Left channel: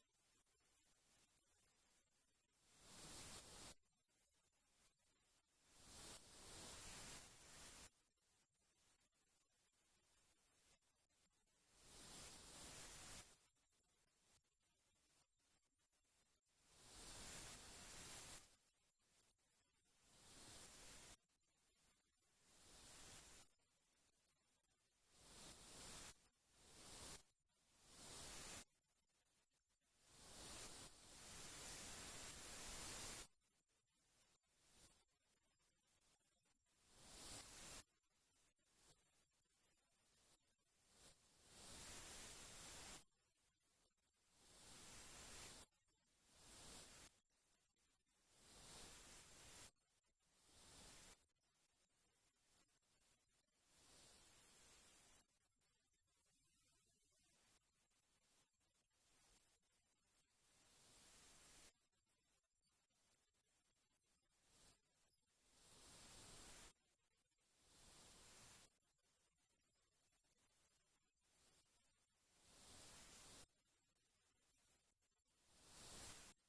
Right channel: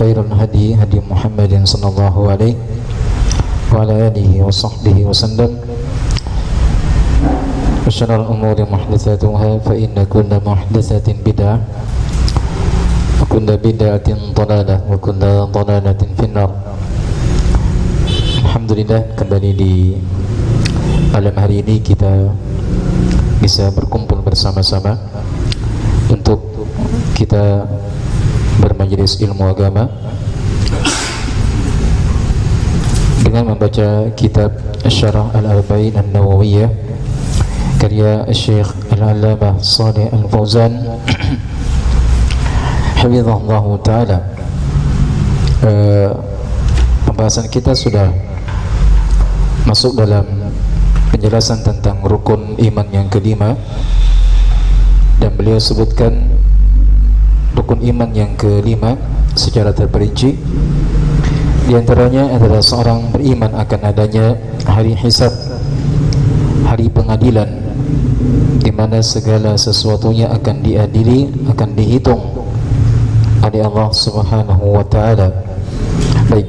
وخير الهدي هدي محمد صلى الله عليه وعلى آله وصحبه وسلم وشر الأمور محدثاتها فإن كل محدثة بدعة وكل بدعة ضلالة وكل ضلالة في النار. Alhamdulillah, kembali di malam hari ini kita bisa berkumpul bersama-sama untuk kita bermajelis ilmu agama dengan membaca kitab Syarah Al-Arba'in An-Nawawiyah karya Syekh Al-Allamah Shalih Al-Fauzan hafizahullah ta'ala. Pembahasan kita sudah masuk dalam penjelasan tentang rukun iman yang kelima, dan beliau sebutkan rukun iman yang kelima secara terperinci. Di antaranya adalah seorang beriman akan adanya hari hisab, hari pengadilan, di mana segala sesuatunya akan diadili, akan dihitung oleh Allah Subhanahu wa taala. Baik,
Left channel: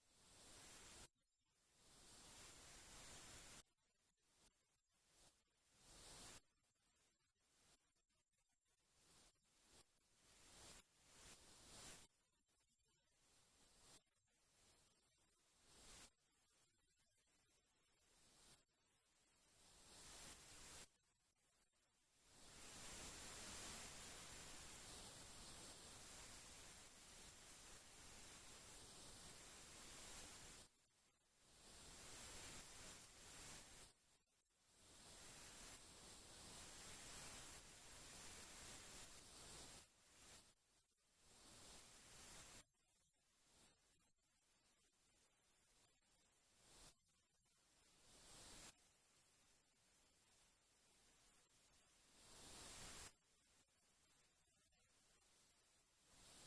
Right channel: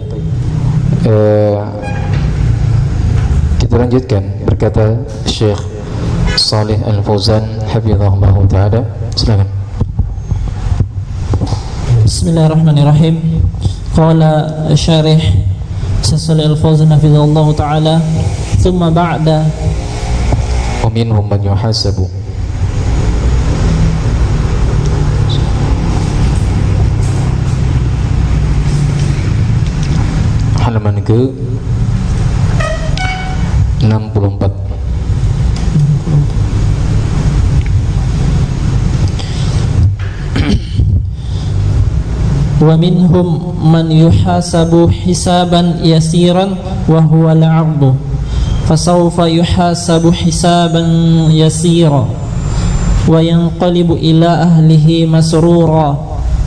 kita lanjutkan. Berkata Syekh Shalih Al-Fauzan hafizahullah taala, silakan. Bismillahirrahmanirrahim. Qala syarih Shalih Al-Fauzan hafizahullah taala, thumma ba'da wa minhum man yuhasabu. Halaman ke 64. Wa minhum man yuhasabu hisaban yasiran wa huwa al-'abdu fasawfa yuhasabu hisaban yasira wa yanqalibu ila ahlihi masrura.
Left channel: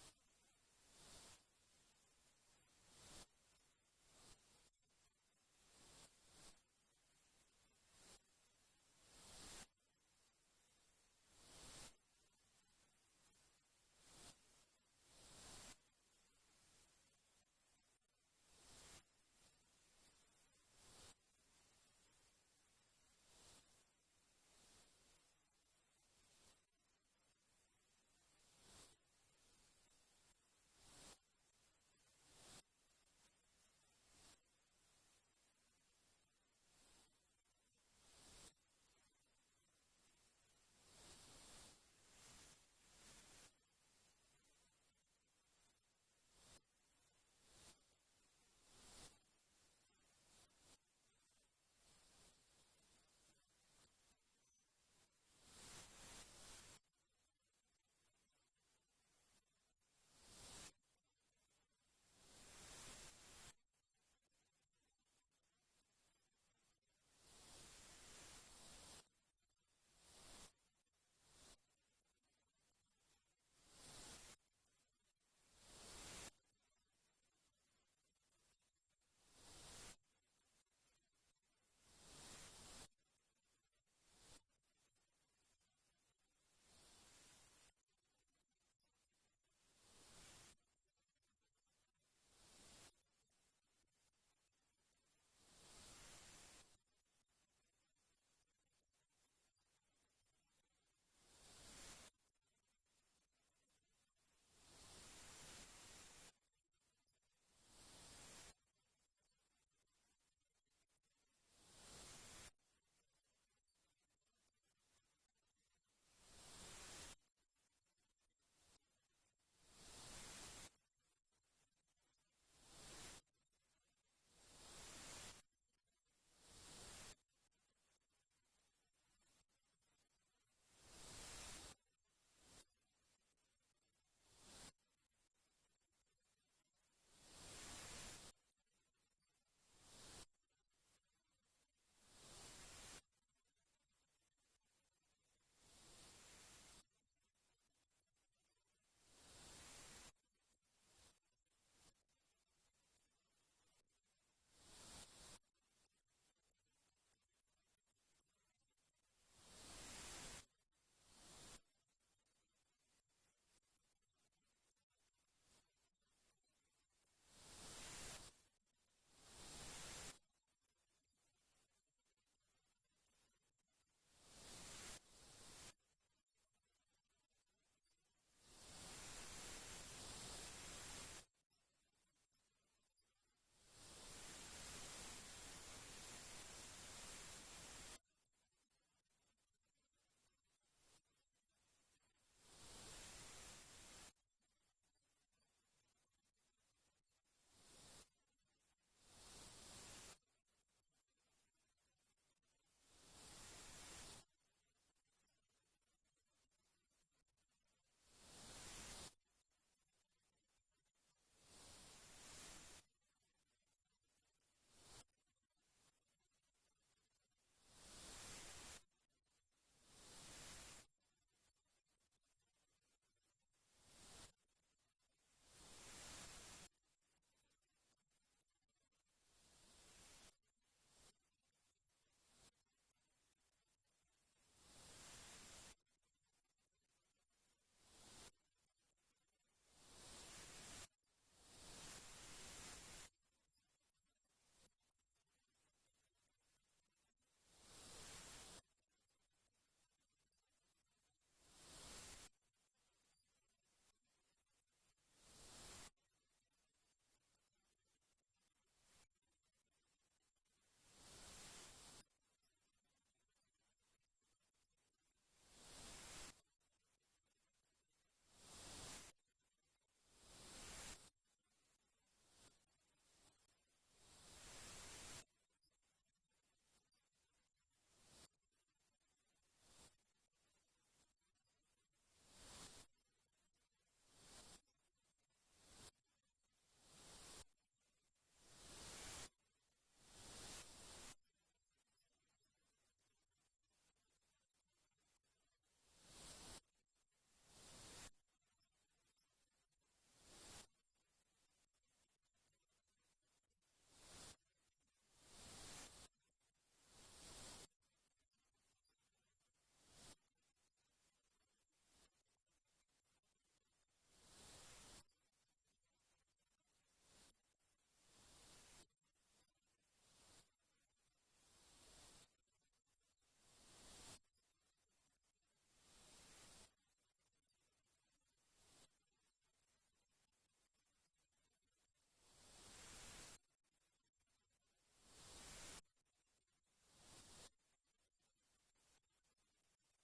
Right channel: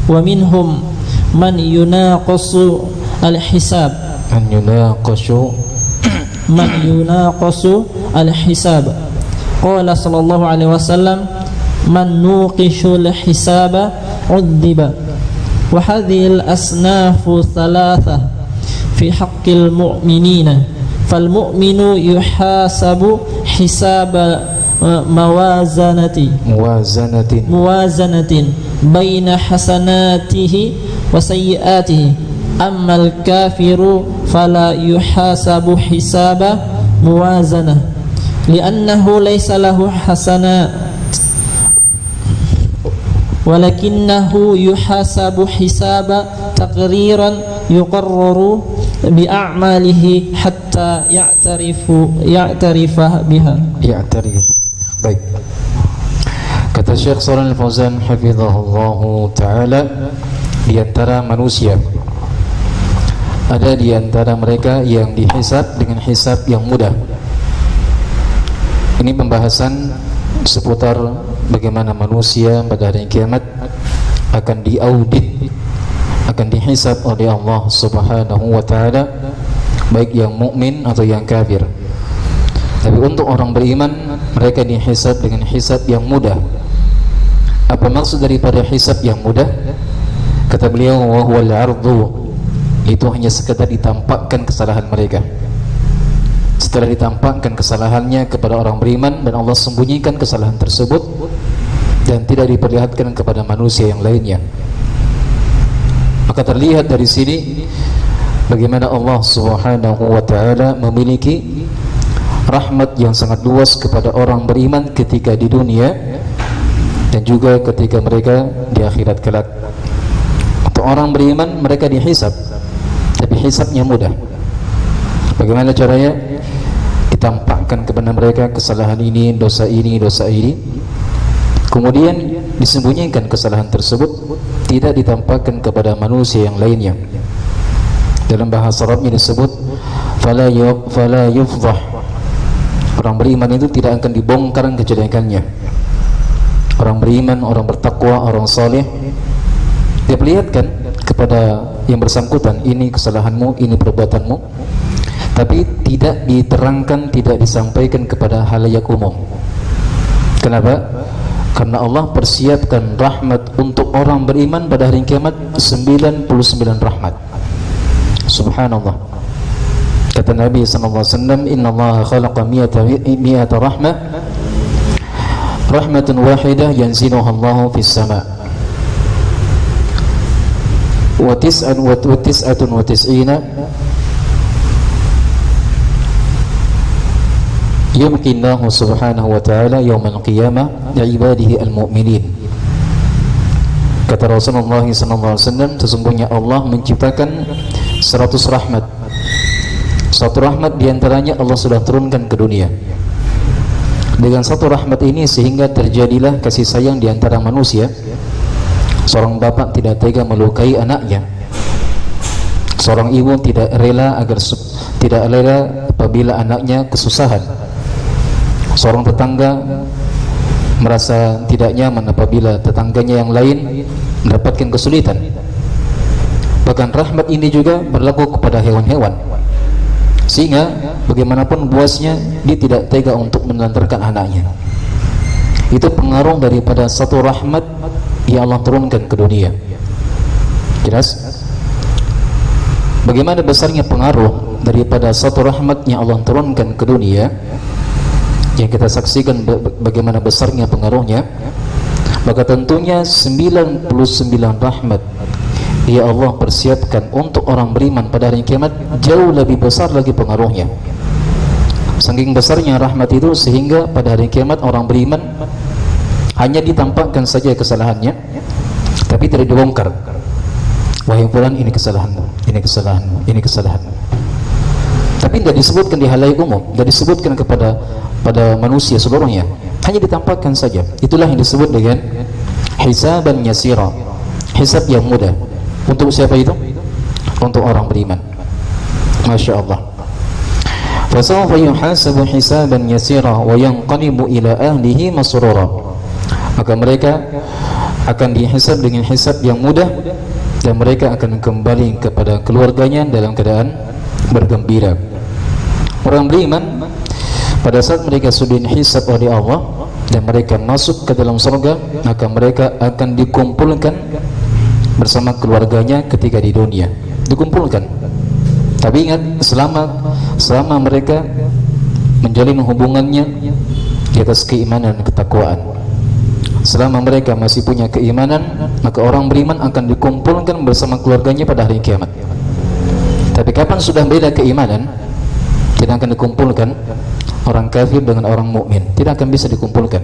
Wa minhum man yunaqasu al-hisab man yunaqasu al-hisab. Qala sallallahu alaihi wasallam, man nuqishul hisaba udhiba. Wa hadhihi al-asnafu thalatha fi haqqil mu'minina. Fal mu'minu yuhasabu hisaba muwazanatin baina hasanatihi wa sayyiatihi. Ammal kafiru fala yuhasabu hisaba muwazanah li'annahu laysa lahu hasanat walakinnahu yuhasabu hisaba taqriran yuqarraru bi'a'malihi hatta ya'tarifa biha. Baik, kata Syekh Shalih Al-Fauzan hafizahullah ta'ala, di antara manusia ada di antara mereka yang dihisab dengan hisab yang mudah. Ini pembahasan seputar bagaimana manusia pada hari kiamat akan diaudit, akan dihisab oleh Allah Subhanahu wa taala, baik yang mukmin atau yang kafir. Tapi untuk orang beriman, mereka dihisab dengan hisab yang mudah. Apa maksud daripada hisab yang mudah? Kata beliau, wa huwal 'ardhu, itu hanya sekedar ditampakkan kesalahan mereka. Setelah ditampakkan kesalahannya kepada orang beriman, dan Allah sembunyikan kesalahan tersebut dan tidak diperlihatkan kepada manusia yang lainnya. Maka terlihat dari sini bagaimana Allah Subhanahu wa taala memiliki rahmat yang sangat luas kepada orang beriman ketika di dunia dan juga ketika mereka di akhirat kelak. Untuk orang beriman, mereka dihisab, tapi hisabnya mudah. Bagaimana caranya? Ditampakkan kepada mereka kesalahan ini, dosa ini, dosa ini. Kemudian disembunyikan kesalahan tersebut, tidak ditampakkan kepada manusia yang lainnya. Dalam bahasa Arabnya disebut fala yufdhah. Orang beriman itu tidak akan dibongkar kejelekannya. Orang beriman, orang bertakwa, orang saleh, dia perlihatkan kepada yang bersangkutan, ini kesalahanmu, ini perbuatanmu, tapi tidak diterangkan, tidak disampaikan kepada halayak umum. Kenapa? Karena Allah persiapkan rahmat untuk orang beriman pada hari kiamat 99 rahmat. Subhanallah. Kata Nabi SAW, Inna Allah khalaqa mi'ata rahmah, rahmatun wahidah yanziluha Allahu fis sama' wa tis'atun wa tis'ina yumkinnahu subhanahu wa ta'ala yawmal qiyamah li'ibadihi al-mu'minin. Kata Rasulullah SAW, sesungguhnya Allah menciptakan 100 rahmat. Satu rahmat diantaranya Allah sudah turunkan ke dunia. Dengan satu rahmat ini sehingga terjadilah kasih sayang di antara manusia. Seorang bapak tidak tega melukai anaknya. Seorang ibu tidak rela apabila anaknya kesusahan. Seorang tetangga merasa tidak nyaman apabila tetangganya yang lain mendapatkan kesulitan. Bahkan rahmat ini juga berlaku kepada hewan-hewan, sehingga bagaimanapun buasnya dia tidak tega untuk menelantarkan anaknya. Itu pengaruh daripada satu rahmat yang Allah turunkan ke dunia. Jelas? Bagaimana besarnya pengaruh daripada satu rahmat yang Allah turunkan ke dunia, yang kita saksikan bagaimana besarnya pengaruhnya, maka tentunya 99 rahmat ya Allah persiapkan untuk orang beriman pada hari kiamat jauh lebih besar lagi pengaruhnya. Saking besarnya rahmat itu sehingga pada hari kiamat orang beriman hanya ditampakkan saja kesalahannya, tapi tidak dibongkar. Wahai fulan, ini kesalahanmu, ini kesalahanmu, ini kesalahanmu. Tapi tidak disebutkan di halayak umum, tidak disebutkan kepada manusia seluruhnya, hanya ditampakkan saja. Itulah yang disebut dengan hisaban yasira, hisab yang mudah. Untuk siapa itu? Untuk orang beriman. Masya Allah. Fasawfa yuhasabu hisaban yasira wa yanqalibu ila ahlihi masrura. Maka mereka akan dihisab dengan hisab yang mudah, dan mereka akan kembali kepada keluarganya dalam keadaan bergembira. Orang beriman pada saat mereka sudah dihisab oleh Allah dan mereka masuk ke dalam surga, maka mereka akan dikumpulkan bersama keluarganya ketika di dunia. Dikumpulkan. Tapi ingat, selama mereka menjalin hubungannya di atas keimanan dan ketakwaan, selama mereka masih punya keimanan, maka orang beriman akan dikumpulkan bersama keluarganya pada hari kiamat. Tapi kapan sudah beda keimanan, tidak akan dikumpulkan orang kafir dengan orang mukmin, tidak akan bisa dikumpulkan.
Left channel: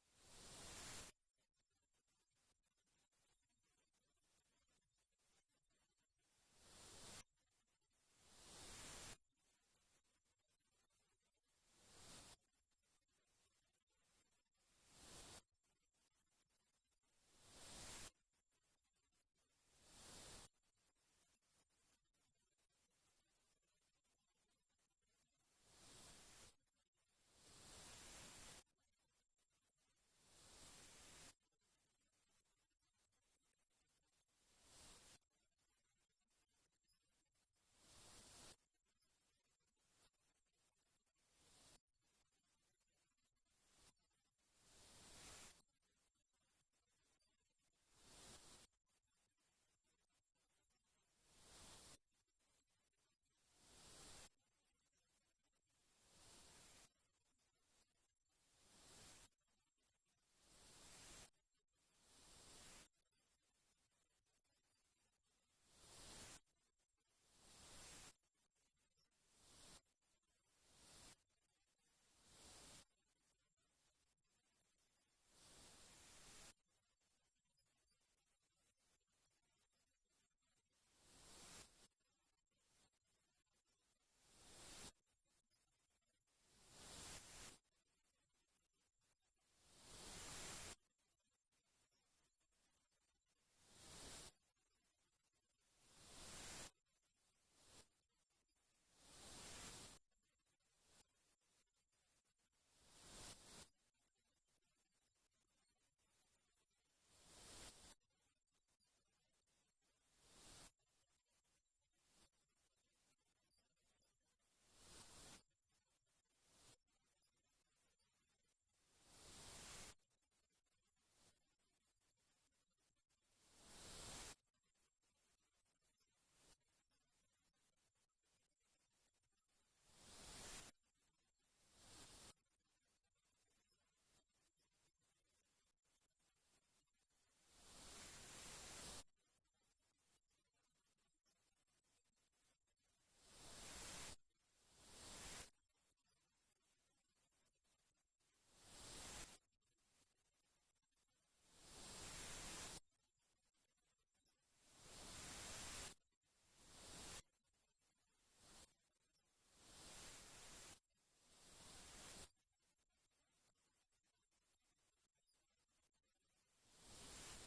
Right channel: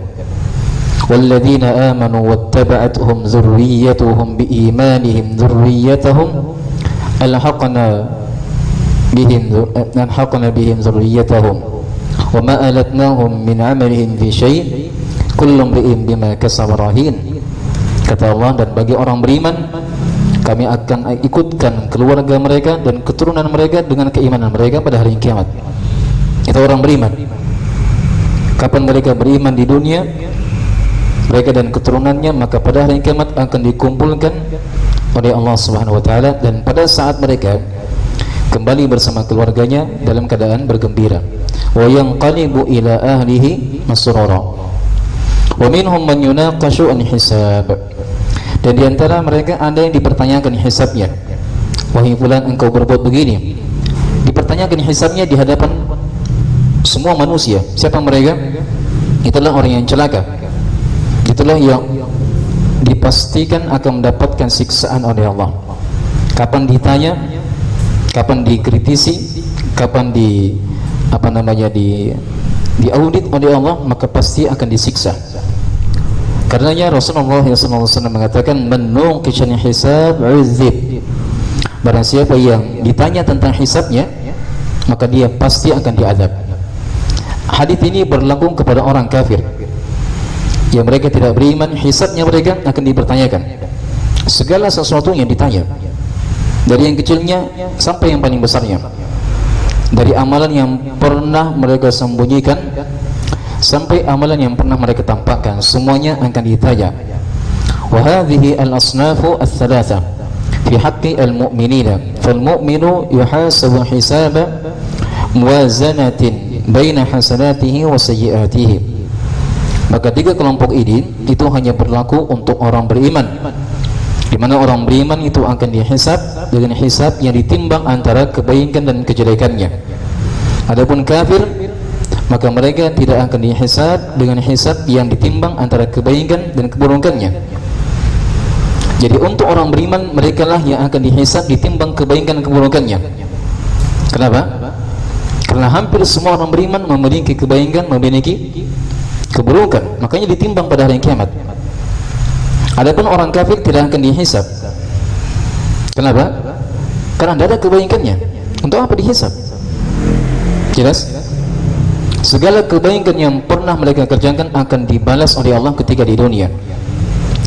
Walladzina amanu wattaba'athum dzurriyyatuhum biimanihim dzurriyyatahum alhaqna bihim dzurriyyatahum wama alatnahum min 'amalihim fi syai' kullu imri'in bima kasaba rahin. Kata Allah, dan bagi orang beriman kami akan ikutkan keluarga mereka dan keturunan mereka dengan keimanan mereka pada hari kiamat. Itu orang beriman. Kapan mereka beriman di dunia, mereka dan keturunannya, maka pada hari kiamat akan dikumpulkan oleh Allah Subhanahu wa taala, dan pada saat mereka kembali bersama keluarganya dalam keadaan bergembira. Wa yanqalibu ila ahlihi masrura. Wa minhum man yunaqashu an hisab. Dan di antara mereka ada yang dipertanyakan hisabnya. Wahai fulan, engkau berbuat begini. Dipertanyakan hisabnya di hadapan semua manusia. Siapa mereka? Itulah orang yang celaka. Itulah yang dipastikan akan mendapatkan siksaan oleh Allah. Kapan ditanya, kapan dikritisi, kapan diaudit oleh Allah, maka pasti akan disiksa. Karenanya Rasulullah SAW mengatakan, man nuqishan hisab uzib. Barang siapa yang ditanya tentang hisabnya, maka dia pasti akan diadab. Hadis ini berlaku kepada orang kafir yang mereka tidak beriman, hisabnya mereka akan dipertanyakan. Segala sesuatu yang ditanya, dari yang kecilnya sampai yang paling besarnya, dari amalan yang pernah mereka sembunyikan sampai amalan yang pernah mereka tampakkan, semuanya akan ditanya. Wa hadhihi al-asnafu ats-tsalatsa fi haqqi al-mu'minina. Fal-mu'minu yuhasabu hisaba muwazanatin baina hasanatihi wa sayyi'atihi. Maka tiga kelompok ini itu hanya berlaku untuk orang beriman, di mana orang beriman itu akan dihisab dengan hisab yang ditimbang antara kebaikan dan kejelekannya. Adapun kafir, maka mereka tidak akan dihisab dengan hisab yang ditimbang antara kebaikan dan keburukannya. Jadi untuk orang beriman, mereka lah yang akan dihisab ditimbang kebaikan dan keburukannya. Kenapa? Karena hampir semua orang beriman memiliki kebaikan, memiliki keburukan, makanya ditimbang pada hari kiamat. Adapun orang kafir tidak akan dihisab. Kenapa? Karena tidak ada kebaikannya. Untuk apa dihisab? Jelas? Segala kebaikan yang pernah mereka kerjakan akan dibalas oleh Allah ketika di dunia.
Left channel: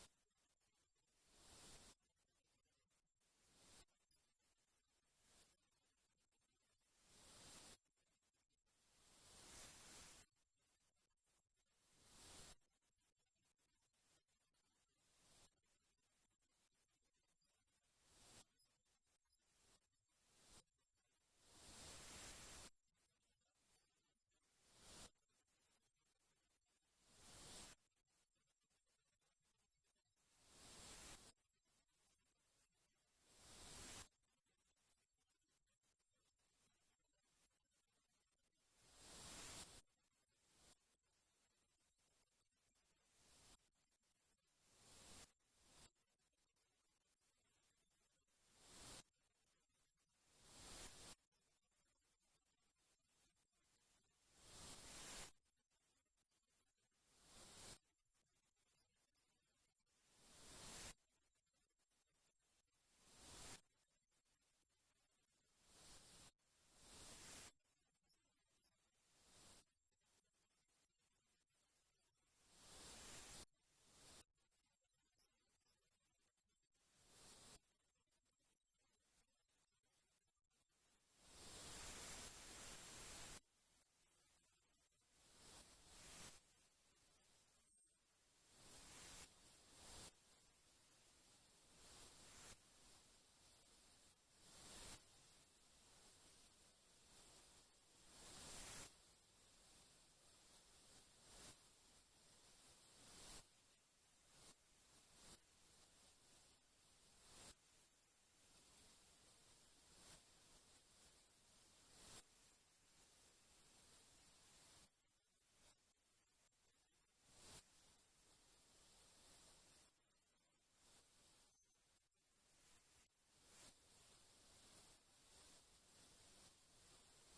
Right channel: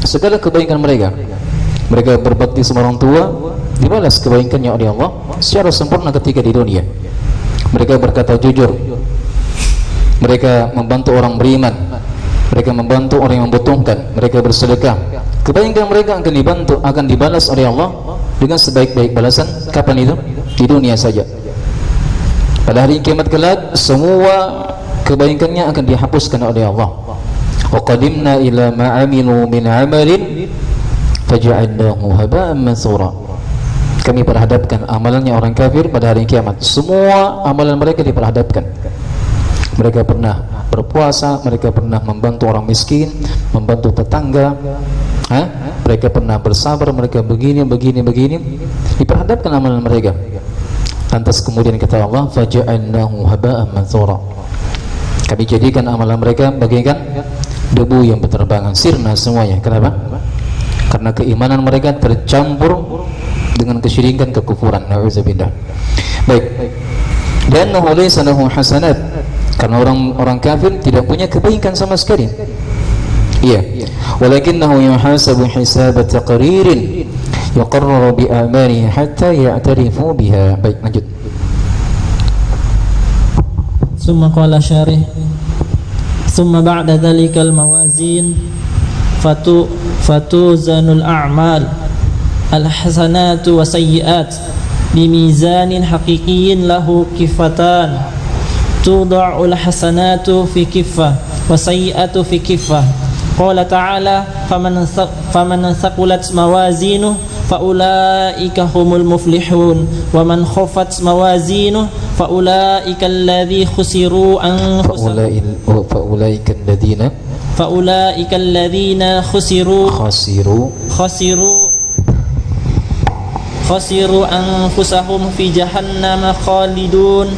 Segala kebaikan mereka berbakti sama orang tua, dibalas kebaikannya oleh Allah secara sempurna ketika di dunia. Mereka berkata jujur, mereka membantu orang beriman, mereka membantu orang yang membutuhkan, mereka bersedekah. Kebaikan mereka akan dibalas oleh Allah dengan sebaik-baik balasan. Kapan itu? Di dunia saja. Pada hari kiamat kelak, semua kebaikannya akan dihapuskan oleh Allah. Wa qadimna ila ma 'amilu min 'amalin faj'alnahu haba'an mansura. Kami perhadapkan amalannya orang kafir pada hari kiamat. Semua amalan mereka diperhadapkan. Mereka pernah berpuasa, mereka pernah membantu orang miskin, membantu tetangga, mereka pernah bersabar, mereka begini, diperhadapkan amalan mereka. Lantas kemudian kata Allah, faja'alnahu haba'an mansura. Kami jadikan amalan mereka bagaikan debu yang berterbangan, sirna semuanya. Kenapa? Karena keimanan mereka tercampur dengan kesyirikan, kekufuran. Na'udzubillah. Baik. Dan laysa lahu hasanat, karena orang kafir tidak punya kebaikan sama sekali. Iya. Walakinnahu yuhasabu hisab taqririn yuqarraru bi a'malihi hatta ya'tarifu biha. Baik, lanjut. Summa qala syarih, summa ba'da dhalikal mawazin fatuzanul a'mal al-hasanatu wa sayyi'at bimizanin haqiqiyyin lahu kifatan tuda'ul hasanatu fi kiffah wa sayyi'atu fi kiffah. Qala ta'ala faman thaqulat mawazinuhu faulaika humul muflihun wa man khaffat mawazinuhu faulaika alladhi khasiru anfusahum faulaika alladhina khasiru anfusahum fi jahannam khalidun.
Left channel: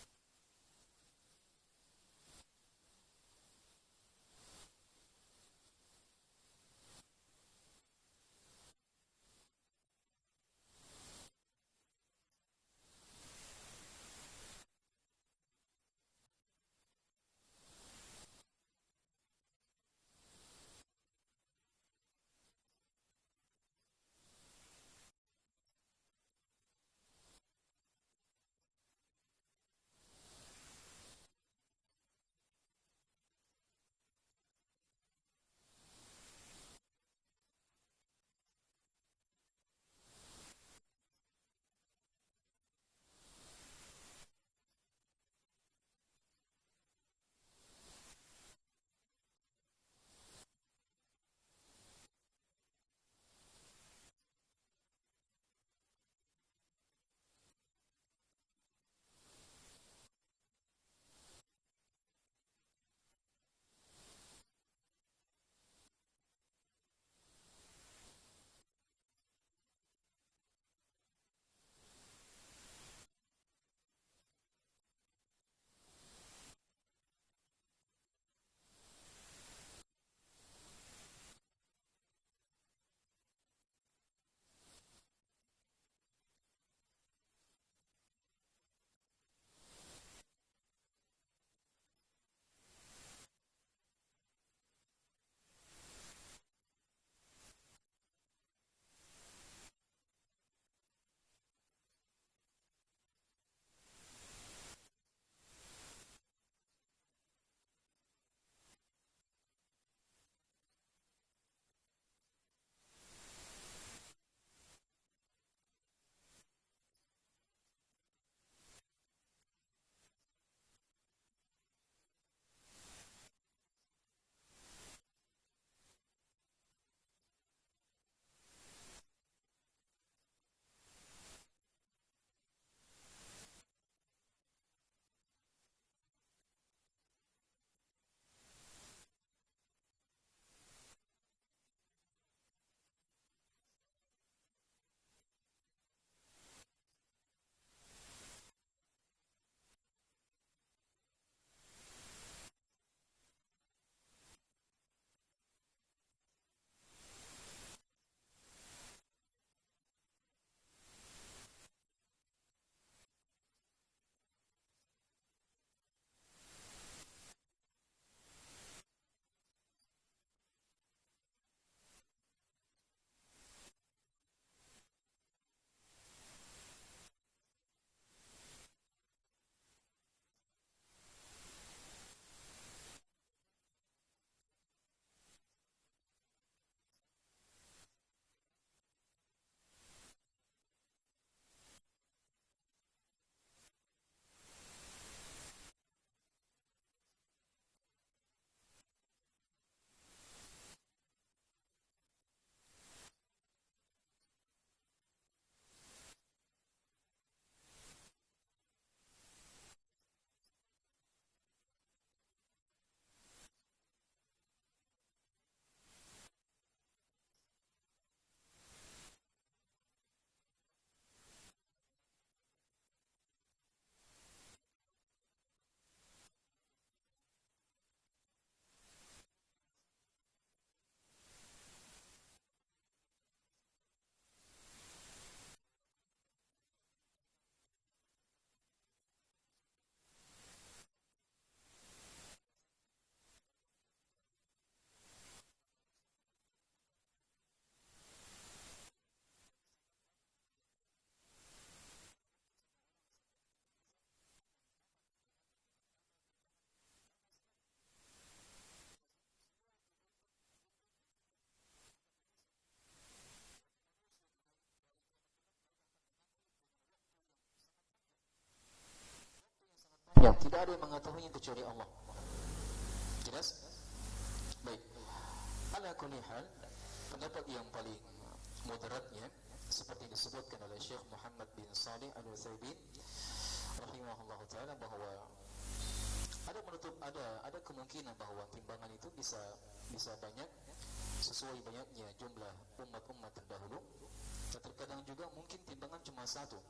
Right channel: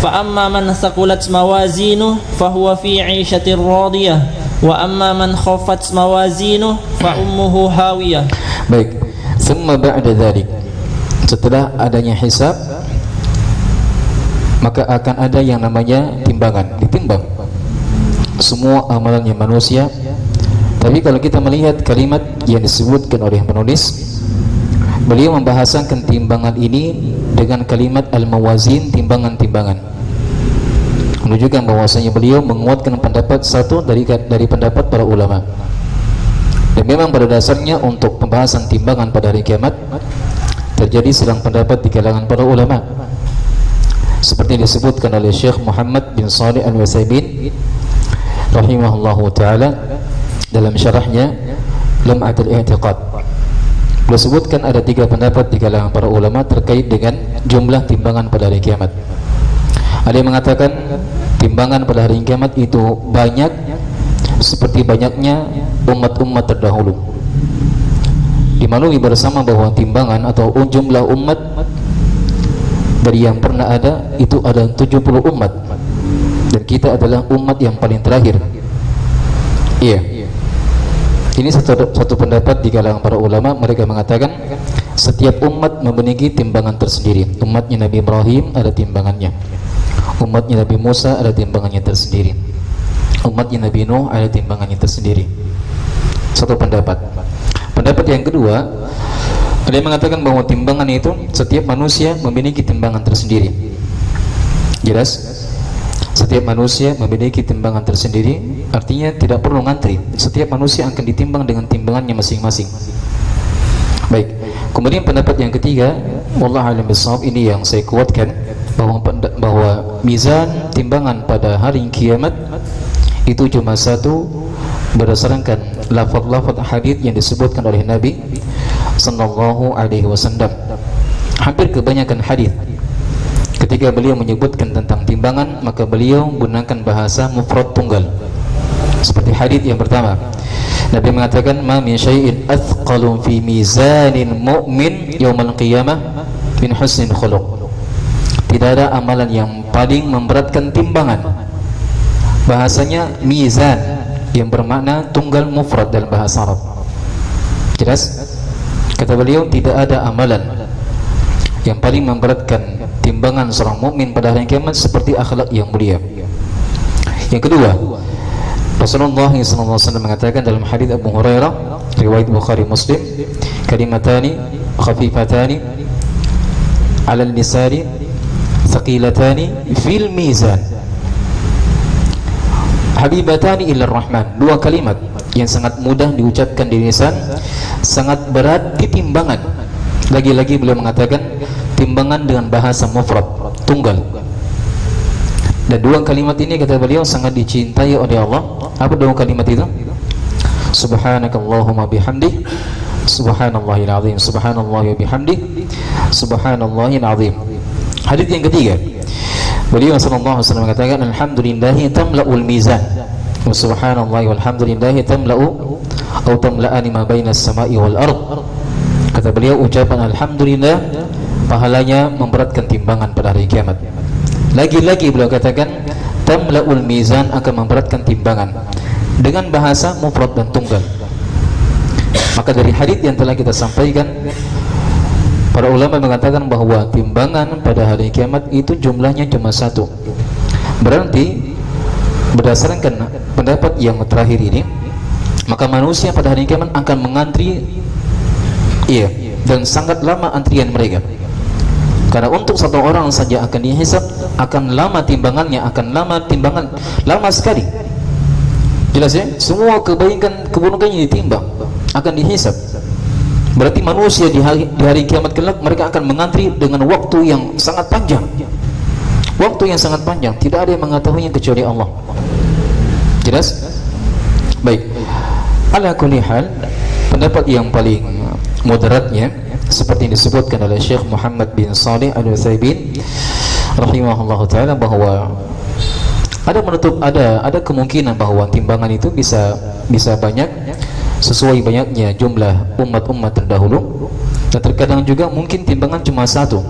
Fa amma man thaqulat mawazinuhu fahuwa fi 'ishatir radiyah wa amma man khaffat mawazinuhu fa ummuhu hawiyah. Baik. Summa ba'da dzalik, setelah adanya hisab, maka akan ada yang namanya timbangan, ditimbang semua amalannya manusia. Tapi kalau kita melihat kalimat yang disebutkan oleh penulis, beliau membahasakan timbangan ini dengan kalimat al-mawazin, timbangan-timbangan, menunjukkan bahwasanya beliau menguatkan pendapat satu dari pendapat para ulama. Dan memang pada dasarnya untuk pembahasan timbangan pada hari kiamat terjadi sedang pendapat di kalangan para ulama, seperti disebutkan oleh Syekh Muhammad bin Shalih Al-Utsaimin rahimahullahu taala dalam syarahnya Lum'atul I'tiqad. Beliau sebutkan ada 3 pendapat di kalangan para ulama terkait dengan jumlah timbangan pada hari kiamat. Ada yang mengatakan timbangan pada hari kiamat itu banyak seperti banyaknya umat-umat terdahulu. Dimaklumi bersama bahwa timbangan atau jumlah umat dari yang pernah ada itu ada 70 umat, dan kita adalah umat yang paling terakhir. Iya. Ini satu pendapat di kalangan para ulama. Mereka mengatakan setiap umat memiliki timbangan tersendiri. Umatnya Nabi Ibrahim ada timbangannya, umatnya Nabi Musa ada timbangannya tersendiri, umatnya Nabi Nuh ada timbangannya tersendiri. Satu pendapat. Pendapat yang kedua, ada yang mengatakan bahwa timbangan itu setiap manusia memiliki timbangan tersendiri. Jelas? Setiap manusia memiliki timbangan tersendiri, artinya tidak perlu ngantri. Setiap manusia akan ditimbang dengan timbangannya masing-masing. Baik. Kemudian pendapat yang ketiga, wallahu a'lam bishawab, ini yang saya kuatkan, bahwa mizan timbangan pada hari kiamat itu cuma satu berdasarkan lafaz-lafaz hadis yang disebutkan oleh Nabi sallallahu alaihi wasallam. Hampir kebanyakan hadis ketika beliau menyebutkan tentang timbangan, maka beliau menggunakan bahasa mufrad tunggal. Seperti hadis yang pertama, Nabi mengatakan, "Ma min syai'in athqalu fi mizanin mu'min yaumal qiyamah min husnil khuluq." Tidak ada amalan yang paling memberatkan timbangan. Bahasanya mizan yang bermakna tunggal mufrad dalam bahasa Arab. Jelas? Kata beliau, tidak ada amalan yang paling memberatkan timbangan seorang mukmin pada hari kiamat seperti akhlak yang mulia. Yang kedua, Rasulullah SAW mengatakan dalam hadis Abu Hurairah riwayat Bukhari Muslim, kalimatani khafifatani 'ala al-lisani thaqilatani fil mizan habibatani ila rahman. Dua kalimat yang sangat mudah diucapkan di lisan, sangat berat di timbangan. Lagi-lagi beliau mengatakan timbangan dengan bahasa mufrad tunggal. Dan dua kalimat ini kata beliau sangat dicintai oleh Allah. Apa dua kalimat itu? Subhanakallahumma bihamdih, subhanallahil azim, subhanallahi wa bihamdih, subhanallahil azim. Hadis yang ketiga, beliau sallallahu alaihi wasallam mengatakan, alhamdulillahi tamla'ul mizan wa subhanallahi walhamdulillahi tamla'u atau tamla'ani ma bainas sama'i wal ard. Kata beliau, ucapan alhamdulillah pahalanya memberatkan timbangan pada hari kiamat. Lagi-lagi beliau katakan tamla'ul mizan, akan memberatkan timbangan, dengan bahasa mufrad dan tunggal. Maka dari hadis yang telah kita sampaikan, para ulama mengatakan bahwa timbangan pada hari kiamat itu jumlahnya cuma satu. Berarti berdasarkan pendapat yang terakhir ini, maka manusia pada hari kiamat akan mengantri, dan sangat lama antrian mereka. Karena untuk satu orang saja akan dihisab, akan lama timbangannya, lama sekali. Jelas ya? Semua kebaikan keburukannya ditimbang, akan dihisab. Berarti manusia di hari kiamat kelak mereka akan mengantri dengan waktu yang sangat panjang. Waktu yang sangat panjang, tidak ada yang mengetahuinya kecuali Allah. Jelas? Baik. Ala kulli hal, pendapat yang paling moderatnya seperti yang disebutkan oleh Syekh Muhammad bin Shalih Al-Utsaimin rahimahullahu taala, bahwa ada kemungkinan bahwa timbangan itu bisa banyak sesuai banyaknya jumlah umat-umat terdahulu, dan terkadang juga mungkin timbangan cuma satu.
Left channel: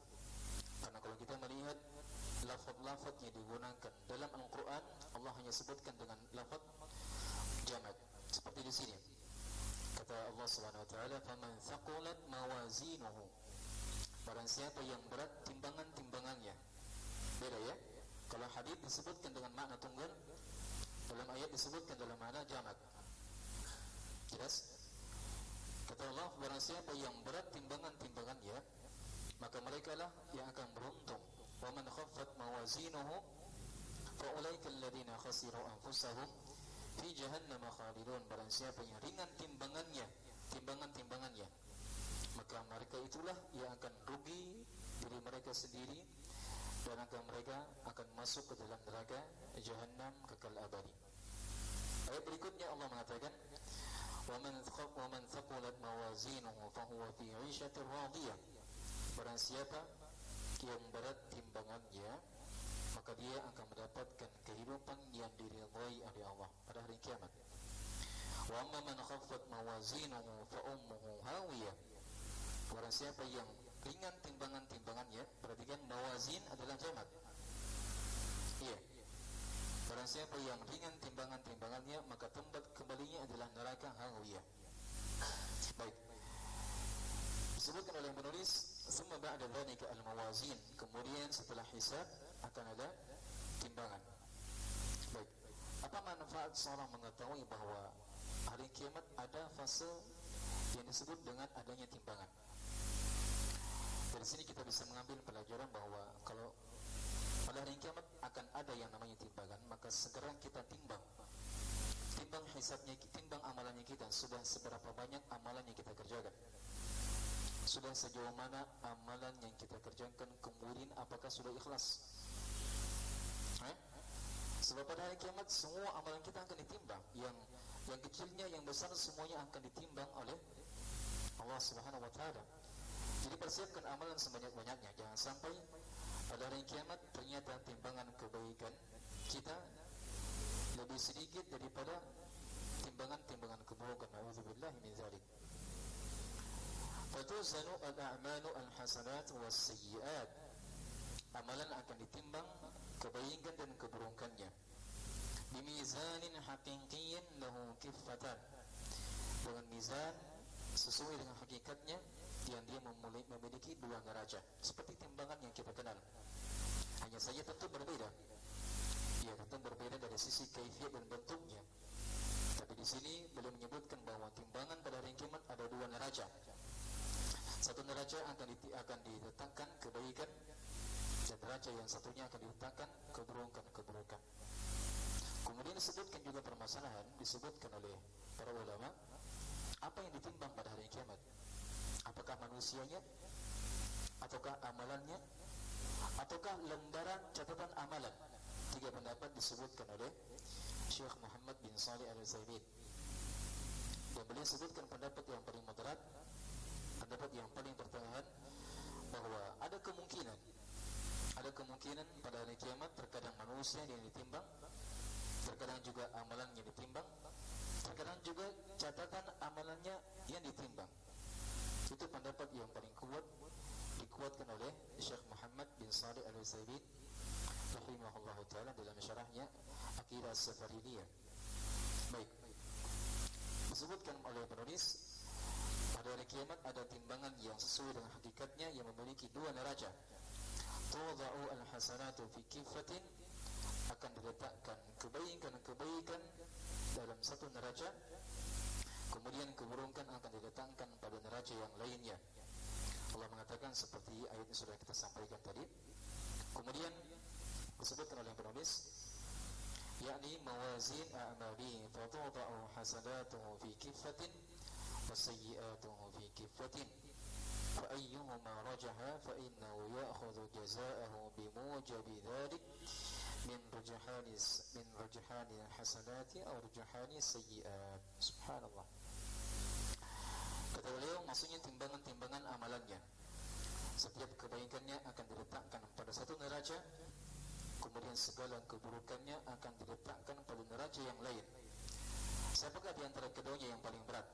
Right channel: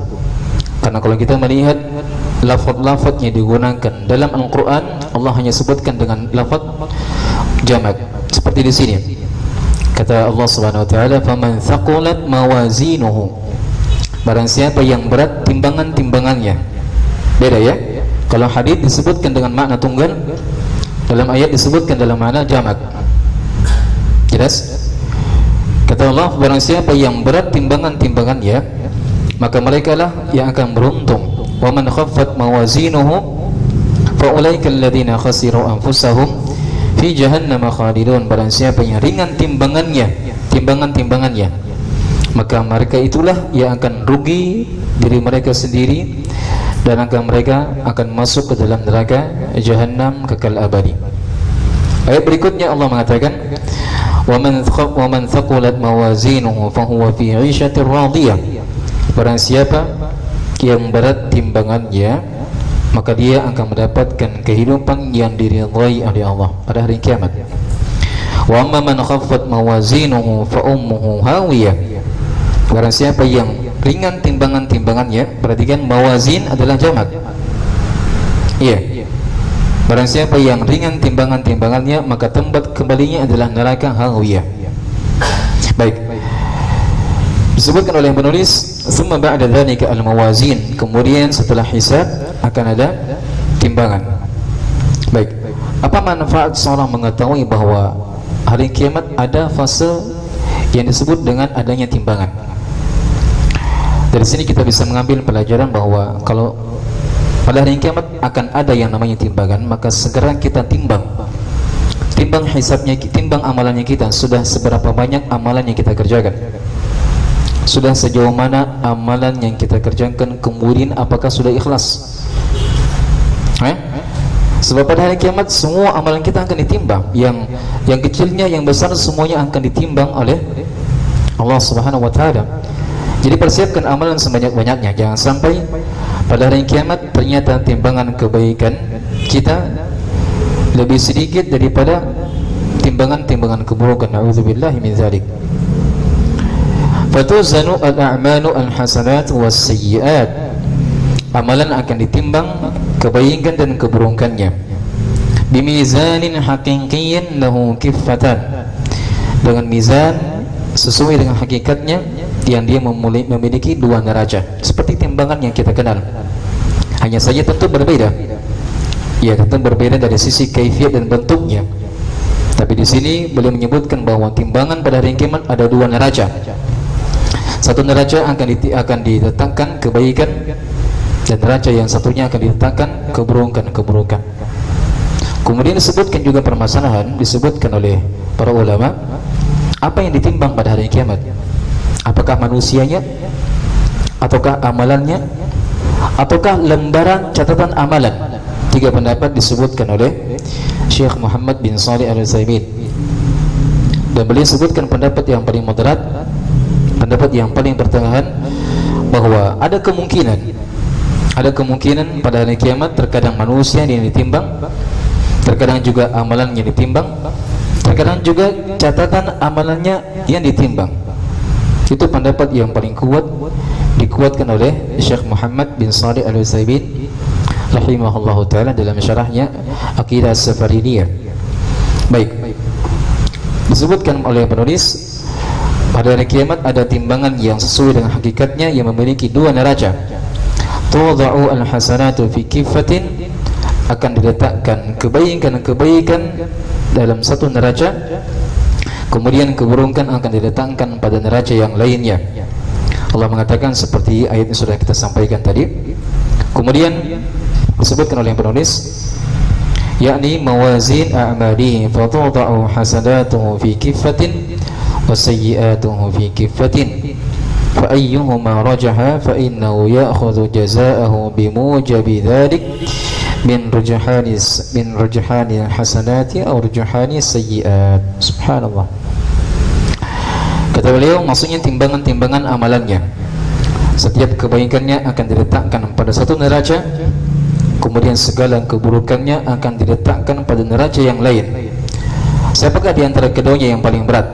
Karena kalau kita melihat lafaz-lafaz yang digunakan dalam Al-Quran, Allah hanya sebutkan dengan lafaz jamak. Seperti di sini kata Allah Subhanahu wa taala, faman thaqulat mawazinuhu, barang siapa yang berat timbangannya. Beda ya, kalau hadis disebutkan dengan makna tunggal, dalam ayat disebutkan dalam makna jamak. Jelas? Kata Allah, barang siapa yang berat timbangannya, maka mereka lah yang akan beruntung. Wa man khaffat mawazinuhu fa ulaika alladziina khasiru anfusahum fi jahannam khalidun. Barang siapa yang ringan timbangannya, maka mereka itulah yang akan rugi diri mereka sendiri, dan mereka akan masuk ke dalam neraka jahannam kekal abadi. Ayat berikutnya Allah mengatakan, wa man thaqulat mawazinuhu fa huwa fi 'ishatir radiyah. Barang siapa yang berat timbangannya, maka dia akan mendapatkan kehidupan yang diridhai oleh Allah pada hari kiamat. Wa amma man khaffat mawazinuhu fa ummuhu hawiyah. Barang siapa yang ringan timbangannya, perhatikan mawazin adalah jamak. Barang siapa yang ringan timbangannya, maka tempat kembalinya adalah neraka hawiyah. Baik. Disebutkan oleh penulis, "Tsumma ba'da dzalika al-mawazin." Kemudian setelah hisab akan ada timbangan. Baik. Apa manfaat seorang mengetahui bahwa hari kiamat ada fase yang disebut dengan adanya timbangan? Dari sini kita bisa mengambil pelajaran bahwa kalau pada hari kiamat akan ada yang namanya timbangan, maka segera kita timbang hisabnya, timbang amalannya kita. Sudah seberapa banyak amalan yang kita kerjakan, sudah sejauh mana amalan yang kita kerjakan, kemudian apakah sudah ikhlas. Sebab pada hari kiamat semua amalan kita akan ditimbang, yang kecilnya, yang besar, semuanya akan ditimbang oleh Allah Subhanahu wa taala. Jadi persiapkan amalan sebanyak-banyaknya, jangan sampai pada hari kiamat ternyata timbangan kebaikan kita lebih sedikit daripada timbangan keburukan. Nauzubillahi min dzalik. Fatuzanu al-a'malu al-hasanat was-sayyi'at. Amalan akan ditimbang kebaikan dan keburukannya. Bimizanin haqiqiyyin lahu kiffatan. Dengan mizan sesuai dengan hakikatnya, yang dia memiliki dua neraca, seperti timbangan yang kita kenal. Hanya saja tentu berbeda. Ya, tentu berbeda dari sisi kaifiat dan bentuknya. Tapi di sini beliau menyebutkan bahwa timbangan pada hari kiamat ada dua neraca. Satu neraca akan diletakkan kebaikan, dan neraca yang satunya akan diletakkan keburukan. Kemudian disebutkan juga permasalahan, disebutkan oleh para ulama, apa yang ditimbang pada hari kiamat? Apakah manusianya, ataukah amalannya, ataukah lembaran catatan amalan? Tiga pendapat disebutkan oleh Syekh Muhammad bin Shalih Al-Utsaimin, dan beliau sebutkan pendapat yang paling moderat, pendapat yang paling pertengahan, bahwa ada kemungkinan pada hari kiamat terkadang manusia yang ditimbang, terkadang juga amalan yang ditimbang, terkadang juga catatan amalannya yang ditimbang. Itu pendapat yang paling kuat, dikuatkan oleh Syekh Muhammad bin Shalih Al-Utsaimin rahimahullahu taala dalam syarahnya Aqidah As-Safariniyah. Baik. Disebutkan oleh penulis, pada hari kiamat ada timbangan yang sesuai dengan hakikatnya, yang memiliki dua neraca. Tudha'u al-hasanatu fi kiffatin, akan diletakkan kebaikan dalam satu neraca, kemudian keburukan akan diletakkan pada neraca yang lainnya. Allah mengatakan seperti ayat yang sudah kita sampaikan tadi. Kemudian disebutkan oleh penulis, yakni mawazin a'malihi fatudha'u hasanatuhu fi kiffatin wa sayyi'atuhu fi kiffatin fa ayyuhuma rajaha fa innahu ya'khudhu jazaa'ahu bimujabi dhalik min rujhani hasanati aw rujhani sayyi'at. Subhanallah. Kata beliau, maksudnya timbangan amalannya. Setiap kebaikannya akan diletakkan pada satu neraca, kemudian segala keburukannya akan diletakkan pada neraca yang lain. Siapakah di antara keduanya yang paling berat?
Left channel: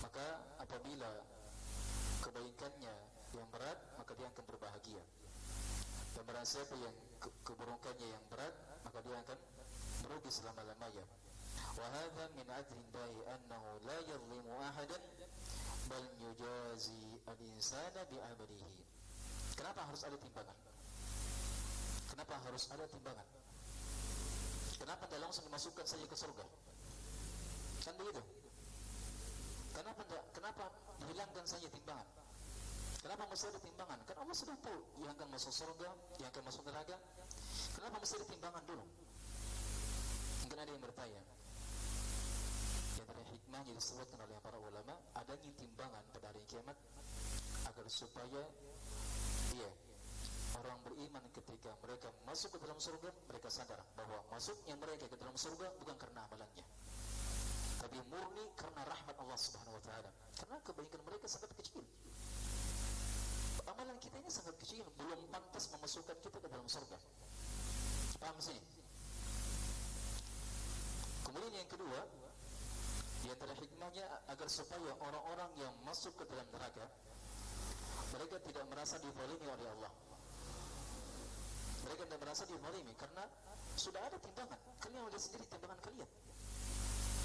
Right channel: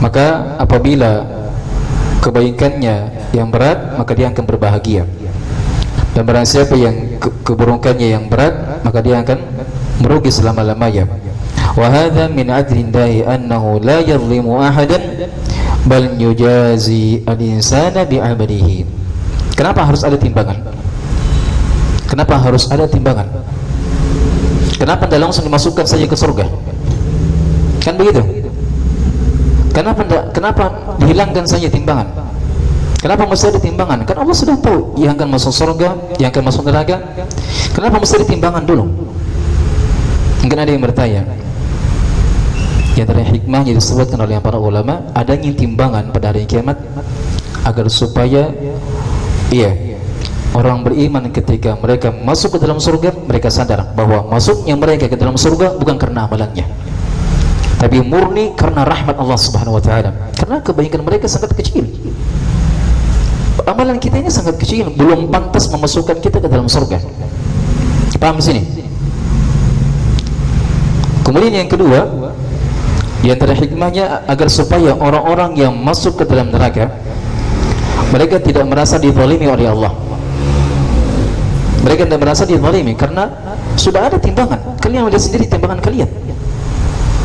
Maka apabila kebaikannya yang berat, maka dia akan berbahagia. Dan barang siapa yang keburukannya yang berat, maka dia akan merugi selama-lamanya. Wa hadza min adlillahi annahu la yadhlimu ahadan bal yujazi al-insana bi'amalihi. Kenapa harus ada timbangan? Kenapa harus ada timbangan? Kenapa tidak langsung dimasukkan saja ke surga? Kan begitu? Kenapa dihilangkan saja timbangan? Kenapa mesti ada timbangan? Kan Allah sudah tahu yang akan masuk surga, yang akan masuk neraka. Kenapa mesti ada timbangan dulu? Mungkin ada yang bertanya. Yang dari hikmahnya disebutkan oleh para ulama, adanya timbangan pada hari kiamat agar supaya orang beriman ketika mereka masuk ke dalam surga, mereka sadar bahwa masuknya mereka ke dalam surga bukan karena amalannya, tapi murni karena rahmat Allah Subhanahu wa taala. Karena kebaikan mereka sangat kecil. Amalan kita ini sangat kecil, belum pantas memasukkan kita ke dalam surga. Paham di sini? Kemudian yang kedua, di antara hikmahnya agar supaya orang-orang yang masuk ke dalam neraka, mereka tidak merasa dizalimi oleh Allah. Mereka tidak merasa dizalimi karena sudah ada timbangan. Kalian melihat sendiri timbangan kalian.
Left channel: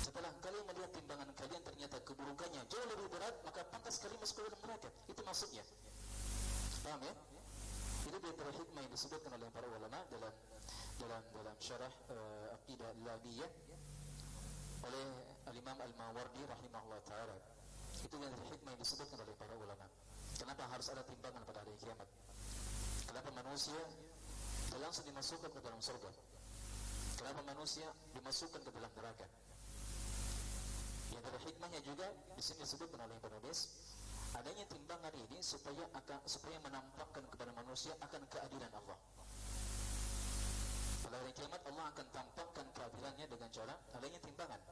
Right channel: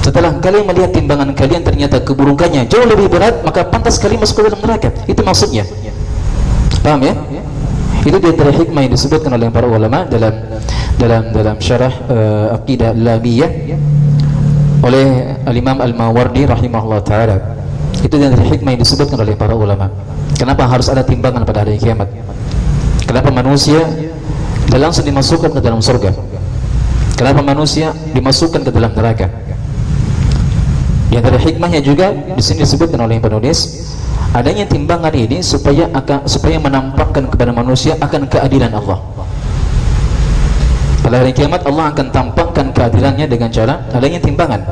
Setelah kalian melihat timbangan kalian ternyata keburukannya jauh lebih berat, maka pantas kalian masuk ke dalam neraka. Itu maksudnya. Paham ya? Itu di antara hikmah yang disebutkan oleh para ulama dalam syarah Aqidah Lamiyah oleh Al-Imam Al-Mawardi rahimahullah ta'ala. Itu di antara hikmah yang disebutkan oleh para ulama. Kenapa harus ada timbangan pada hari kiamat? Kenapa manusia tidak langsung dimasukkan ke dalam surga? Kenapa manusia dimasukkan ke dalam neraka? Di antara hikmahnya juga di sini disebutkan oleh penulis, adanya timbangan ini supaya menampakkan kepada manusia akan keadilan Allah. Pada hari kiamat Allah akan tampakkan keadilannya dengan cara adanya timbangan,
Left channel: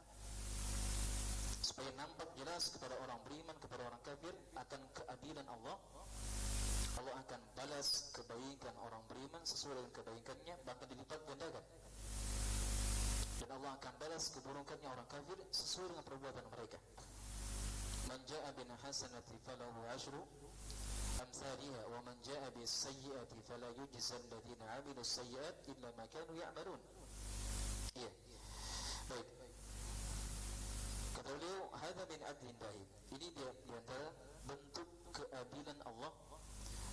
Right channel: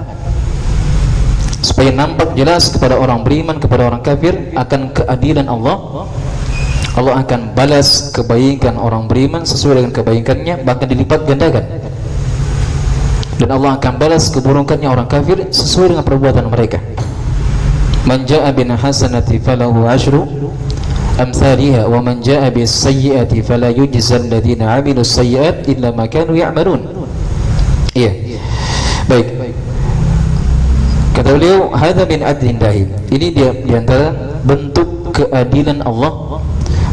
supaya nampak jelas kepada orang beriman, kepada orang kafir akan keadilan Allah. Allah akan balas kebaikan orang beriman sesuai dengan kebaikannya, bahkan dilipat gandakan. Dan Allah akan balas keburukannya orang kafir sesuai dengan perbuatan mereka. Man jaa bin hasanati falahu asyru amthaliha wa man jaa bis sayyi'ati fala yujzal ladzina 'amilus sayyi'at illa ma kanu ya'malun. Iya. Baik. Kata beliau, hadza min adlillahi. Ini dia di antara bentuk keadilan Allah,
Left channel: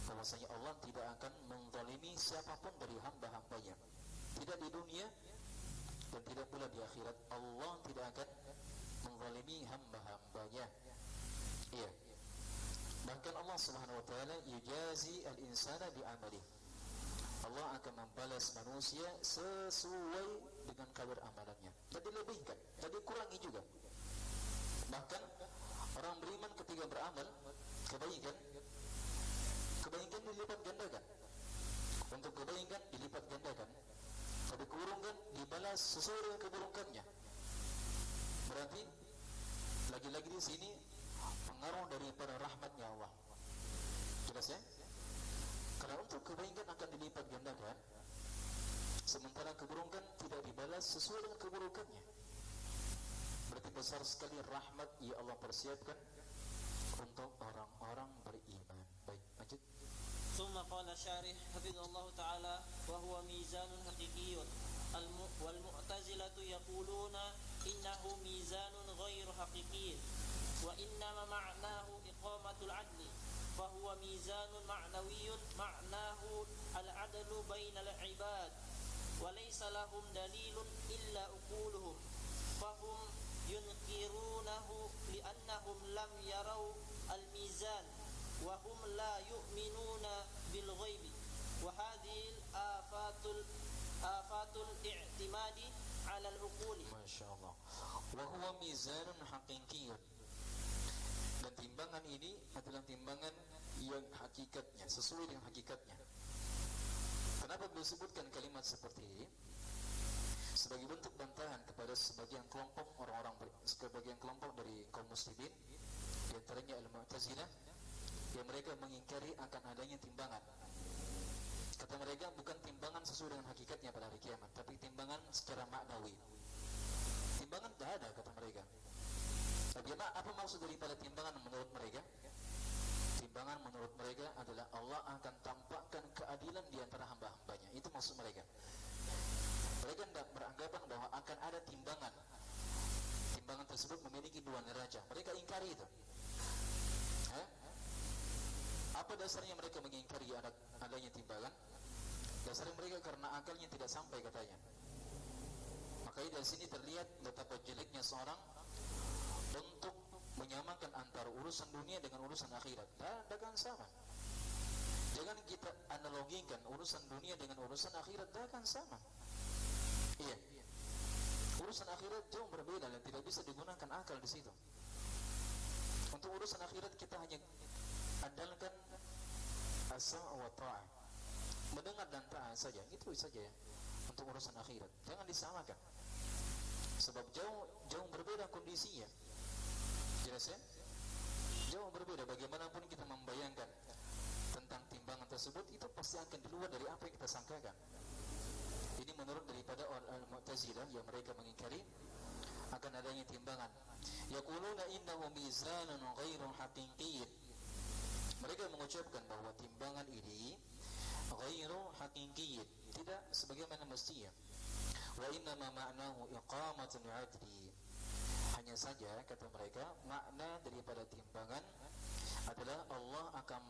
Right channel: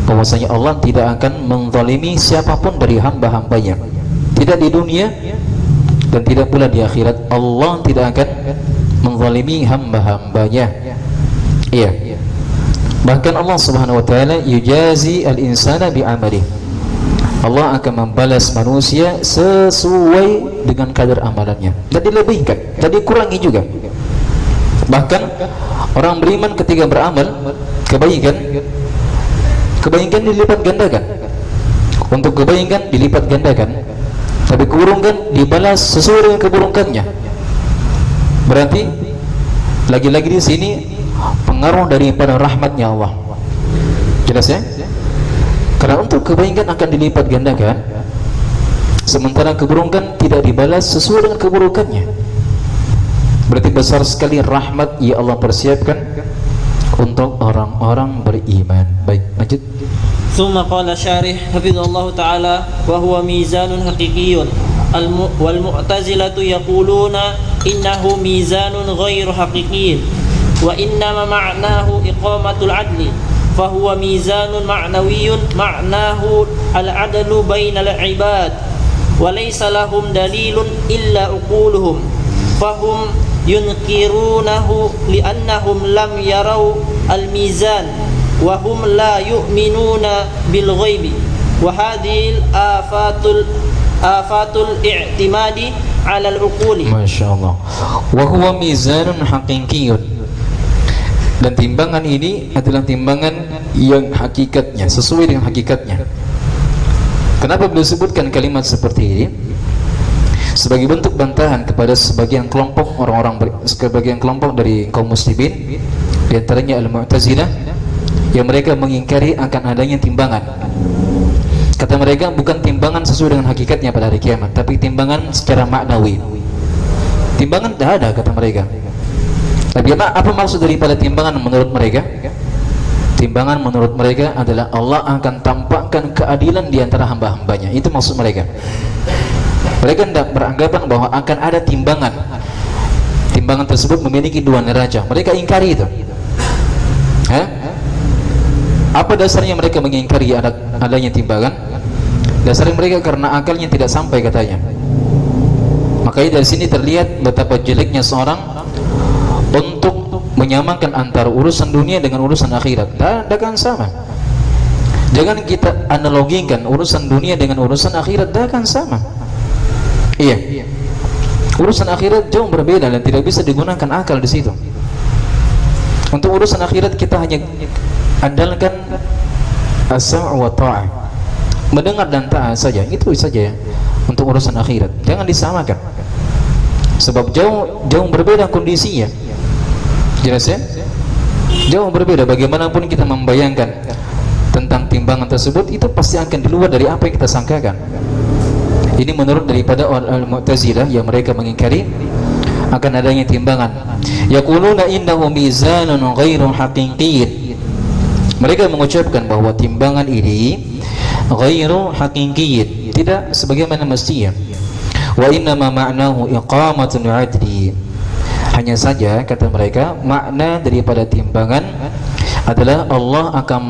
bahwasanya Allah tidak akan menzalimi siapapun dari hamba-hambanya. Tidak di dunia dan tidak pula di akhirat. Allah tidak akan menzalimi hamba-hambanya. Iya. Bahkan Allah Subhanahu wa taala yujazi al-insana bi'amalihi. Allah akan membalas manusia sesuai dengan kadar amalannya. Dan dilebihkan, dan dikurangi juga. Bahkan orang beriman ketika beramal kebaikan dilipat gandakan. Untuk kebaikan dilipat gandakan, tapi keburukan dibalas sesuai dengan keburukannya. Berarti lagi-lagi di sini pengaruh daripada rahmatnya Allah. Jelas ya? Karena untuk kebaikan akan dilipat gandakan, sementara keburukan tidak dibalas sesuai dengan keburukannya. Berarti besar sekali rahmat yang Allah persiapkan untuk orang-orang beriman. Baik, lanjut. ثم قال الشارح حفظه الله تعالى وهو ميزان حقيقي والمعتزلة يقولون إنه ميزان غير حقيقي وإنما معناه إقامة العدل فهو ميزان معنوي معناه العدل بين العباد وليس لهم دليل إلا عقولهم فهم ينكرونه لأنهم لم يروا الميزان وهم لا يؤمنون بالغيب وهذه آفات الاعتماد على العقول. ما شاء الله. وهو ميزان حقيقي. Dan timbangan ini adalah timbangan yang hakikatnya, sesuai dengan hakikatnya. Kenapa beliau sebutkan kalimat seperti ini? Sebagai bentuk bantahan kepada sebagian kelompok sebagian kelompok dari kaum muslimin, di antaranya al-Mu'tazilah, yang mereka mengingkari akan adanya timbangan. Kata mereka bukan timbangan sesuai dengan hakikatnya pada hari kiamat, tapi timbangan secara maknawi. Timbangan tidak ada, kata mereka. Tapi apa maksud daripada timbangan menurut mereka? Timbangan menurut mereka adalah Allah akan tampakkan keadilan di antara hamba-hambanya. Itu maksud mereka. Mereka tidak beranggapan bahwa akan ada timbangan. Timbangan tersebut memiliki dua neraca. Mereka ingkari itu. Apa dasarnya mereka mengingkari adanya timbangan? Dasarnya mereka karena akalnya tidak sampai, katanya. Makanya dari sini terlihat betapa jeleknya seorang untuk menyamakan antara urusan dunia dengan urusan akhirat. Tidak akan sama. Jangan kita analogikan urusan dunia dengan urusan akhirat, tidak akan sama. Iya. Urusan akhirat jauh berbeda dan tidak bisa digunakan akal di situ. Untuk urusan akhirat kita hanya andalkan as-sam' wa ta'ah, mendengar dan taat saja, itu saja ya. Untuk urusan akhirat jangan disamakan, sebab jauh berbeda kondisinya. Jelas ya? Jauh berbeda. Bagaimanapun kita membayangkan tentang timbangan tersebut, itu pasti akan di luar dari apa yang kita sangkakan. Ini menurut daripada al-Mu'tazilah yang mereka mengingkari akan adanya timbangan. Yaquluna innahu mizanun ghairu haqiqiyyin. Mereka mengucapkan bahwa timbangan ini ghairu haqiqiyyin, tidak sebagaimana mestinya. Wa inna ma ma'nahu iqamatul 'adli. Hanya saja, kata mereka, makna daripada timbangan adalah Allah akan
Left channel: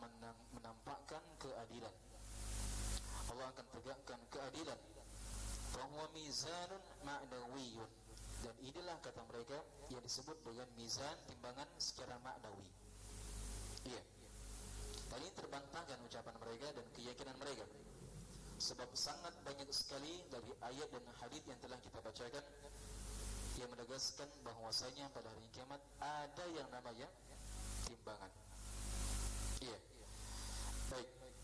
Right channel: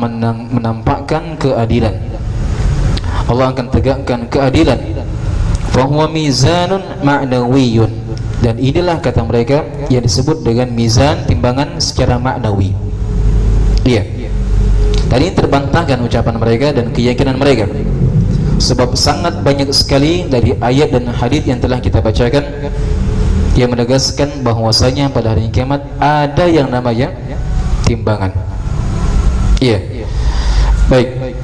menampakkan keadilan. Allah akan tegakkan keadilan. Fa huwa mizanun ma'nawiyyun. Dan inilah, kata mereka, yang disebut dengan mizan, timbangan secara maknawi. Iya. Tadi terbantahkan ucapan mereka dan keyakinan mereka, sebab sangat banyak sekali dari ayat dan hadis yang telah kita bacakan yang menegaskan bahwasanya pada hari kiamat ada yang namanya timbangan. Iya. Baik.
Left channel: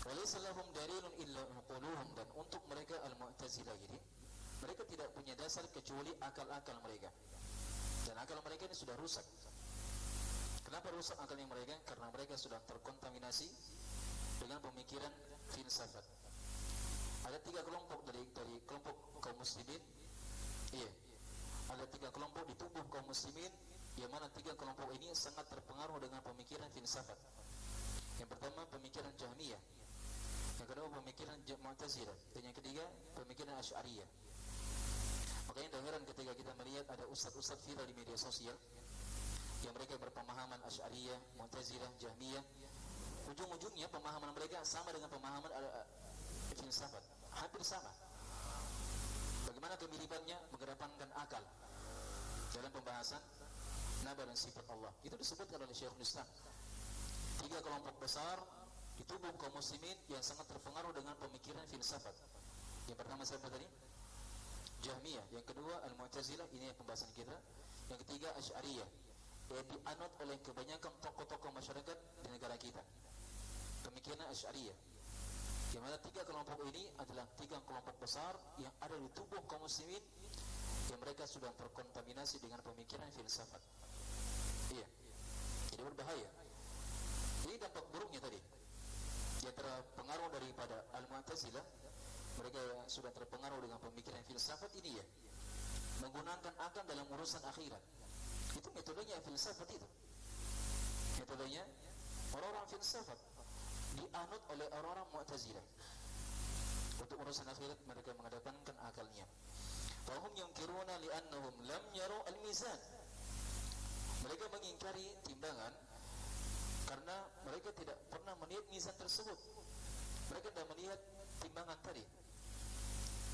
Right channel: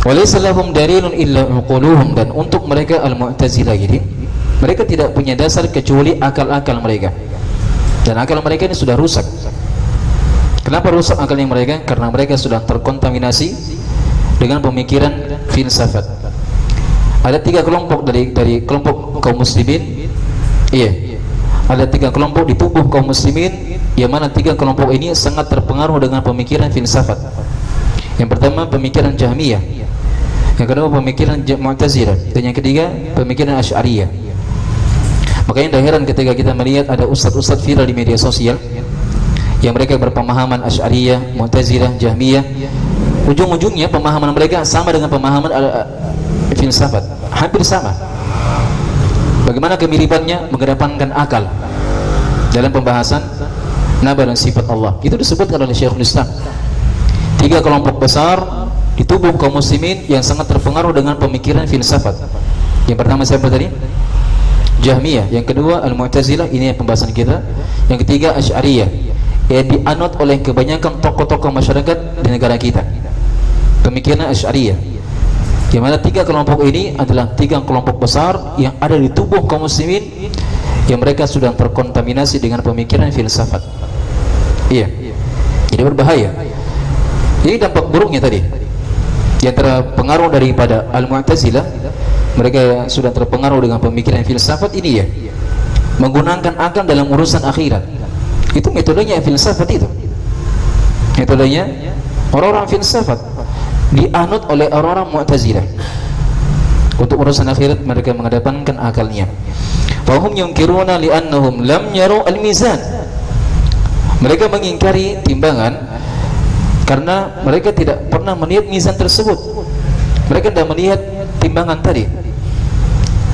Walaysa lahum dalilun illa uquluhum, dan untuk mereka al-Mu'tazilah ini, mereka tidak punya dasar kecuali akal-akal mereka. Dan akal mereka ini sudah rusak. Kenapa rusak akalnya mereka? Karena mereka sudah terkontaminasi dengan pemikiran filsafat. Ada 3 kelompok dari kelompok kaum muslimin. Iya. Ada 3 kelompok di tubuh kaum muslimin, yang mana 3 kelompok ini sangat terpengaruh dengan pemikiran filsafat. Yang pertama pemikiran Jahmiyah, yang kedua pemikiran Mu'tazilah, dan yang ketiga pemikiran Asy'ariyah. Makanya tidak heran ketika kita melihat ada ustadz-ustadz viral di media sosial yang mereka berpemahaman Asy'ariyah, Mu'tazilah, Jahmiyah. Ujung-ujungnya pemahaman mereka sama dengan pemahaman filsafat, hampir sama. Bagaimana kemiripannya? Mengedepankan akal dalam pembahasan nama dan sifat Allah. Itu disebutkan oleh Syekhul Islam. 3 kelompok besar di tubuh kaum muslimin yang sangat terpengaruh dengan pemikiran filsafat. Yang pertama siapa tadi? Jahmiyah. Yang kedua Al-Mu'tazilah, ini pembahasan kita. Yang ketiga Asy'ariyah, yang dianut oleh kebanyakan tokoh-tokoh masyarakat di negara kita. Pemikiran Asy'ariyah, yang mana 3 kelompok ini adalah 3 kelompok besar yang ada di tubuh kaum muslimin, yang mereka sudah terkontaminasi dengan pemikiran filsafat. Iya. Jadi berbahaya. Ini dampak buruknya tadi. Yang terpengaruh daripada Al-Mu'tazilah, mereka sudah terpengaruh dengan pemikiran filsafat ini, ya, menggunakan akal dalam urusan akhirat. Itu metodenya filsafat itu. Metodenya orang-orang filsafat dianut oleh orang-orang Mu'tazilah. Untuk urusan akhirat mereka mengedepankan akalnya. Fahum yunkiruna li'annahum lam yaru al-mizan. Mereka mengingkari timbangan karena mereka tidak pernah melihat mizan tersebut. Mereka tidak melihat timbangan tadi.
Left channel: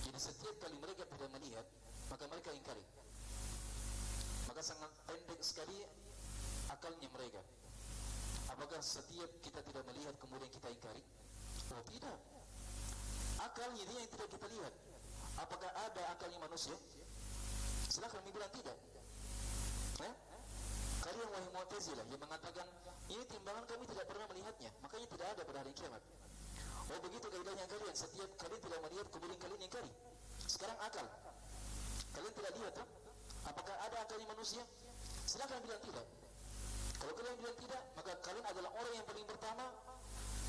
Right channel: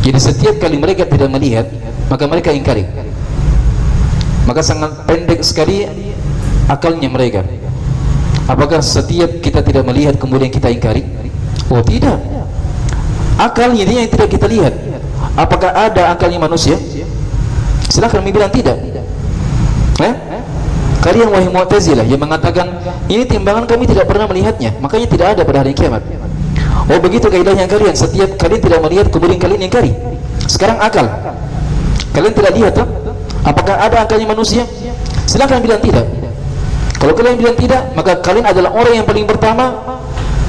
Jadi setiap kali mereka tidak melihat, maka mereka ingkari. Maka sangat pendek sekali akalnya mereka. Apakah setiap kita tidak melihat kemudian kita ingkari? Oh tidak. Akalnya ini yang tidak kita lihat. Apakah ada akalnya manusia? Silahkan bilang tidak. Kalian wahai Mu'tazilah yang mengatakan ini timbangan kami tidak pernah melihatnya, makanya tidak ada pada hari kiamat. Oh begitu kaidahnya kalian, setiap kalian tidak melihat kemudian kalian ingkari. Sekarang akal, kalian tidak lihat toh? Apakah ada akalnya manusia? Silahkan bilang tidak. Kalau kalian bilang tidak, maka kalian adalah orang yang paling pertama,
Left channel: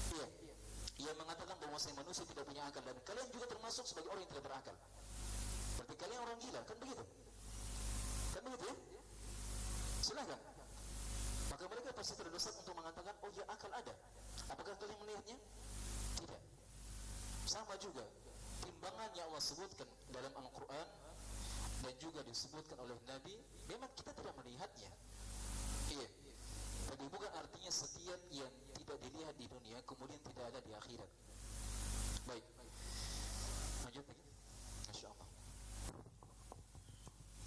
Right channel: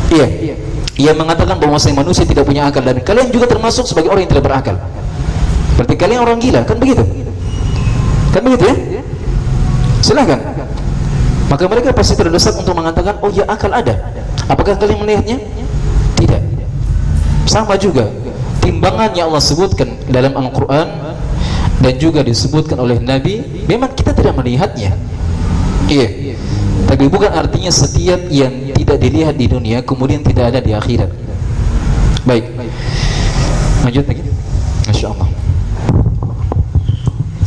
iya, yang mengatakan bahwa manusia tidak punya akal, dan kalian juga termasuk sebagai orang yang tidak berakal. Berarti kalian orang gila, kan begitu? Kan begitu ya? Silahkan. Maka mereka pasti terdesak untuk mengatakan, oh ya akal ada. Apakah kalian melihatnya? Tidak. Sama juga timbangan yang Allah sebutkan dalam Al-Quran dan juga disebutkan oleh Nabi, memang kita tidak melihatnya. Iya. Tapi bukan artinya setiap yang tidak dilihat di dunia kemudian tidak ada di akhirat. Baik. Lanjut lagi. Masya Allah.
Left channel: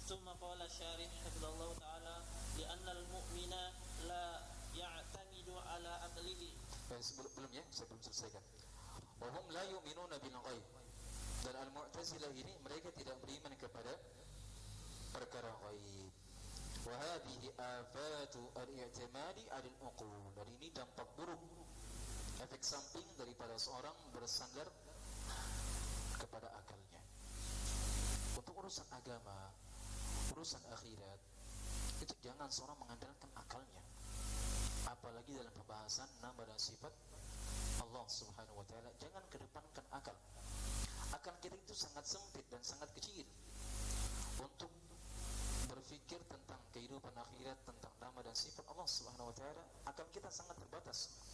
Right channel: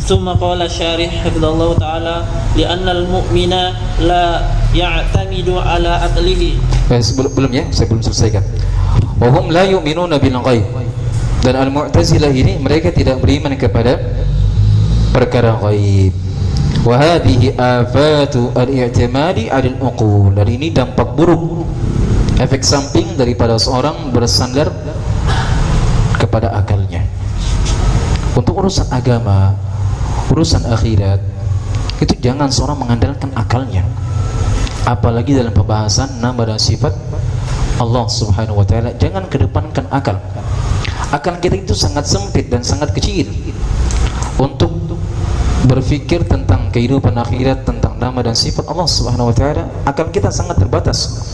ثم قال الشارح حفظه الله تعالى لأن المؤمن لا يعتمد على عقله. Belum ya, saya belum selesaikan. Wahum la yu'minuna bil ghaib. Dan Al-Mu'tazilah ini mereka tidak beriman kepada perkara ghaib. Wa hadhihi afatu al-i'timadi 'ala al-uqul. Dan ini dampak buruk, efek samping daripada seorang bersandar kepada akalnya. Untuk urusan agama, urusan akhirat, itu jangan seorang mengandalkan akalnya. Apalagi dalam pembahasan nama dan sifat Allah Subhanahu wa taala, jangan kedepankan akal. Akal kita itu sangat sempit dan sangat kecil untuk berpikir tentang kehidupan akhirat, tentang nama dan sifat Allah Subhanahu wa taala. Akal kita sangat terbatas.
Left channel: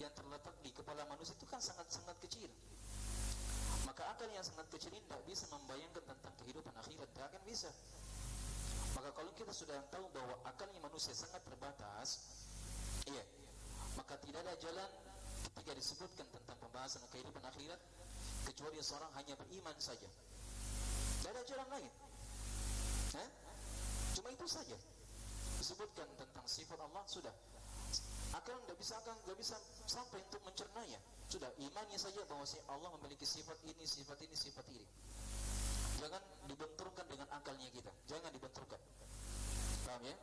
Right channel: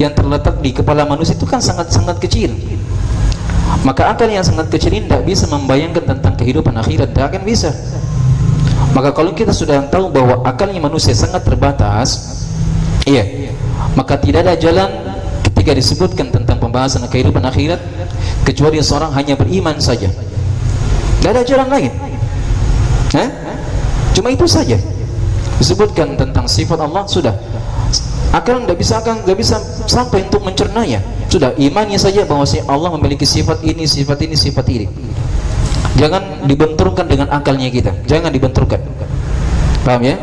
Yang terletak di kepala manusia itu kan sangat-sangat kecil. Maka akal yang sangat kecil ini tidak bisa membayangkan tentang kehidupan akhirat, tidak akan bisa. Maka kalau kita sudah tahu bahwa akalnya manusia sangat terbatas, iya, maka tidak ada jalan ketika disebutkan tentang pembahasan kehidupan akhirat kecuali seorang hanya beriman saja. Tidak ada jalan lain. Cuma itu saja. Disebutkan tentang sifat Allah, sudah. Akal tidak bisa sampai untuk mencernanya. Sudah, imannya saja bahwa Allah memiliki sifat ini, sifat ini, sifat ini. Jangan dibenturkan dengan akalnya kita. Jangan dibenturkan. Paham ya?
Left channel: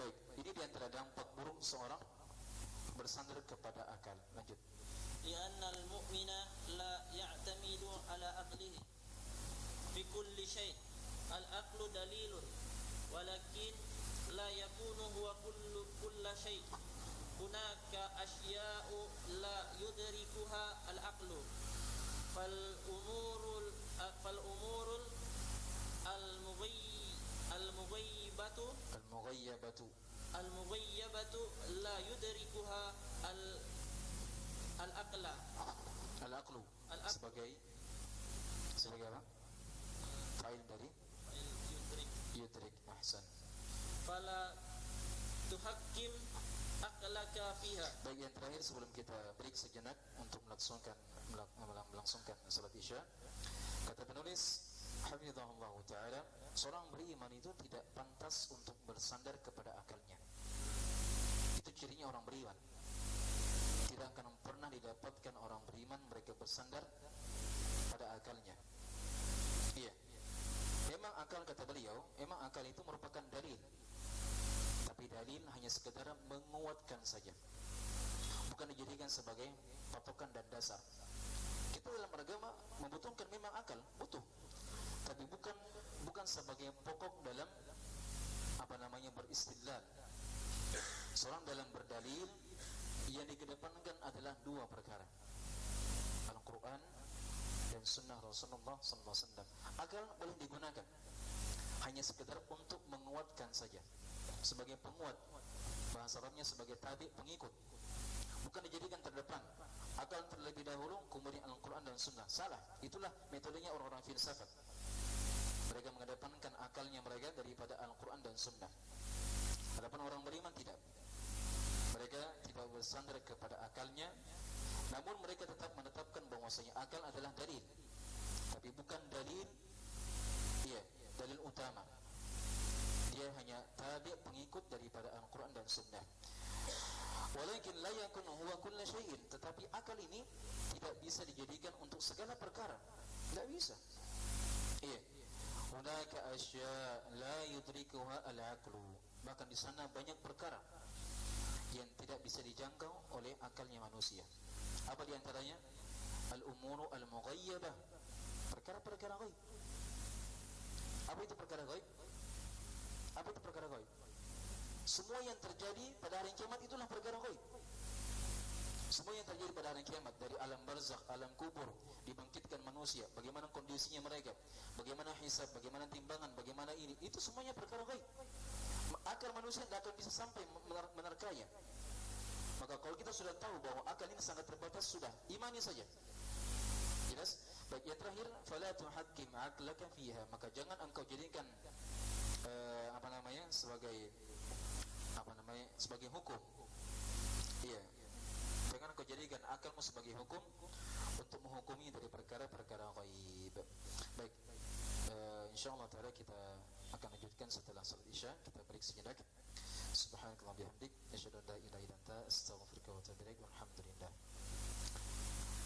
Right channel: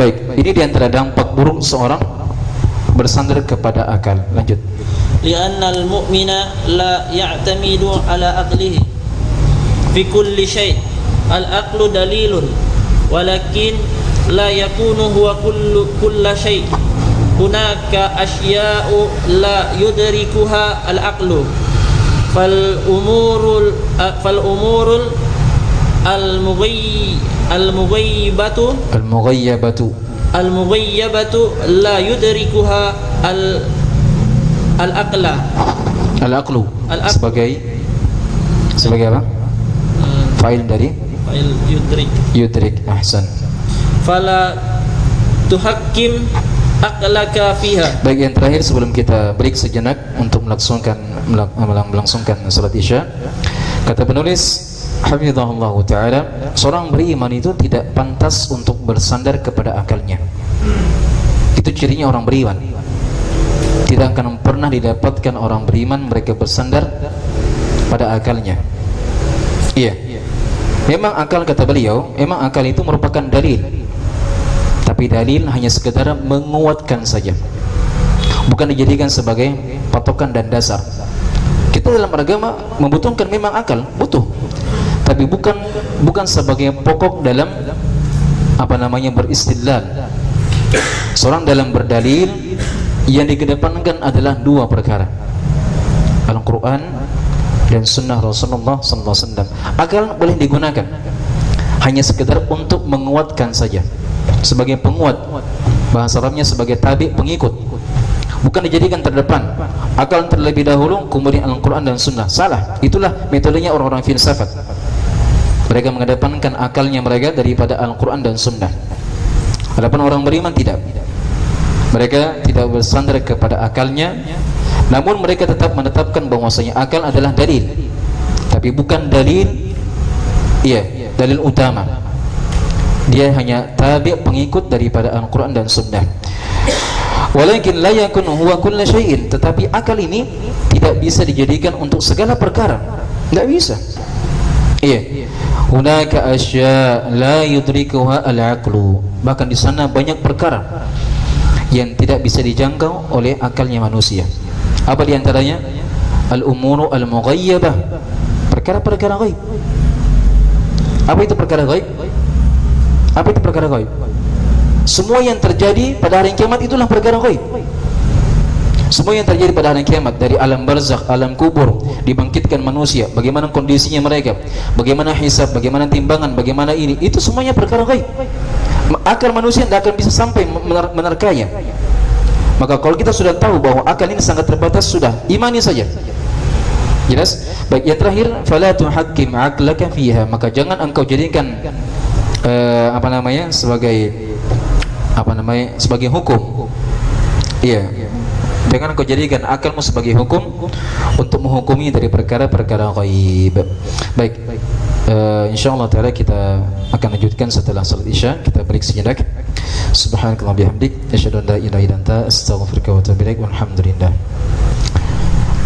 Baik, ini diantara dampak buruk seorang bersandar kepada akal. Lanjut. Li'anna al-mu'mina la ya'tamidu ala aqlihi fi kulli syai'. Al-aqlu dalilun walakin la yakunu huwa kulla syai'. Hunaka asya'u la yudrikuha al-aqlu. Fal umurul al-mughayyabatu la yudrikuha al-aqla. Al-aqlu sebagai apa? Fa'il dari Fa'il yudrik. Ahsan. Fala tuhakkim aqlaka fiha. Baik, yang terakhir sebelum kita break sejenak untuk melangsungkan salat Isya, kata penulis hafizahullah taala, seorang beriman itu tidak pantas untuk bersandar kepada akalnya. Itu cirinya orang beriman. Tidak akan pernah didapatkan orang beriman mereka bersandar pada akalnya. Iya. Memang akal, kata beliau, memang akal itu merupakan dalil. Tapi dalil hanya sekedar menguatkan saja, bukan dijadikan sebagai patokan dan dasar. Kita dalam agama membutuhkan memang akal, butuh, tapi bukan sebagai pokok dalam beristidlal. Seorang dalam berdalil yang dikedepankan adalah dua perkara, Al-Quran dan Sunnah Rasulullah SAW. Akal boleh digunakan hanya sekedar untuk menguatkan saja, sebagai penguat, bahasa Arabnya sebagai tabi, pengikut, bukan dijadikan terdepan. Akal terlebih dahulu, kemudian Al-Quran dan Sunnah. Salah, itulah metodenya orang-orang filsafat. Mereka mengedepankan akalnya mereka daripada Al-Quran dan Sunnah. Adapun orang beriman tidak, mereka tidak bersandar kepada akalnya, namun mereka tetap menetapkan bahwasanya akal adalah dalil, tapi bukan dalil utama. Dia hanya tabi', pengikut daripada Al-Quran dan Sunnah. Walakin la yakun huwa kulla syai'in, tetapi akal ini tidak bisa dijadikan untuk segala perkara, tidak bisa. Hunaka asya' la yudrikuha al-aqlu. Bahkan di sana banyak perkara yang tidak bisa dijangkau oleh akalnya manusia. Apa di antaranya? Al-umuru al-mughayyabah, perkara-perkara ghaib. Apa itu perkara ghaib? Apa itu perkara ghaib? Semua yang terjadi pada hari kiamat itulah perkara ghaib. Semua yang terjadi pada hari kiamat, dari alam barzakh, alam kubur, dibangkitkan manusia, bagaimana kondisinya mereka, bagaimana hisab, bagaimana timbangan, bagaimana ini, itu semuanya perkara ghaib. Akal manusia tidak akan bisa sampai menerkanya. Maka kalau kita sudah tahu bahwa akal ini sangat terbatas, sudah imani saja. Jelas? Baik, yang terakhir, fala tuhakkim aqlaka fiha, maka jangan engkau jadikan sebagai hukum. Jangan engkau jadikan akalmu sebagai hukum untuk menghukumi dari perkara-perkara ghaib. Baik, insyaallah taala kita akan lanjutkan setelah salat Isya. Kita break sejenak. Subhanakallah bihamdik, asyhadu an la ilaha illa anta, astaghfiruka wa atubu ilaik. Walhamdulillah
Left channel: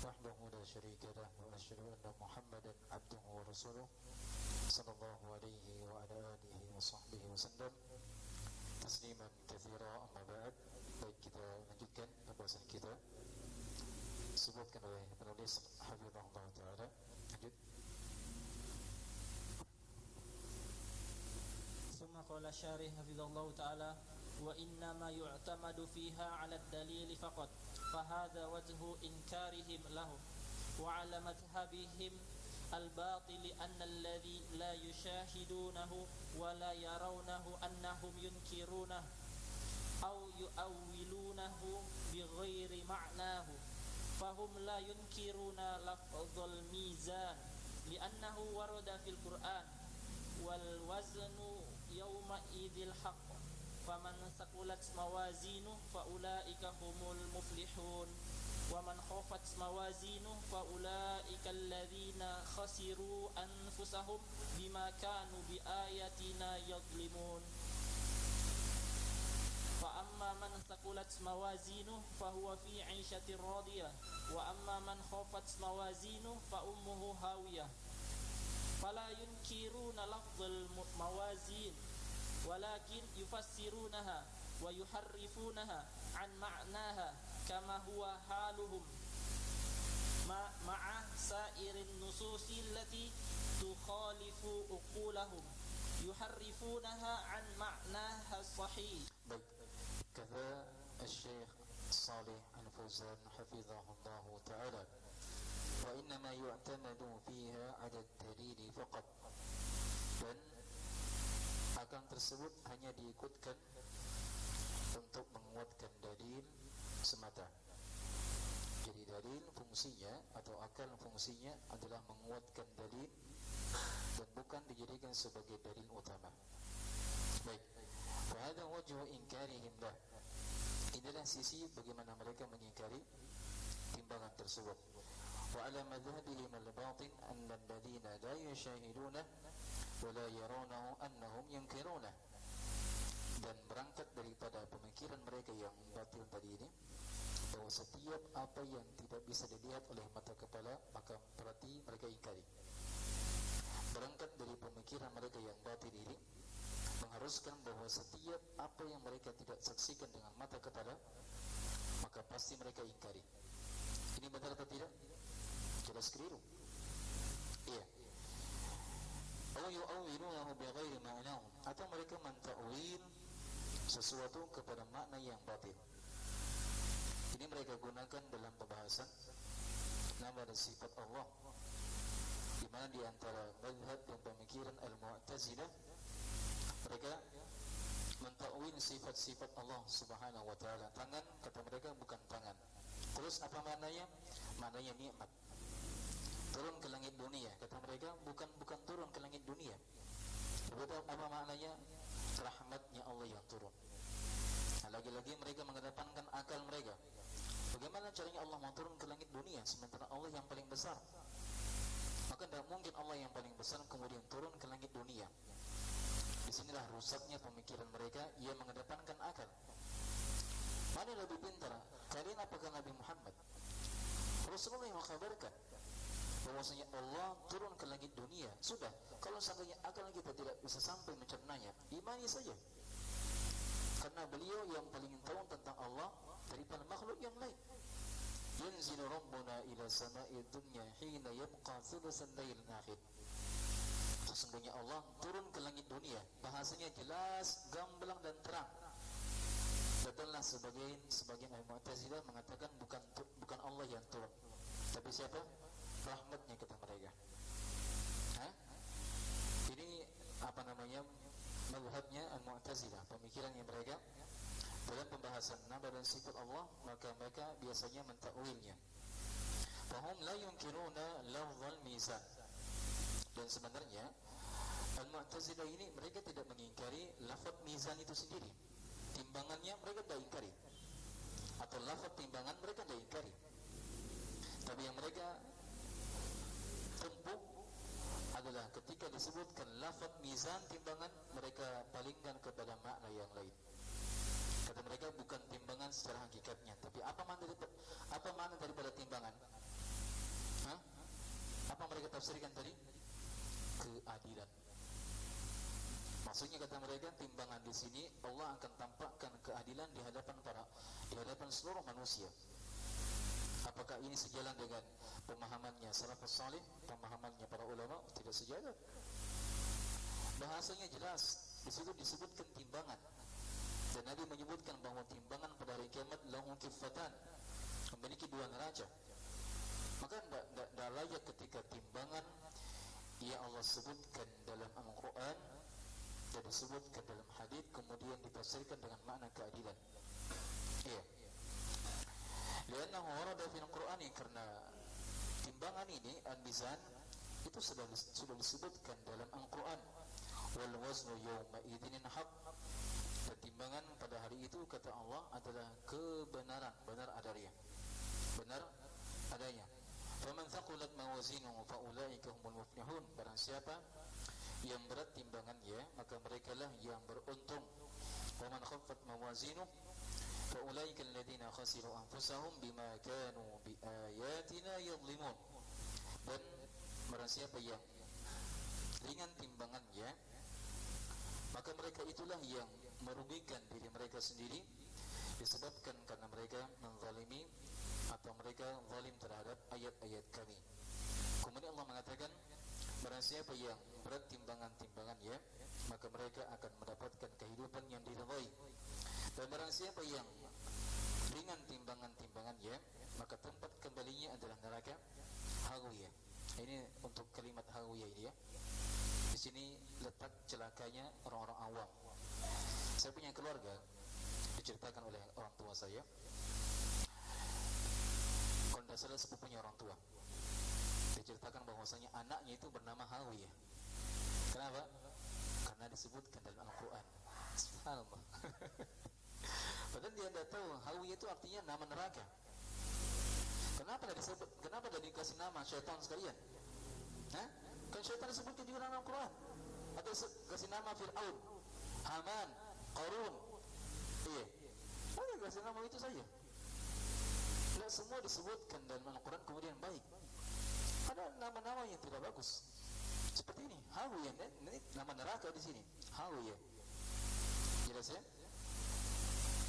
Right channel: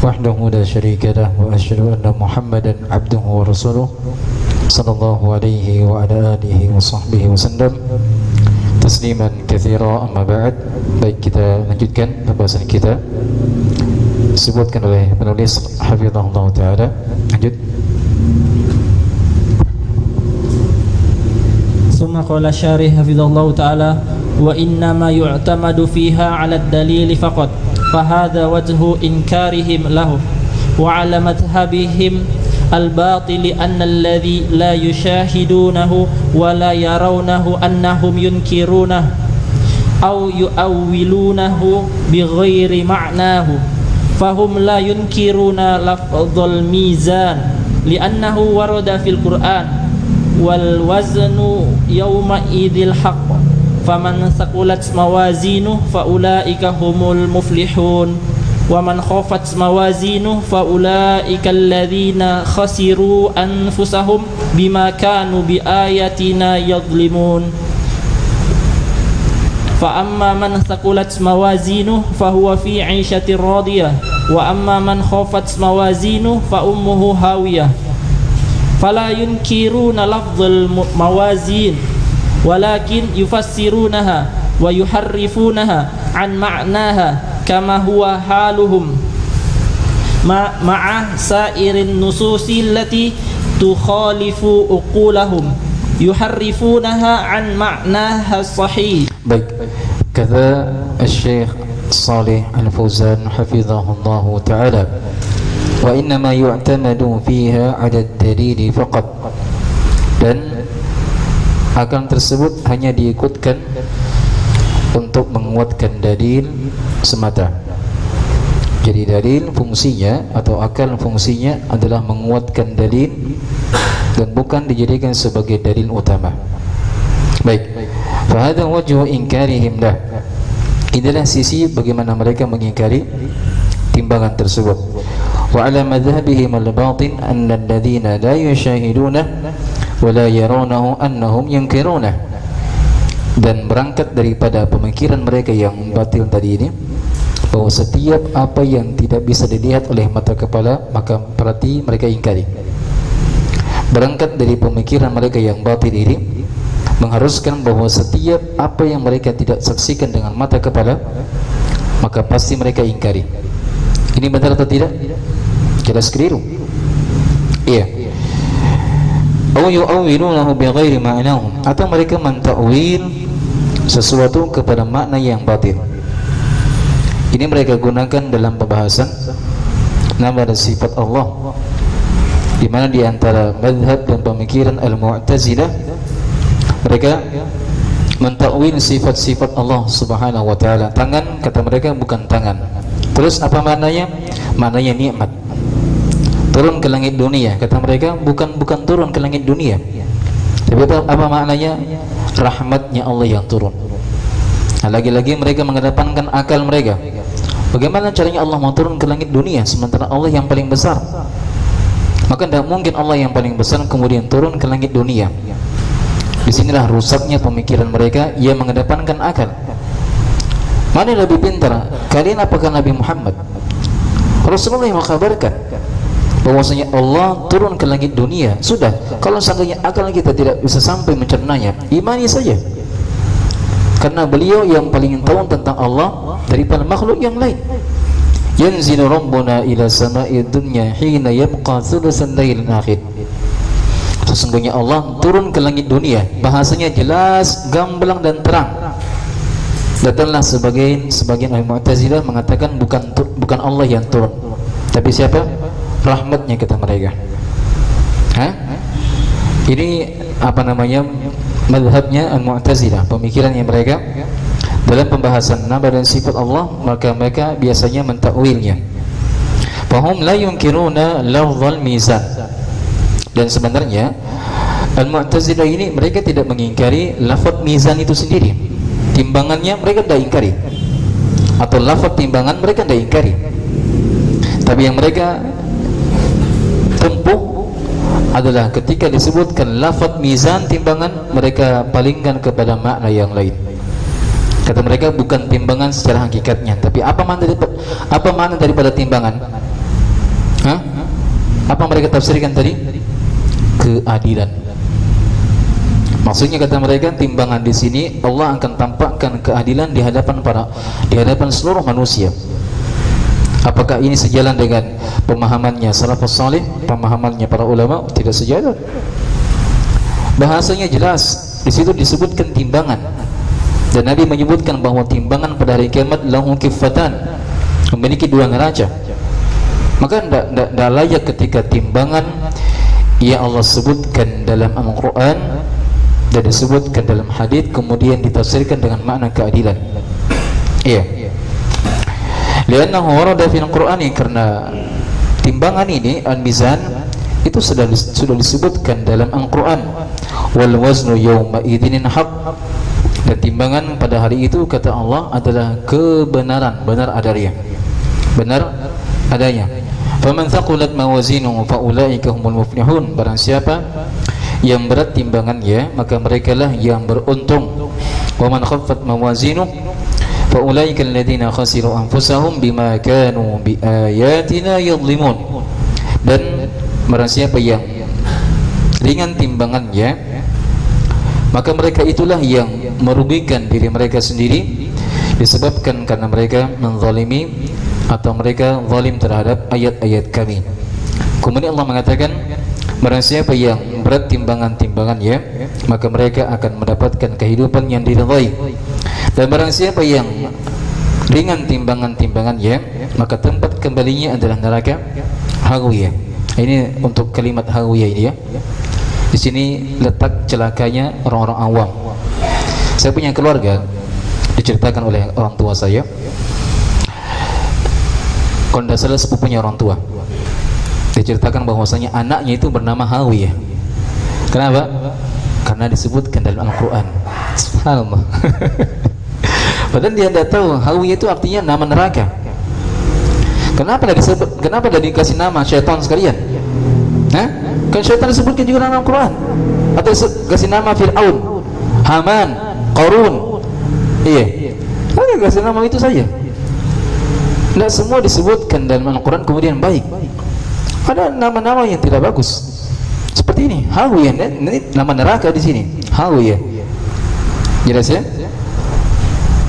wahdahu la syarika lah, wa asyhadu anna Muhammadan abduhu wa rasuluh sallallahu alaihi wa ala alihi wa sahbihi wa sallam tasliman katsira, amma ba'd. Baik, kita lanjutkan pembahasan kita disebutkan oleh penulis hafizahullah taala. Lanjut. Summa qala syarih hafizahullah taala wa inna ma yu'tamadu fiha 'ala ad-dalil faqat fa hadha wajhu inkarihim lahu wa 'ala madhhabihim al-batil anna alladhi la yushahidunahu wa la yarawnahu annahum yunkirunahu aw yu'awwilunahu bighairi ma'nahu fahum la yunkiruna lafdhal mizan li'annahu warada fil Qur'an wal waznu yawma idil haqq faman saqulat mawazinuhu faulaika humul muflihun wa man khafat mawazinuhu faulaika alladhina khasiru anfusahum bima kanu biayatina yadhlimun. Fa amma man saqulat mawazinuhu fahuwa fi 'ishatir radiyah wa amma man khafat mawazinuhu fa ummuhu hawiyah. Fala yunkiruna lafdhal mawazin walakin yufassirunaha wa yuharrifunaha عن معناها كما هو حالهم مع سائر النصوص التي تخالف عقولهم يحرفونها عن معناها الصحيح. Baik, kata Syekh Salih Al-Fauzan hafizahullah ta'ala, wa innama yu'tamadu fiha 'ala ad-dalil faqat, dan akal tersebut hanya diikutkan untuk menguatkan dalil semata. Jadi dalil fungsinya atau akal fungsinya adalah menguatkan dalil dan bukan dijadikan sebagai dalil utama. Baik, fahadha wajhu inkarihim lah. Inilah sisi bagaimana mereka mengingkari timbangan tersebut. Wa ala madhhabihim al-batin anna alladhina la yushahiduna wa la yarawnahu annahum yunkiruna. Dan berangkat daripada pemikiran mereka yang batil tadi ini, bahwa setiap apa yang tidak bisa dilihat oleh mata kepala maka berarti mereka ingkari. Berangkat dari pemikiran mereka yang batil ini mengharuskan bahwa setiap apa yang mereka tidak saksikan dengan mata kepala maka pasti mereka ingkari. Ini benar atau tidak? Jelas keliru. Iya. Aw yu'awwilunahu bighairi ma'nahum, atau mereka mentakwil sesuatu kepada makna yang batil. Ini mereka gunakan dalam pembahasan nama dan sifat Allah, di mana di antara mazhab dan pemikiran Al-Mu'tazilah mereka mentakwil sifat-sifat Allah Subhanahu wa taala. Tangan, kata mereka, bukan tangan. Terus apa maknanya? Maknanya nikmat. Turun ke langit dunia, kata mereka, bukan turun ke langit dunia. Tapi apa maknanya? Rahmatnya Allah yang turun. Nah, lagi-lagi mereka mengedepankan akal mereka. Bagaimana caranya Allah mau turun ke langit dunia sementara Allah yang paling besar? Maka tidak mungkin Allah yang paling besar kemudian turun ke langit dunia. Disinilah rusaknya pemikiran mereka yang mengedepankan akal. Mana yang lebih pintar? Kalian apakah Nabi Muhammad? Rasulullah yang mengkabarkan bahwasanya Allah turun ke langit dunia. Sudah, kalau seandainya akal kita tidak bisa sampai mencernanya, imani saja. Karena beliau yang paling tahu tentang Allah daripada makhluk yang lain. Yanzilu rabbuna ila sama'i dunya hina yabqa thulutsan lailil akhir. Sesungguhnya Allah turun ke langit dunia. Bahasanya jelas, gamblang dan terang. Datanglah sebagian ahli Mu'tazilah mengatakan bukan Allah yang turun, tapi siapa? Rahmatnya, kata mereka. Ini apa namanya? Mazhabnya Al-Mu'tazilah, pemikirannya mereka dalam pembahasan nama dan sifat Allah, maka mereka biasanya mentakwilnya. Fahum la yunkiruna lafzal mizan. Dan sebenarnya Al-Mu'tazilah ini mereka tidak mengingkari lafaz mizan itu sendiri. Timbangannya mereka tidak ingkari. Atau lafaz timbangan mereka tidak ingkari. Tapi yang mereka tempuh adalah ketika disebutkan lafaz mizan timbangan, mereka palingkan kepada makna yang lain. Kata mereka bukan timbangan secara hakikatnya, tapi apa makna daripada timbangan? Apa mereka tafsirkan tadi? Keadilan. Maksudnya kata mereka timbangan di sini Allah akan tampakkan keadilan di hadapan seluruh manusia. Apakah ini sejalan dengan pemahamannya salafus salih, pemahamannya para ulama? Tidak sejalan. Bahasanya jelas, di situ disebutkan timbangan. Dan Nabi menyebutkan bahwa timbangan pada hari kiamat lahu kiffatan, memiliki dua neraca. Maka tidak layak ketika timbangan yang Allah sebutkan dalam Al-Quran dan disebutkan dalam hadis kemudian ditafsirkan dengan makna keadilan. Iya. Liannahu warada fil Qur'ani, karena timbangan ini al-mizan itu sudah disebutkan dalam Al-Quran. Wal waznu yawma idzinin haqq, dan timbangan pada hari itu kata Allah adalah kebenaran, benar adanya. Benar adanya. Faman thaqulat mawazinuhu faulaika humul muflihun. Barang siapa yang berat timbangannya maka merekalah yang beruntung. Wa man khaffat mawazinuhu faulaika alladziina khasiru anfusahum bima kanu biayatina yadhlimun. Dan barang siapa yang ringan timbangannya maka mereka itulah yang merugikan diri mereka sendiri, disebabkan karena mereka menzalimi atau mereka zalim terhadap ayat-ayat kami. Kemudian Allah mengatakan, barang siapa yang berat timbangan-timbangannya, maka mereka akan mendapatkan kehidupan yang diridhai. Dan barang siapa yang ringan timbangan-timbangannya, maka tempat kembalinya adalah neraka hawiyah. Ini untuk kalimat hawiyah ini ya. Di sini letak celakanya orang-orang awam. Saya punya keluarga, diceritakan oleh orang tua saya. Kalau tidak salah sepupunya orang tua, diceritakan bahwasanya anaknya itu bernama Hawiyah. Kenapa? Karena disebutkan dalam Al-Quran. Subhanallah. Padahal dia tidak tahu Hawiyah itu artinya nama neraka. Kenapa dah dikasih nama syaitan sekalian? Hah? Kan syaitan disebutkan juga dalam Al-Quran. Atau kasih nama Fir'aun, Haman, Qarun. Iya. Ada kasih nama itu saja. Tidak semua disebutkan dalam Al-Quran kemudian baik. Ada nama-nama yang tidak bagus. Seperti ini, Hawiyah, ini nama neraka di sini. Hawiyah. Jelas ya?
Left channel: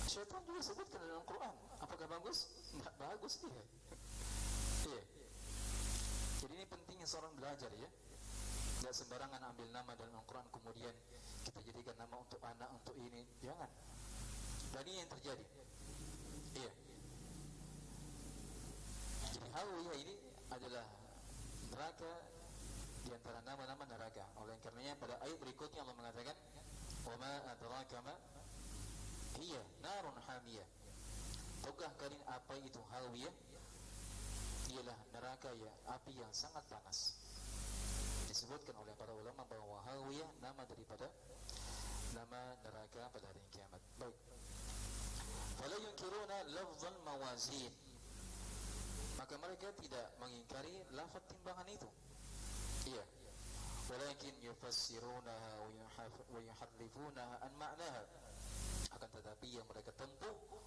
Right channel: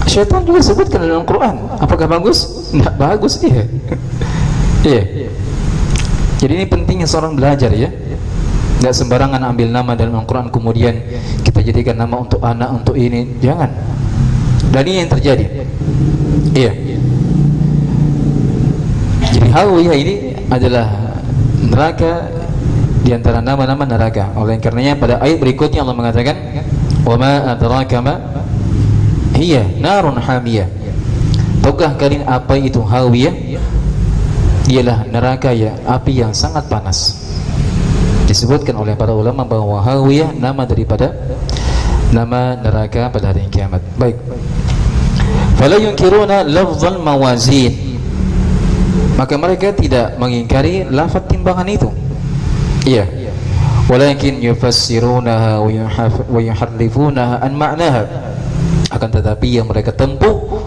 Syaitan juga disebutkan dalam Al-Quran. Apakah bagus? Tidak bagus dia. Iya. Jadi ini pentingnya seorang belajar ya. Tidak sembarangan ambil nama dalam Al-Quran kemudian kita jadikan nama untuk anak, untuk ini. Jangan. Dan ini yang terjadi. Iya. Jadi Hawiyah ini adalah neraka di antara nama-nama neraka. Oleh karenanya pada ayat berikutnya Allah mengatakan, "Wa ma adraka ma hiya narun hamiyah." Tahukah kalian apa itu Hawiyah? Ialah neraka ya, api yang sangat panas. Disebutkan oleh para ulama bahwa Hawiyah nama daripada nama neraka pada hari kiamat. Baik. Fala yunkiruna lafzal mawazin. Maka mereka tidak mengingkari lafaz timbangan itu. Iya. Walakin yufassirunaha wa yuharrifunaha an ma'naha. Akan tetapi yang mereka tempuh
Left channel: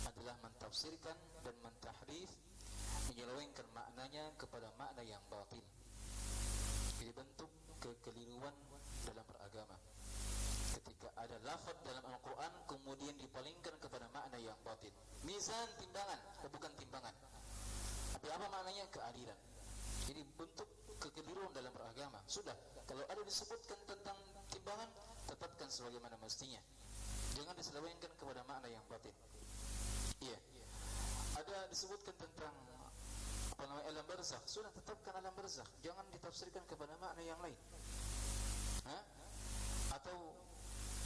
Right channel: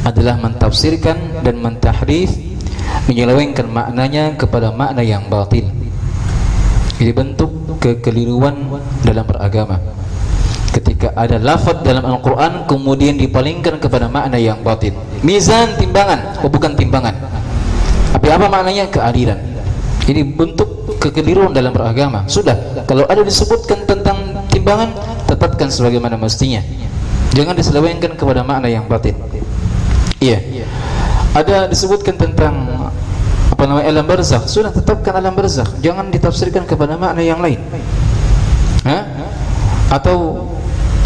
adalah mentafsirkan dan mentahrif, menyelewengkan maknanya kepada makna yang batil. Jadi bentuk kekeliruan dalam beragama. Ketika ada lafaz dalam Al-Quran kemudian dipalingkan kepada makna yang batil. Mizan timbangan, bukan timbangan. Tapi apa maknanya? Keadilan. Ini bentuk kekeliruan dalam beragama. Sudah, kalau ada disebutkan tentang timbangan, tetapkan sebagaimana mestinya. Jangan diselewengkan kepada makna yang batin. Iya. Ada disebutkan tentang apa namanya alam barzakh, sudah tetapkan alam barzakh. Jangan ditafsirkan kepada makna yang lain. Hah? Atau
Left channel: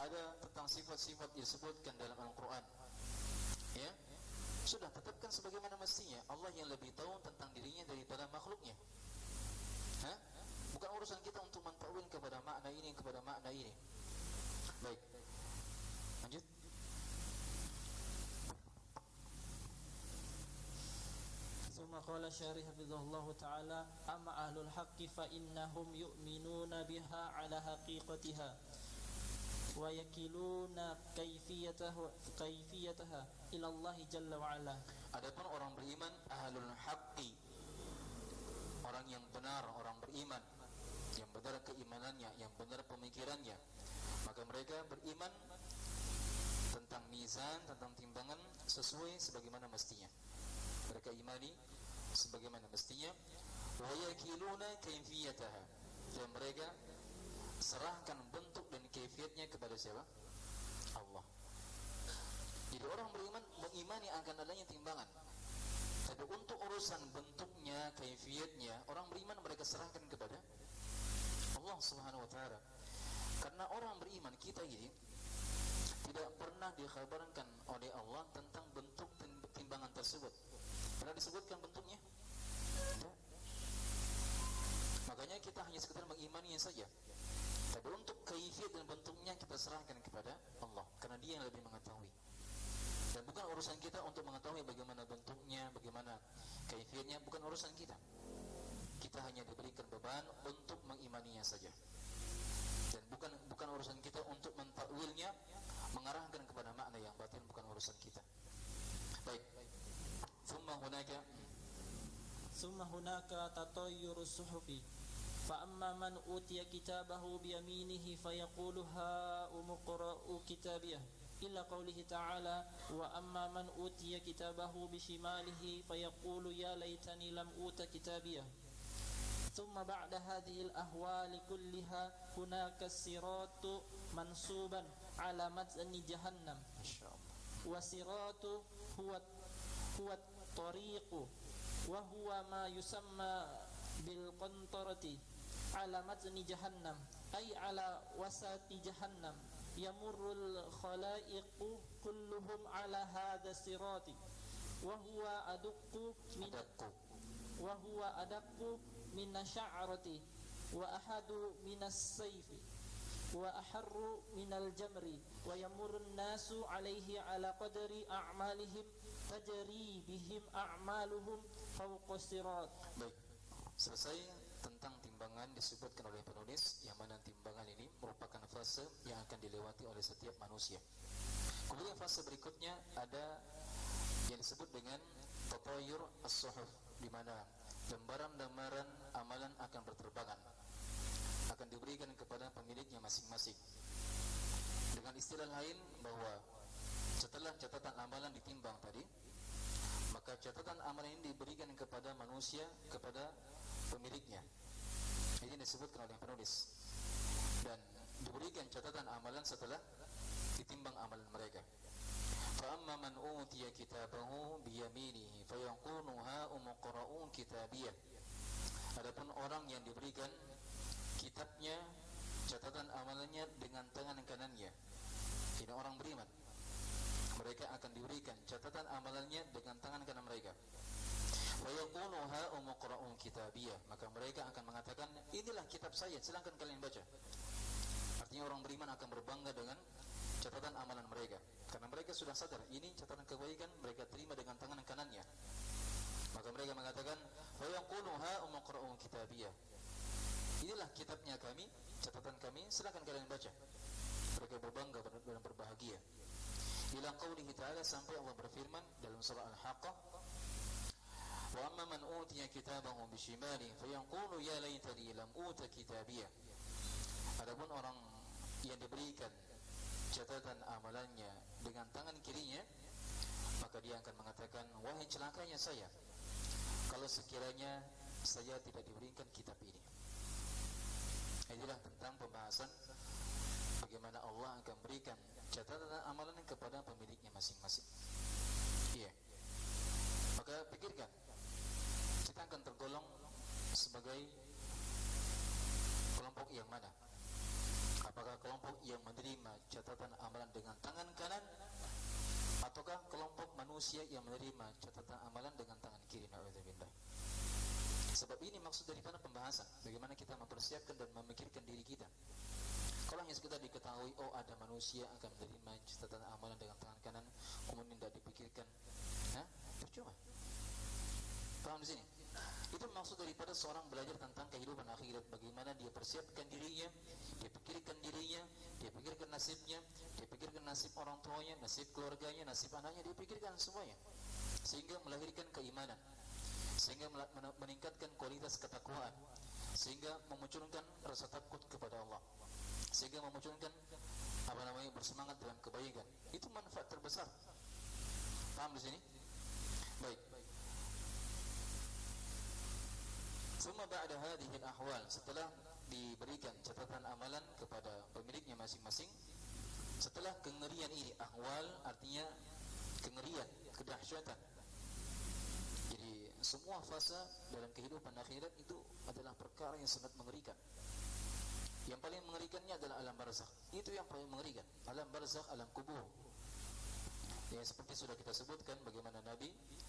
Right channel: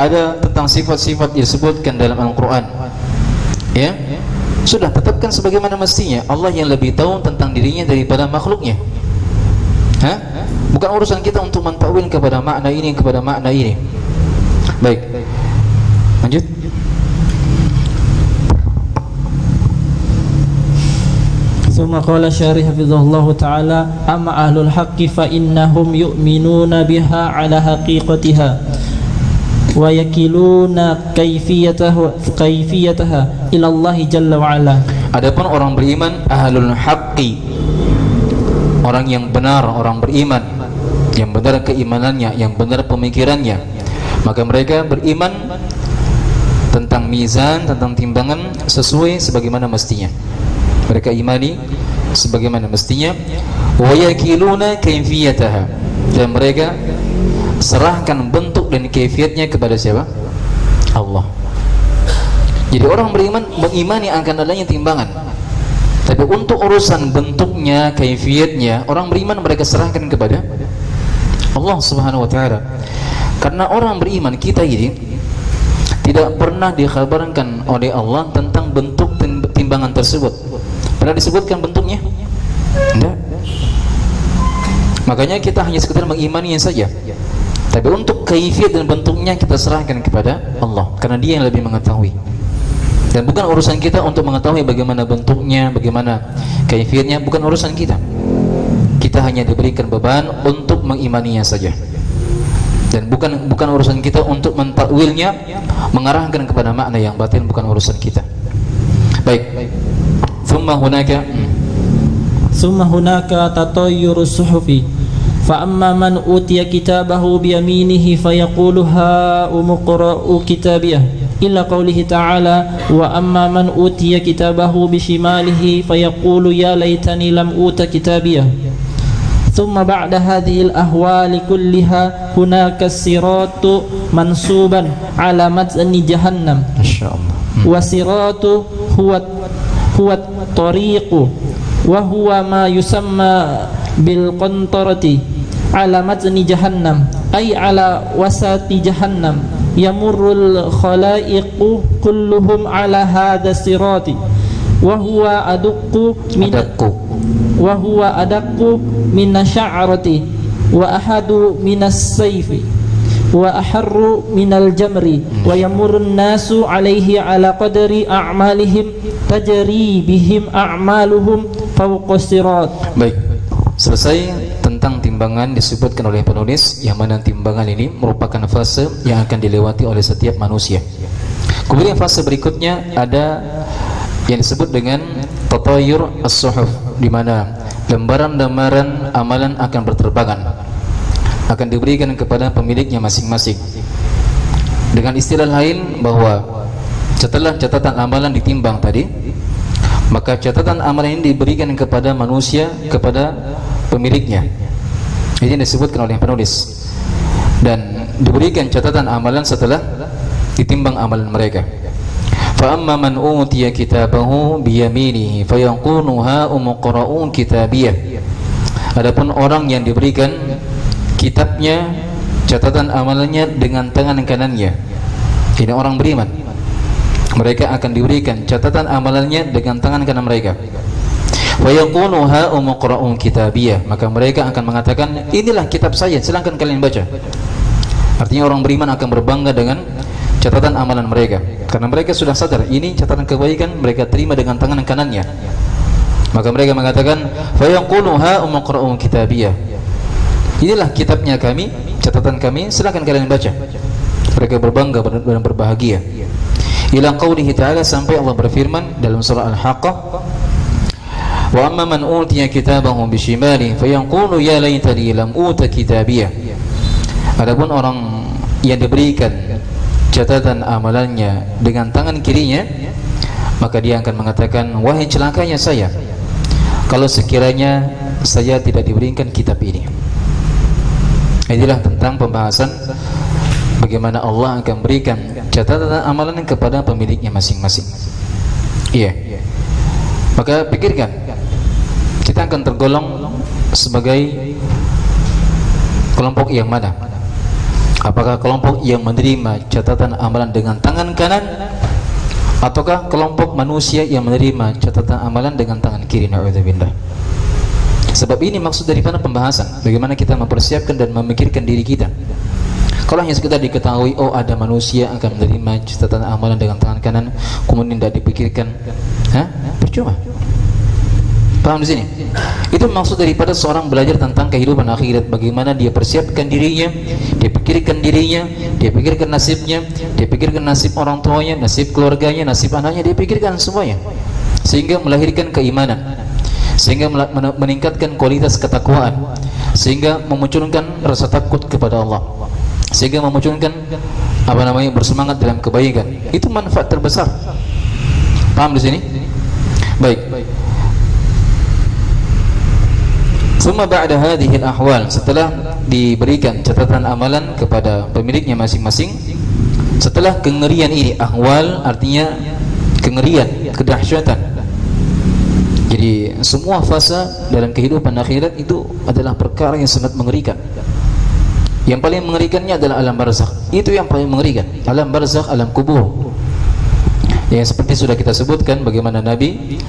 ada tentang sifat-sifat disebutkan dalam Al-Quran. Ya. Sudah tetapkan sebagaimana mestinya. Allah yang lebih tahu tentang dirinya daripada makhluknya. Hah? Bukan urusan kita untuk mentakwil kepada makna ini, kepada makna ini. Baik. Lanjut. ثم قال الشارح حفظه الله تعالى أما أهل الحق فإنهم يؤمنون بها على حقيقتها ويكلون كيفيتها إلى الله جل وعلا. Adapun orang beriman ahlul haqqi, orang yang benar, orang beriman yang benar keimanannya, yang benar pemikirannya, maka mereka beriman tentang mizan, tentang timbangan sesuai sebagaimana mestinya. Mereka imani sebagaimana mestinya. Wa yakiluna kaifiyataha, dan mereka serahkan bentuk dan kaifiatnya kepada siapa? Allah. Jadi orang beriman mengimani akan adanya timbangan, tapi untuk urusan bentuknya, kaifiatnya, orang beriman mereka serahkan kepada Allah Subhanahu wa taala. Karena orang beriman kita ini tidak pernah dikhabarkan oleh Allah tentang bentuk timbangan tersebut. Pernah disebutkan bentuknya? Tidak. Makanya kita hanya sekedar mengimaninya saja. Tapi untuk kaifiat dan bentuknya kita serahkan kepada Allah, karena Dia yang lebih mengetahui. Dan bukan urusan kita untuk mengetahui bagaimana bentuknya, bagaimana kaifiatnya, bukan urusan kita. Kita hanya diberikan beban untuk mengimaninya saja. Dan bukan urusan kita untuk mentakwilnya, mengarahkan kepada makna yang batin, bukan urusan kita. Baik. Thumma hunaka tatayyuru suhufi fa amma man utiya kitabahu bi yaminihi fayaqulu ha umqra'u kitabiyah illa qawlihi ta'ala wa amma man utiya kitabahu bishimalihi fayaqulu ya laitani lam uta kitabiyah. ثم بعد هذه الأهوال كلها هناك الصراط منصوبا على متن جهنم ما شاء الله. والصراط هو الطريق وهو ما يسمى بالقنطرة على متن جهنم أي على وسط جهنم يمر الخلائق كلهم على هذا الصراط وهو أدق من الشعرة وأحد من السيف وأحر من الجمر ويمر الناس عليه على قدر أعمالهم تجري بهم أعمالهم فوق الصراط. Baik, selesai tentang timbangan disebutkan oleh penulis, yang mana timbangan ini merupakan fase yang akan dilewati oleh setiap manusia. Kemudian fase berikutnya ada yang disebut dengan tatayur as-suhuf, di mana lembaran-lembaran amalan akan berterbangan, akan diberikan kepada pemiliknya masing-masing. Dengan istilah lain, bahwa setelah catatan amalan ditimbang tadi, maka catatan amalan ini diberikan kepada manusia, kepada pemiliknya. Ini disebutkan oleh penulis. Dan diberikan catatan amalan setelah ditimbang amalan mereka. Fa amma man utiya kitabahu biyaminihi fayanqulu ha umqra'u kitabiyah. Adapun orang yang diberikan kitabnya, catatan amalannya dengan tangan kanannya, ini orang beriman, mereka akan diberikan catatan amalannya dengan tangan kanan mereka. Fayanqulu ha umqra'u kitabiyah, maka mereka akan mengatakan, inilah kitab saya, silakan kalian baca. Artinya orang beriman akan berbangga dengan catatan amalan mereka, karena mereka sudah sadar ini catatan kebaikan, mereka terima dengan tangan kanannya. Maka mereka mengatakan, fa yaqulu ha umqra'u kitabiyah, inilah kitabnya kami, catatan kami, silakan kalian baca. Mereka berbangga dan berbahagia. Ila qaulihi ta'ala, sampai Allah berfirman dalam surah Al-Haqqah, wa amma man utiya kitabahu bishimalihi fa yaqulu ya laitani lam uta kitabiyah. Adapun orang yang diberikan catatan amalannya dengan tangan kirinya, maka dia akan mengatakan, wahai celakanya saya, kalau sekiranya saya tidak diberikan kitab ini. Inilah tentang pembahasan bagaimana Allah akan berikan catatan amalan kepada pemiliknya masing-masing. Iya. Maka pikirkan, kita akan tergolong sebagai kelompok yang mana? Apakah kelompok yang menerima catatan amalan dengan tangan kanan, ataukah kelompok manusia yang menerima catatan amalan dengan tangan kiri? Na'udzubillah. Sebab ini maksud daripada pembahasan, bagaimana kita mempersiapkan dan memikirkan diri kita. Kalau hanya sekedar diketahui, oh ada manusia akan menerima catatan amalan dengan tangan kanan, kemudian tidak dipikirkan, percuma. Paham di sini? Itu maksud daripada seorang belajar tentang kehidupan akhirat, bagaimana dia persiapkan dirinya, dia pikirkan dirinya, dia pikirkan nasibnya, dia pikirkan nasib orang tuanya, nasib keluarganya, nasib anaknya, dia pikirkan semuanya, sehingga melahirkan keimanan, sehingga meningkatkan kualitas ketakwaan, sehingga memunculkan rasa takut kepada Allah, sehingga memunculkan bersemangat dalam kebaikan. Itu manfaat terbesar. Paham di sini? Baik. Summa ba'da hadhil ahwal, setelah diberikan catatan amalan kepada pemiliknya masing-masing, setelah kengerian ini, ahwal artinya kengerian, kedahsyatan. Jadi semua fase dalam kehidupan akhirat itu adalah perkara yang sangat mengerikan. Yang paling mengerikannya adalah alam barzakh. Itu yang paling mengerikan, alam barzakh, alam kubur. Yang seperti sudah kita sebutkan, bagaimana Nabi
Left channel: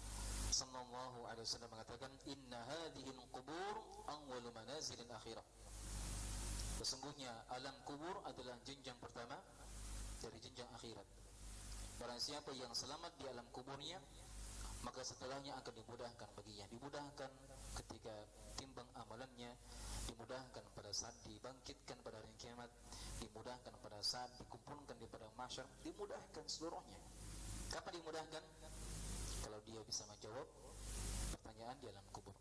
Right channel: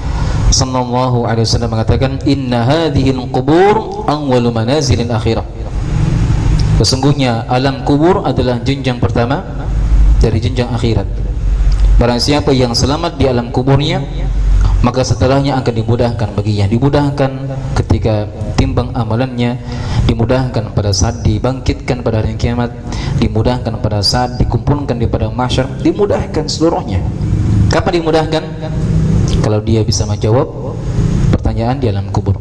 sallallahu alaihi wasallam mengatakan, inna hadhil qubur awwalu manazilil akhirah. Sesungguhnya alam kubur adalah jenjang pertama dari jenjang akhirat. Barang siapa yang selamat di alam kuburnya, maka setelahnya akan dimudahkan baginya, dimudahkan ketika timbang amalannya, dimudahkan pada saat dibangkitkan pada hari kiamat, dimudahkan pada saat dikumpulkan di padang mahsyar, dimudahkan seluruhnya. Kapan dimudahkan? Kalau dia bisa menjawab pertanyaan di alam kubur.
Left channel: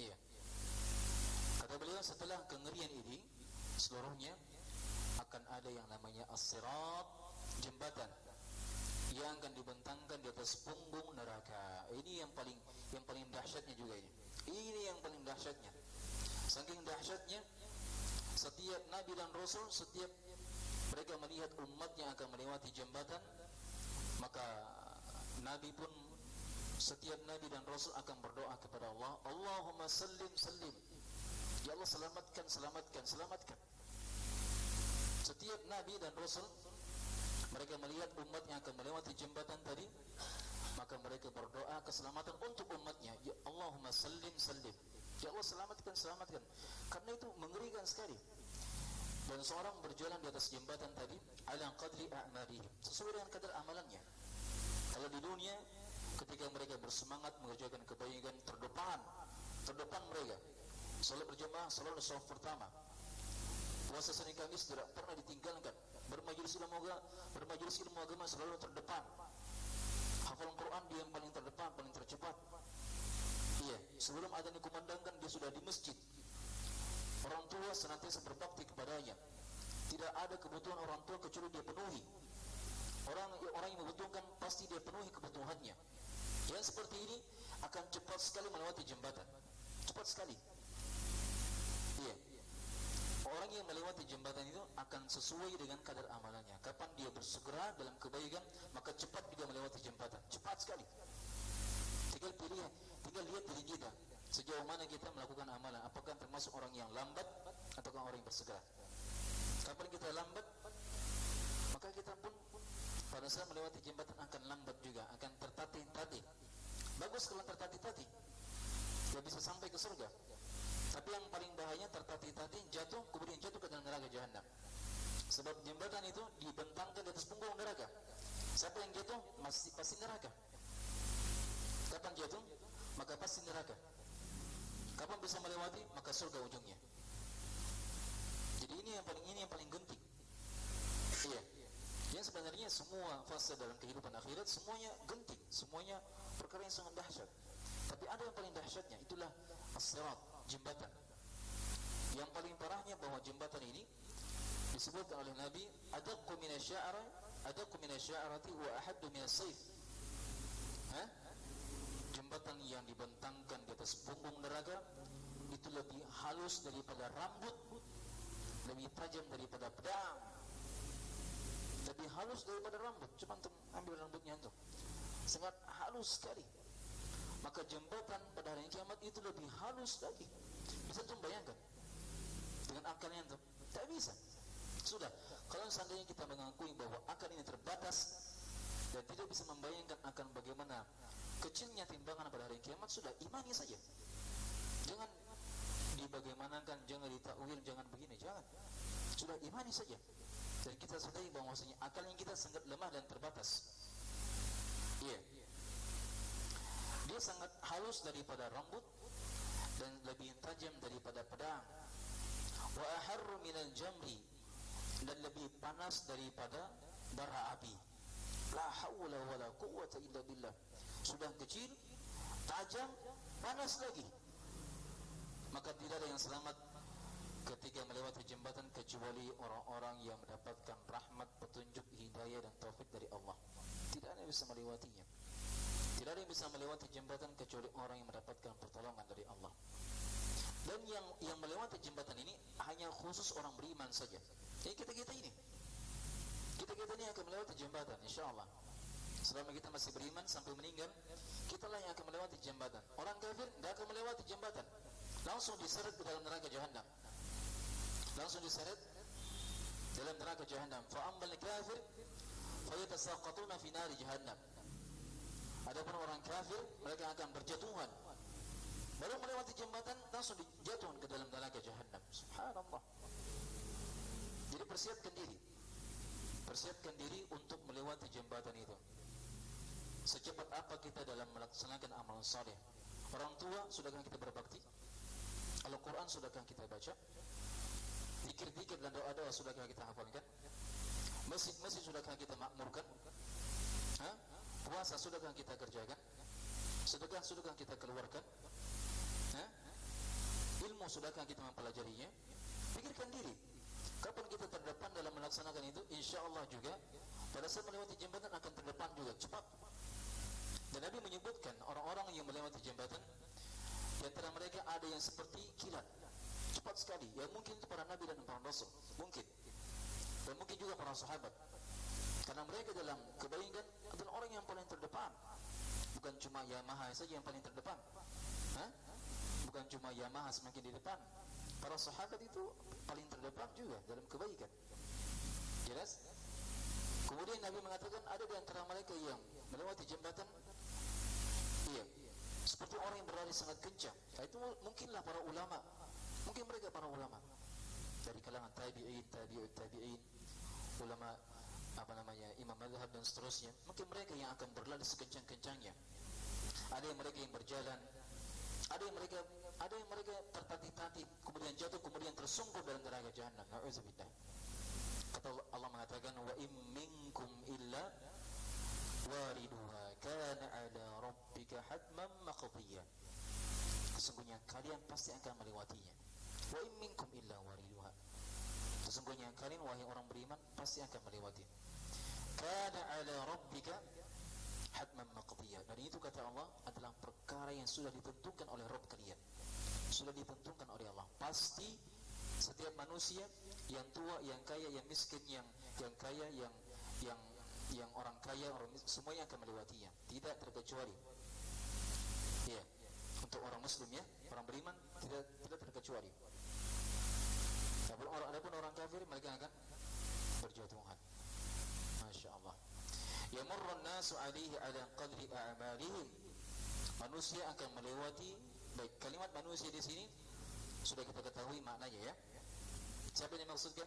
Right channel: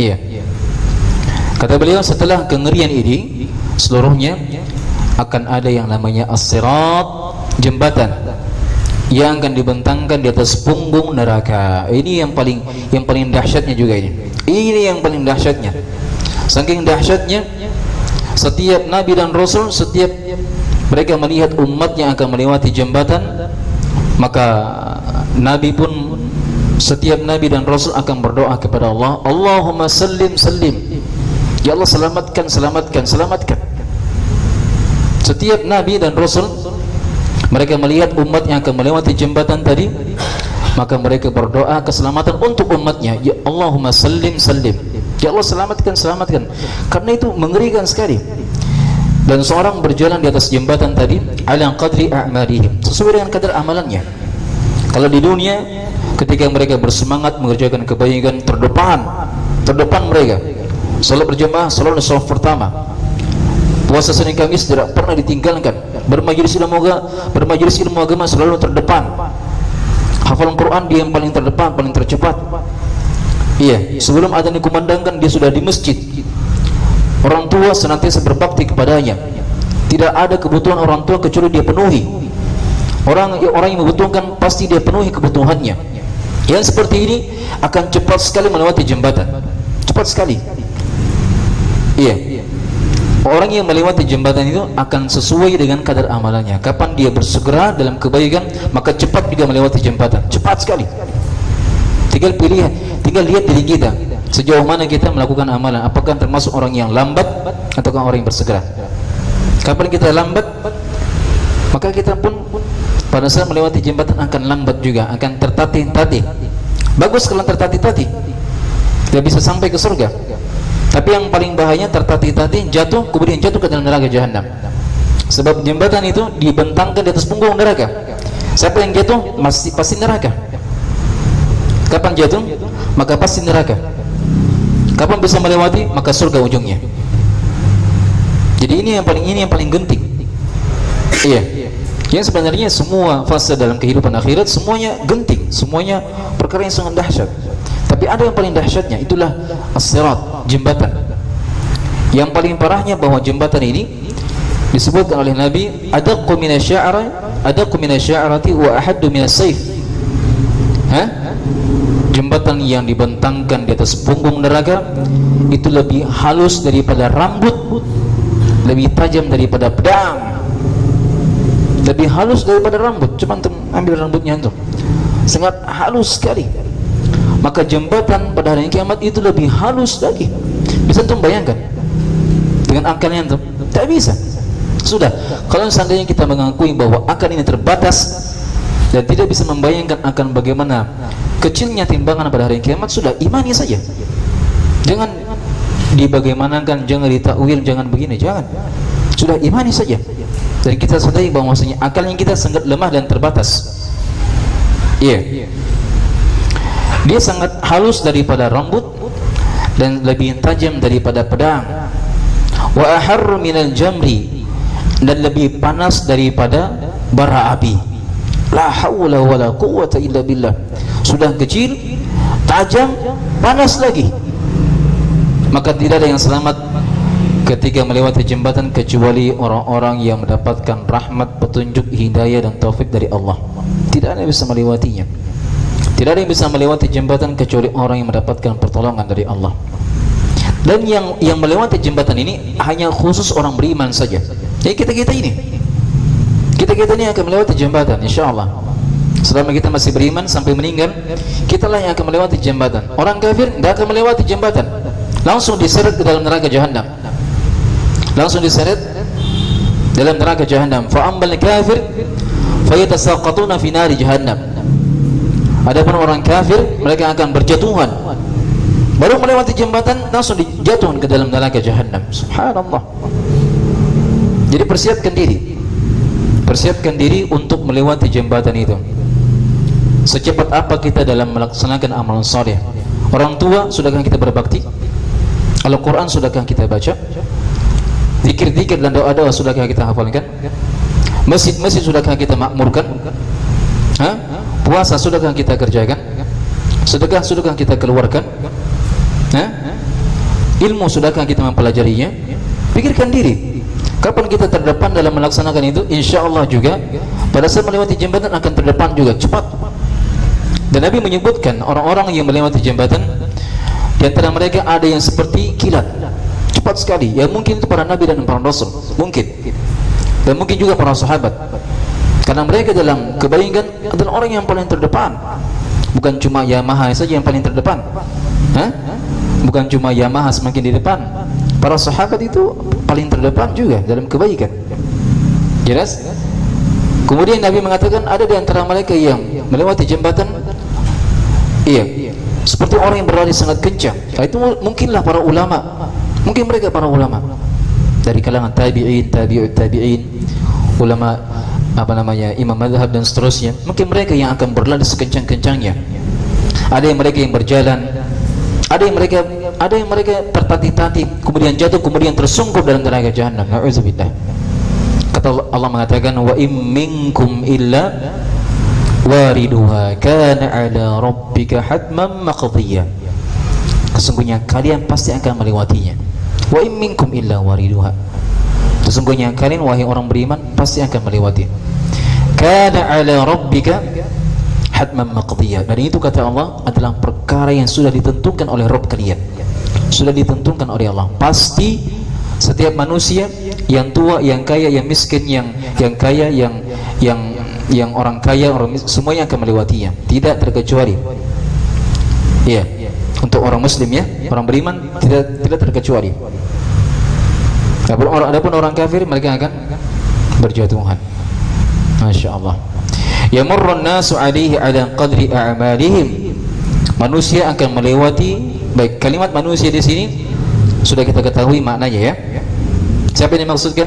Iya. Kata beliau, setelah kengerian ini seluruhnya akan ada yang namanya as-sirat jembatan yang akan dibentangkan di atas punggung neraka. Ini yang paling dahsyatnya juga ini. Ini yang paling dahsyatnya. Saking dahsyatnya, setiap nabi dan rasul, setiap mereka melihat umat yang akan melewati jembatan, maka nabi pun, setiap nabi dan rasul akan berdoa kepada Allah, Allahumma sallim sallim. Ya Allah, selamatkan, selamatkan, selamatkan. Setiap nabi dan rasul mereka melihat umat yang akan melewati jembatan tadi, maka mereka berdoa keselamatan untuk umatnya. Ya Allahumma sallim sallim. Ya Allah, selamatkan, selamatkan. Karena itu mengerikan sekali. Dan seorang berjalan di atas jembatan tadi ala qadri a'malihim, sesuai dengan kadar amalannya. Kalau di dunia ketika mereka bersemangat mengerjakan kebaikan, terdepan mereka. Salat berjamaah selalu di saf pertama. Puasa Senin Kamis tidak pernah ditinggalkan. Bermajelis ilmu agama selalu terdepan. Hafalan Quran dia yang paling terdepan, paling tercepat. Iya, sebelum adzan dikumandangkan dia sudah di masjid. Orang tua senantiasa berbakti kepadanya. Tidak ada kebutuhan orang tua kecuali dia penuhi. Orang yang membutuhkan pasti dia penuhi kebutuhannya. Yang seperti ini akan cepat sekali melewati jembatan. Cepat sekali. Iya. Orang yang melewati jembatan itu akan sesuai dengan kadar amalannya. Kapan dia bersegera dalam kebaikan, maka cepat juga melewati jembatan. Cepat sekali. Tinggal lihat diri kita, sejauh mana kita melakukan amalan. Apakah termasuk orang yang lambat ataukah orang yang bersegera? Kapan kita lambat, maka kita pun pada saat melewati jembatan akan lambat juga, akan tertatih-tatih. Bagus kalau tertatih-tatih, tidak bisa sampai ke surga. Tapi yang paling bahaya tertatih-tatih, kemudian jatuh ke dalam neraka jahanam. Sebab jembatan itu dibentangkan di atas punggung neraka. Siapa yang jatuh pasti neraka. Kapan jatuh? Maka pasti neraka. Kapan bisa melewati? Maka surga ujungnya. Jadi ini yang paling genting. Iya. Yang sebenarnya semua fase dalam kehidupan akhirat semuanya genting, semuanya perkara yang sangat dahsyat. Tapi ada yang paling dahsyatnya, itulah as-sirat, jembatan. Yang paling parahnya bahwa jembatan ini disebutkan oleh Nabi, adaqqu minasya'rati wa ahaddu minas-sayf. Jembatan yang dibentangkan di atas punggung neraka itu lebih halus daripada rambut, lebih tajam daripada pedang. Lebih halus daripada rambut. Coba antum ambil rambutnya antum, sangat halus sekali. Maka jembatan pada hari kiamat itu lebih halus lagi. Bisa antum bayangkan dengan akalnya antum? Tak bisa. Sudah, kalau seandainya kita mengakui bahwa akal ini terbatas dan tidak bisa membayangkan akan bagaimana kecilnya timbangan pada hari kiamat, sudah imani saja. Jangan dibagaimanakan, jangan ditakwil, jangan begini, jangan. Sudah imani saja. Dan kita sadari bahwasanya akalnya kita sangat lemah dan terbatas. Iya. Dia sangat halus daripada rambut dan lebih tajam daripada pedang. Wa aharru minal jamri, dan lebih panas daripada bara api. La haula wala quwwata illa billah. Sudah kecil, tajam, panas lagi. Maka tidak ada yang selamat ketika melewati jembatan kecuali orang-orang yang mendapatkan rahmat, petunjuk, hidayah dan taufik dari Allah. Tidak ada yang bisa melewatinya. Tidak ada yang bisa melewati jembatan kecuali orang yang mendapatkan pertolongan dari Allah. Dan yang melewati jembatan ini hanya khusus orang beriman saja. Jadi kita ini akan melewati jembatan, insyaallah. Selama kita masih beriman sampai meninggal, kitalah yang akan melewati jembatan. Orang kafir tidak akan melewati jembatan, langsung diseret ke dalam neraka jahanam. Langsung diseret dalam neraka jahanam. Fa ammal kafir fayatasaqatuna fi nari jahannam. Adapun orang kafir, mereka akan berjatuhan. Baru melewati jembatan langsung dijatuhkan ke dalam neraka jahanam. Subhanallah. Jadi persiapkan diri untuk melewati jembatan itu. Secepat apa kita dalam melaksanakan amalan saleh? Orang tua, sudahkah kita berbakti? Al-Quran sudahkah kita baca? Zikir-zikir dan doa-doa sudahkah kita hafalkan? Masjid-masjid sudahkah kita makmurkan? Puasa sudahkah kita kerjakan? Sedekah sudahkah kita keluarkan? Ilmu sudahkah kita mempelajarinya? Pikirkan diri. Kapan kita terdepan dalam melaksanakan itu? Insya Allah juga pada saat melewati jembatan akan terdepan juga cepat. Dan Nabi menyebutkan orang-orang yang melewati jembatan, di antara mereka ada yang seperti kilat, cepat sekali. Ya mungkin itu para nabi dan para rasul, mungkin. Dan mungkin juga para sahabat. Karena mereka dalam kebaikan adalah orang yang paling terdepan. Bukan cuma Yamaha saja yang paling terdepan. Bukan cuma Yamaha semakin di depan. Para sahabat itu paling terdepan juga dalam kebaikan. Jelas? Kemudian Nabi mengatakan ada di antara mereka yang melewati jembatan, iya, seperti orang yang berlari sangat kencang. Itu mungkinlah para ulama. Mungkin mereka para ulama dari kalangan tabi'in, tabi'ut tabi'in, ulama imam mazhab dan seterusnya. Mungkin mereka yang akan berlari sekencang-kencangnya. Ada yang mereka yang berjalan, ada yang mereka tertatih-tatih, kemudian jatuh, kemudian tersungkur dalam neraka jahanam. Na'udzubillah. Kata Allah mengatakan, wa im minkum illa wariduha kana ala rabbika hatman maqdiyya. Sesungguhnya kalian pasti akan melewatinya. Wa im minkum illa wariduha. Sesungguhnya kalian wahai orang beriman pasti akan melewati. Kana ala rabbika hatman maqdiyya. Dan itu kata Allah adalah perkara yang sudah ditentukan oleh Rabb kalian. Sudah ditentukan oleh Allah. Pasti setiap manusia, yang tua, yang kaya, yang miskin, yang kaya, yang orang kaya, orang miskin, semuanya akan melewatinya, tidak terkecuali. Iya. Untuk orang muslim ya, orang beriman tidak terkecuali. Adapun orang kafir mereka akan berjatuhan. Masya Allah. Yamurrun nasu alaihi ala qadri a'malihim. Manusia akan melewati, baik kalimat manusia di sini sudah kita ketahui maknanya ya. Siapa yang dimaksudkan?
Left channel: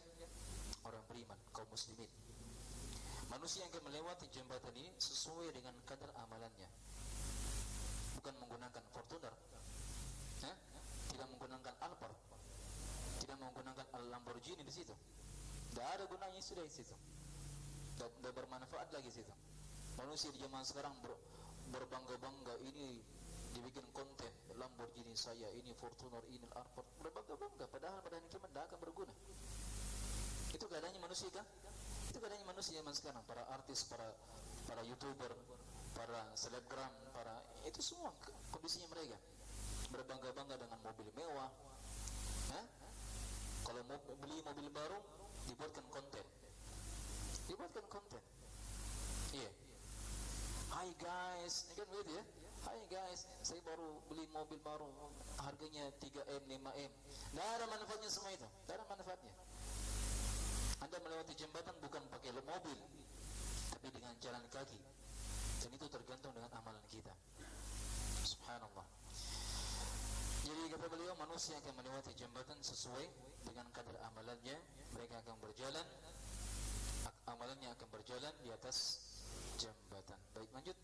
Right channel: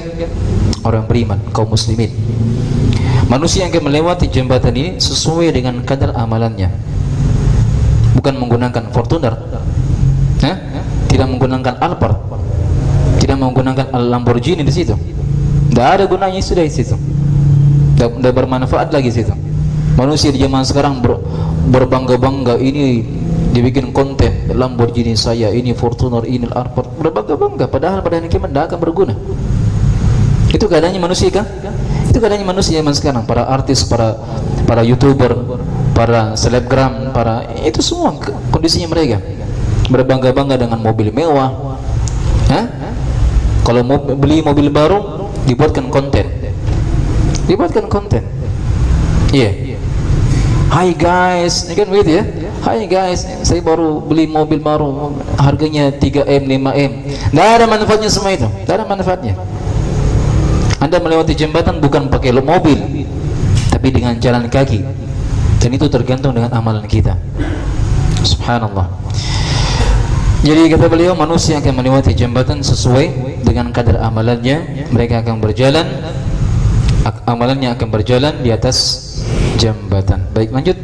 Orang beriman, kaum muslimin. Manusia yang akan melewati jembatan ini sesuai dengan kadar amalannya. Bukan menggunakan Fortuner, tidak menggunakan Alphard, tidak menggunakan Lamborghini di situ. Tidak ada gunanya sudah di situ. Tidak bermanfaat lagi di situ. Manusia di zaman sekarang berbangga-bangga, ini dibikin konten Lamborghini saya, ini Fortuner, ini Alphard, berbangga-bangga, padahal pada hari kiamat tidak akan berguna. Itu keadaannya manusia kan? Itu keadaannya manusia zaman sekarang. Para artis, para YouTuber, para selebgram, itu semua kondisinya mereka berbangga-bangga dengan mobil mewah. Kalau mau beli mobil baru dibuatkan konten. Iya. Hai guys, ini kan begitu ya. Hai guys, saya baru beli mobil baru, harganya 3M, 5M. Tidak ada manfaatnya semua itu. Tidak ada manfaatnya. Anda melewati jembatan bukan pakai mobil, tapi dengan jalan kaki. Dan itu tergantung dengan amalan kita. Subhanallah. Jadi kata beliau, manusia akan melewati jembatan sesuai dengan kadar amalannya. Mereka akan berjalan, amalannya akan berjalan di atas jembatan. Baik, lanjut.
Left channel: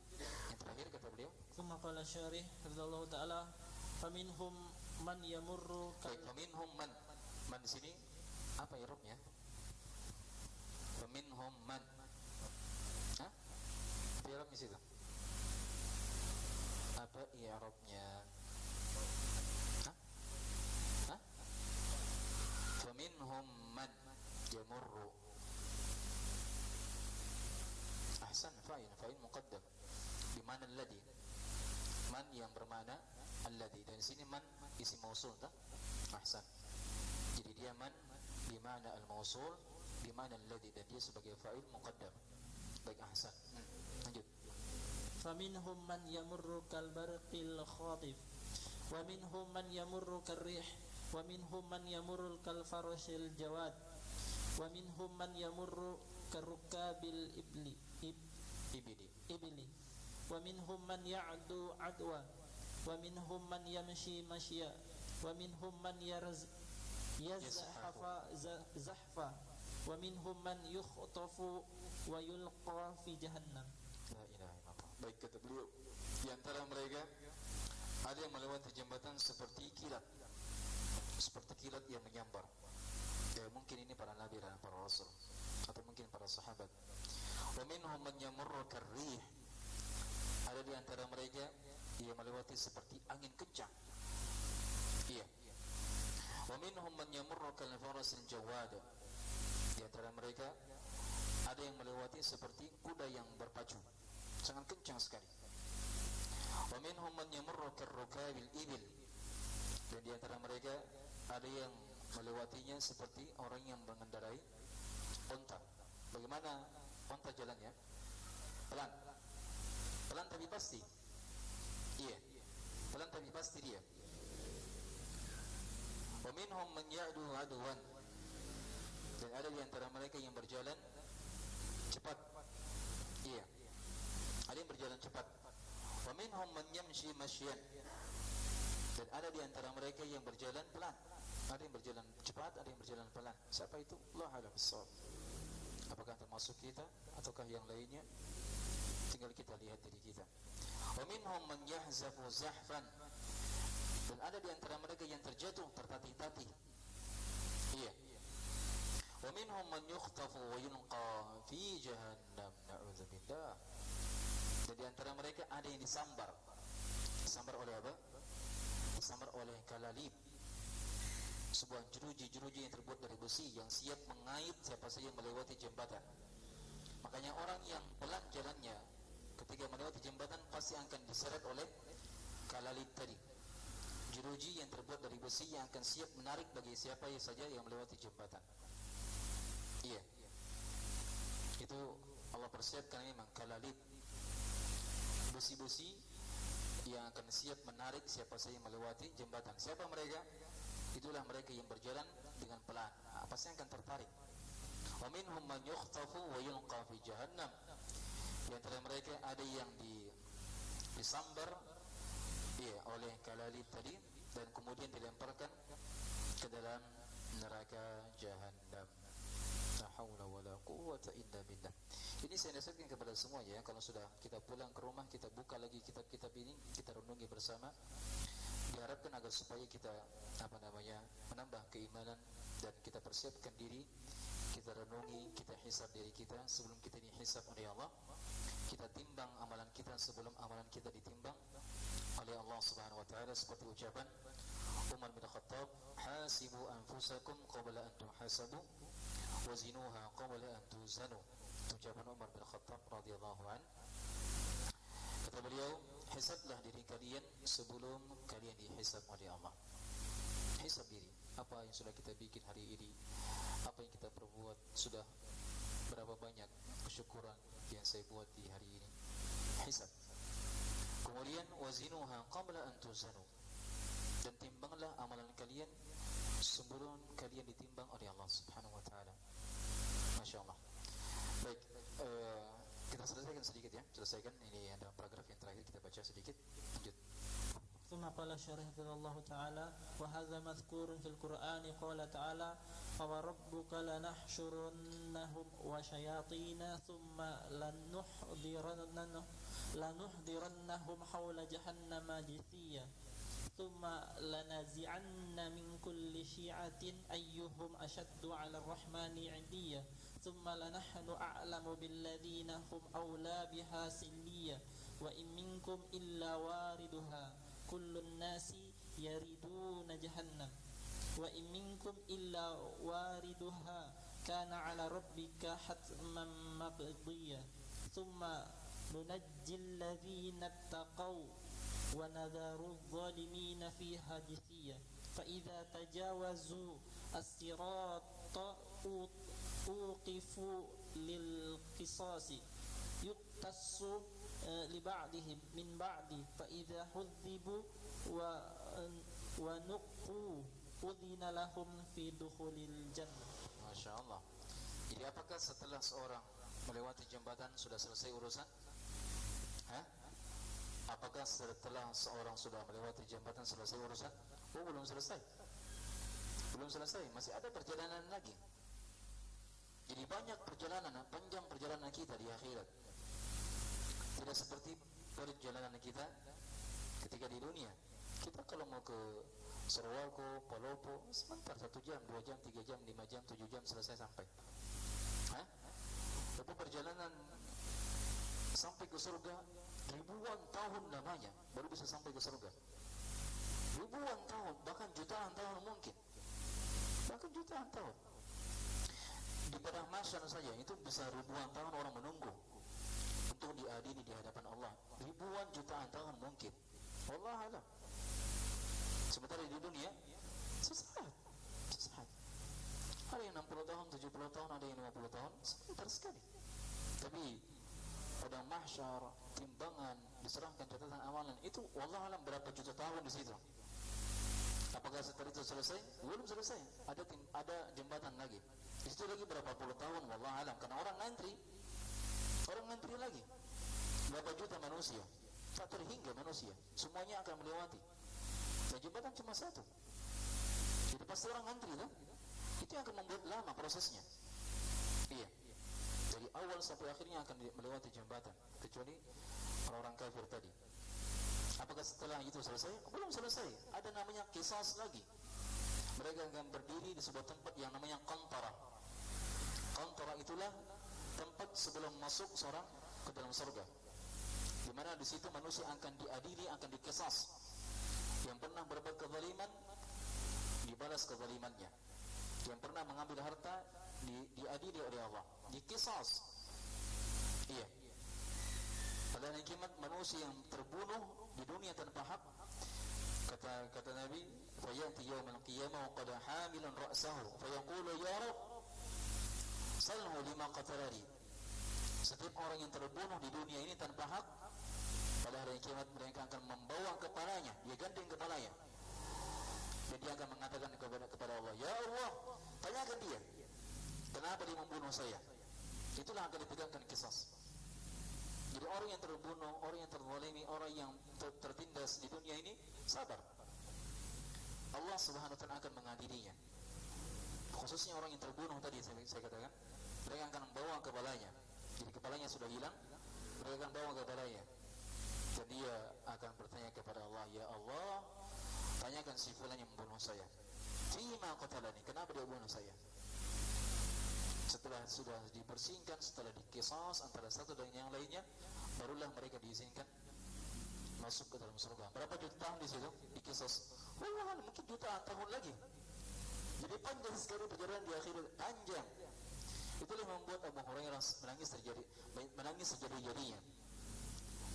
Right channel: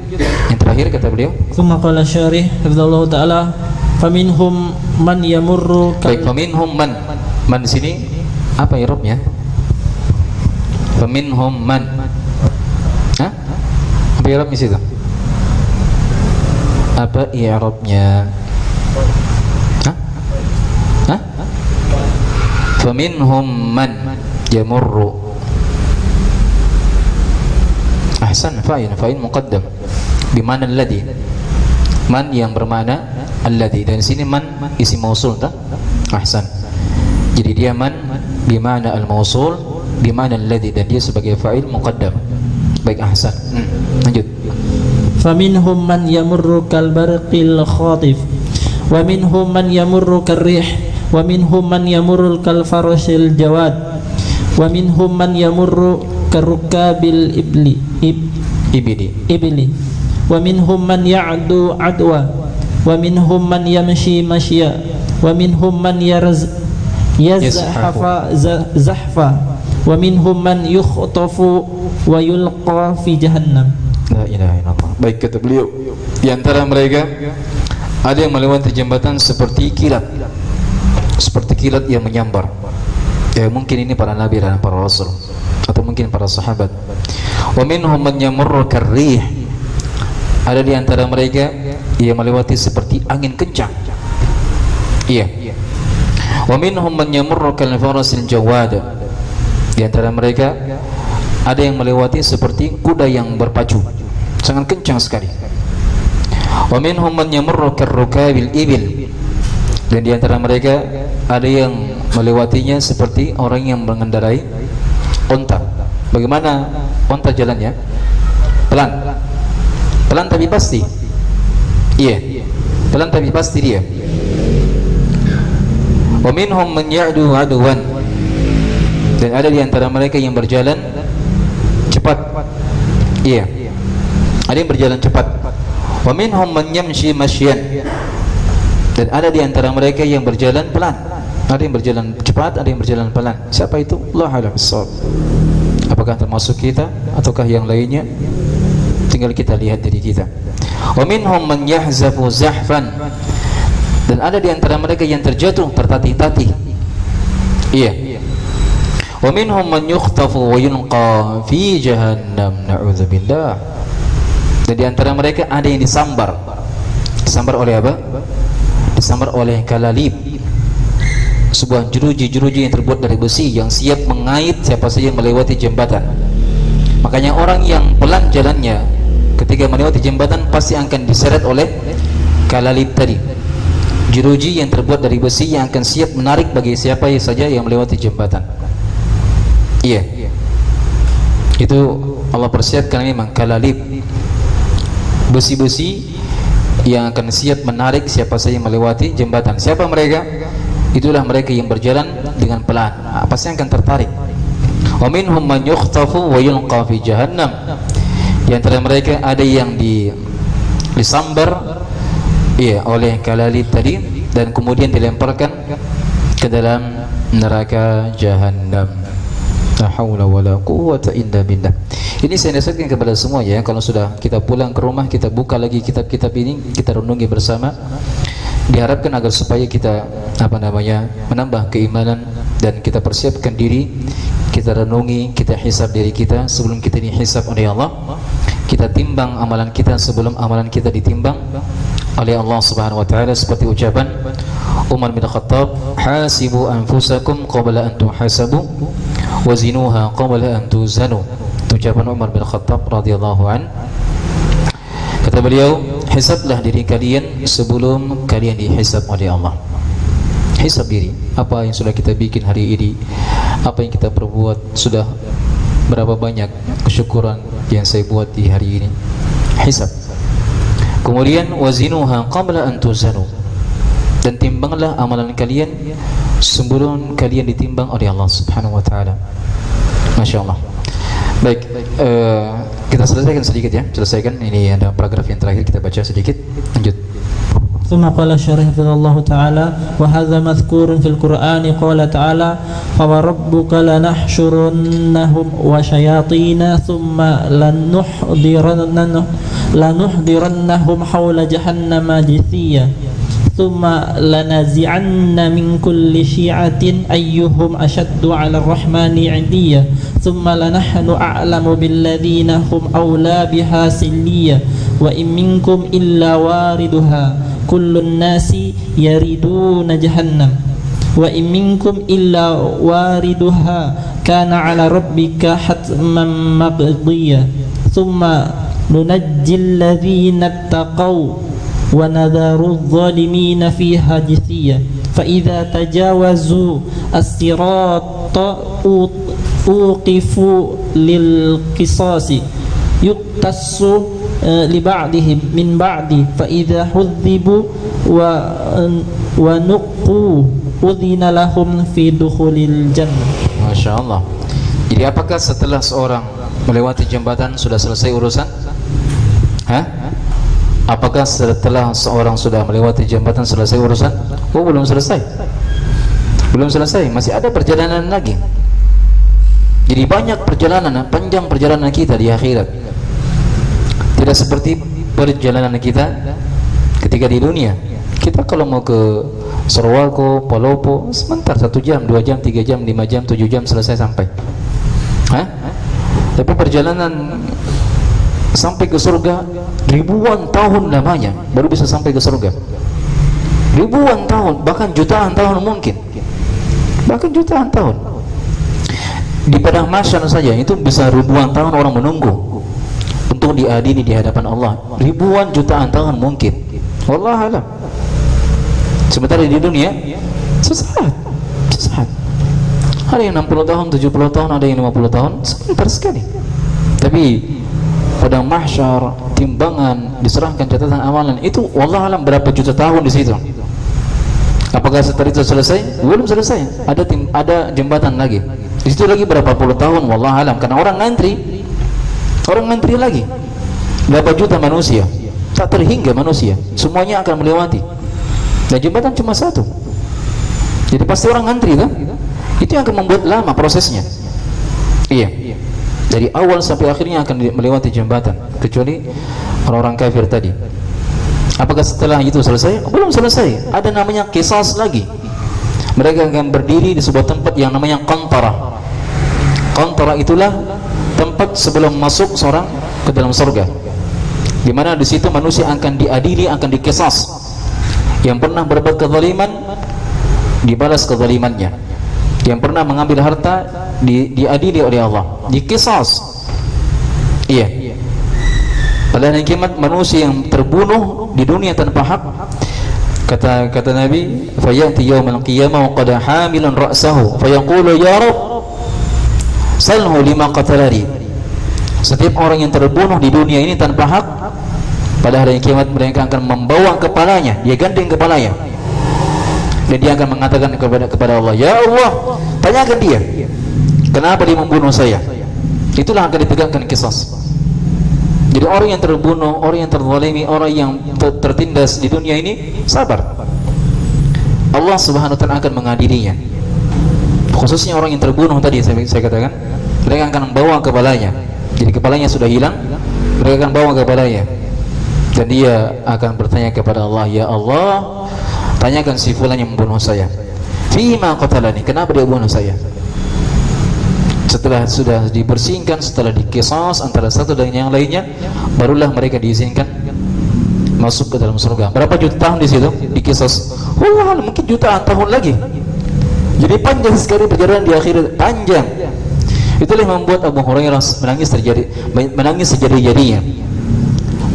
Yang terakhir kata beliau, Tsumma qala syarih hafizallahu taala, faminhum man yamurru. Baik, faminhum man. Man di sini apa i'rabnya? Faminhum man. Apa i'rabnya situ? Apa i'rabnya? Faminhum man yamurru. Ahsan, fa'il muqaddam bimana alladhi. Man yang bermakna alladhi, dan sini man isim mausul tak? Ahsan. Jadi dia man bimana al-mausul bimana alladhi, dan dia sebagai fa'il muqaddam. Baik, ahsan. Lanjut. Faminhum man yamurru kal barqil khatif, wa minhum man yamurru karrih, wa minhum man yamurru kal farasil jawad, wa minhum man yamurru karukabil ibli, wa minhum man ya'du adwa, wa minhum man yamshi mashya, wa minhum man yazhafa zahfa, wa minhum man yukhtafu wa yulqa fi jahannam. La ilaha illallah. Baik, kata beliau, di antara mereka ada yang melewati jembatan seperti kilat, seperti kilat yang menyambar. Ya mungkin ini para nabi dan para rasul, atau mungkin para sahabat. Wa minhum man yamurru karrih. Ada di antara mereka yang melewati seperti angin kencang. Iya. Wa minhum man yamurru kal farasil jawad. Di antara mereka ada yang melewati seperti kuda yang berpacu, sangat kencang sekali. Wa minhum man yamurru karrukabil ibil. Dan di antara mereka ada yang melewatinya seperti orang yang mengendarai unta. Bagaimana unta jalannya? Pelan. Pelan tapi pasti. Iya. Pelan tapi pasti dia. Wa minhum man ya'du 'adwan. Dan ada di antara mereka yang berjalan cepat. Iya. Ada yang berjalan cepat. Wa minhum man yamshi mashyan. Dan ada di antara mereka yang berjalan pelan. Ada yang berjalan cepat, ada yang berjalan pelan. Siapa itu? Allahu a'lam bissawab. Apakah termasuk kita ataukah yang lainnya? Tinggal kita lihat diri kita. Wa minhum man yahzafu zahfan. Dan ada di antara mereka yang terjatuh tertatih-tatih. Iya. Wa minhum man yukhtafu wa yunqa fi jahannam, na'udzubillah. Dan di antara mereka ada yang disambar. Disambar oleh apa? Disambar oleh kalalib, sebuah jeruji-jeruji yang terbuat dari besi yang siap mengait siapa saja yang melewati jembatan. Makanya orang yang pelan jalannya ketika melewati jembatan pasti akan diseret oleh kalalib tadi, jeruji yang terbuat dari besi yang akan siap menarik bagi siapa saja yang melewati jembatan. Iya, itu Allah persiapkan memang kalalib, besi-besi yang akan siap menarik siapa saja yang melewati jembatan. Siapa mereka? Itulah mereka yang berjalan dengan pelan. Pasti akan tertarik. Wa minhum man yukhtafu wa yulqa fi jahannam. Di antara mereka ada yang disambar oleh kalalib tadi dan kemudian dilemparkan ke dalam neraka jahannam. La haula wala quwwata illa billah. Ini saya nasihatkan kepada semua ya, kalau sudah kita pulang ke rumah, kita buka lagi kitab-kitab ini, kita renungi bersama. Diharapkan agar supaya kita menambah keimanan dan kita persiapkan diri, kita renungi, kita hisab diri kita sebelum kita dihisab oleh Allah. Kita timbang amalan kita sebelum amalan kita ditimbang oleh Allah Subhanahu wa taala, seperti ucapan Umar bin Khattab, hasibu anfusakum qabla an tuhasabu wazinuha qabla an tuzanu. Ucapan Umar bin Khattab radhiyallahu an. Kata beliau, hisablah diri kalian sebelum kalian dihisab oleh Allah. Hisab diri, apa yang sudah kita bikin hari ini, apa yang kita perbuat, sudah berapa banyak kesyukuran yang saya buat di hari ini. Hisab. Kemudian wazinuha qabla an tuzanu. Dan timbanglah amalan kalian sebelum kalian ditimbang oleh Allah Subhanahu wa taala. Masya Allah. Baik, kita selesaikan sedikit ya. Selesaikan, ini ada paragraf yang terakhir, kita baca sedikit. Lanjut. ثم قال الشارح حفظه الله تعالى وهذا مذكور في القرآن قال تعالى فوربك لنحشرنهم وشياطين ثم لنحضرنهم حول جهنم جثيا ثم لنزعن من كل شيعة أيهم أشد على الرحمن عتيا ثم لنحن أعلم بالذين هم أولى بها سليا وإن منكم إلا واردها كل الناس يريدون جهنم وإن منكم إلا واردها كان على ربك حتما مقضيا ثم ننجي الذين اتقوا ونذر الظالمين فيها جثيا فإذا تجاوزوا الصراط أوقفوا للقصاص يقتص لبعضهم من بعد فإذا حذبوا ونقوا أذن لهم في دخول الجنة. Masya Allah. Jadi apakah setelah seorang melewati jembatan sudah selesai urusan? Apakah setelah seorang sudah melewati jembatan selesai urusan? Oh, belum selesai. Belum selesai, masih ada perjalanan lagi. Jadi banyak perjalanan, panjang perjalanan kita di akhirat. Tidak seperti perjalanan kita ketika di dunia. Kita kalau mau ke Sorowako, Palopo, sebentar, 1 jam, 2 jam, 3 jam, 5 jam, 7 jam selesai sampai. Tapi perjalanan sampai ke surga ribuan tahun lamanya baru bisa sampai ke surga. Ribuan tahun, bahkan jutaan tahun mungkin. Bahkan jutaan tahun. Di padang mahsyar saja itu bisa ribuan tahun orang menunggu untuk diadili di hadapan Allah. Ribuan jutaan tahun mungkin. Wallahu a'lam. Sementara di dunia sesaat. Ada yang 60 tahun, 70 tahun, ada yang 50 tahun, sebentar sekali. Tapi padang mahsyar, timbangan, diserahkan catatan amalan itu wallahu a'lam berapa juta tahun di situ. Apakah setelah itu selesai? Belum selesai. Ada jembatan lagi. Di situ lagi berapa puluh tahun wallahu alam, karena orang ngantri lagi. Berapa juta manusia? Tak terhingga manusia. Semuanya akan melewati. Dan jembatan cuma satu. Jadi pasti orang ngantri kan? Itu yang akan membuat lama prosesnya. Iya. Dari awal sampai akhirnya akan melewati jembatan, kecuali orang-orang kafir tadi. Apakah setelah itu selesai? Belum selesai. Ada namanya qisas lagi. Mereka akan berdiri di sebuah tempat yang namanya qantara. Qantara itulah tempat sebelum masuk seorang ke dalam surga, di mana di situ manusia akan diadili, akan dikisas. Yang pernah berbuat kezaliman dibalas kezalimannya. Yang pernah mengambil harta diadili oleh Allah, dikisas. Iya. Pada hari kiamat manusia yang terbunuh di dunia tanpa hak, kata Nabi, fayati yaumal qiyamah wa qad hamilan ra'sahu fayaqulu ya Rabb salhu lima qatalani. Setiap orang yang terbunuh di dunia ini tanpa hak, pada hari kiamat mereka akan membawa kepalanya, dia gandeng kepalanya, dan dia akan mengatakan kepada Allah, ya Allah, tanyakan dia kenapa dia membunuh saya. Itulah akan ditegakkan qisas. Jadi orang yang terbunuh, orang yang terzalimi, orang yang tertindas di dunia ini sabar, Allah Subhanahu wa taala akan mengadilinya. Khususnya orang yang terbunuh tadi saya katakan, mereka akan membawa kepalanya. Jadi kepalanya sudah hilang, mereka akan bawa kepalanya, dan dia akan bertanya kepada Allah, ya Allah, tanyakan si fulan yang membunuh saya, fima qatalani, kenapa dia bunuh saya. Setelah sudah dibersihkan, setelah dikisas antara satu dan yang lainnya, barulah mereka diizinkan masuk ke dalam surga. Berapa juta tahun di situ dikisas? Wah, mungkin jutaan tahun lagi. Jadi panjang sekali perjalanan di akhirat, panjang. Itulah yang membuat Abu Hurairah menangis sejadi-jadinya.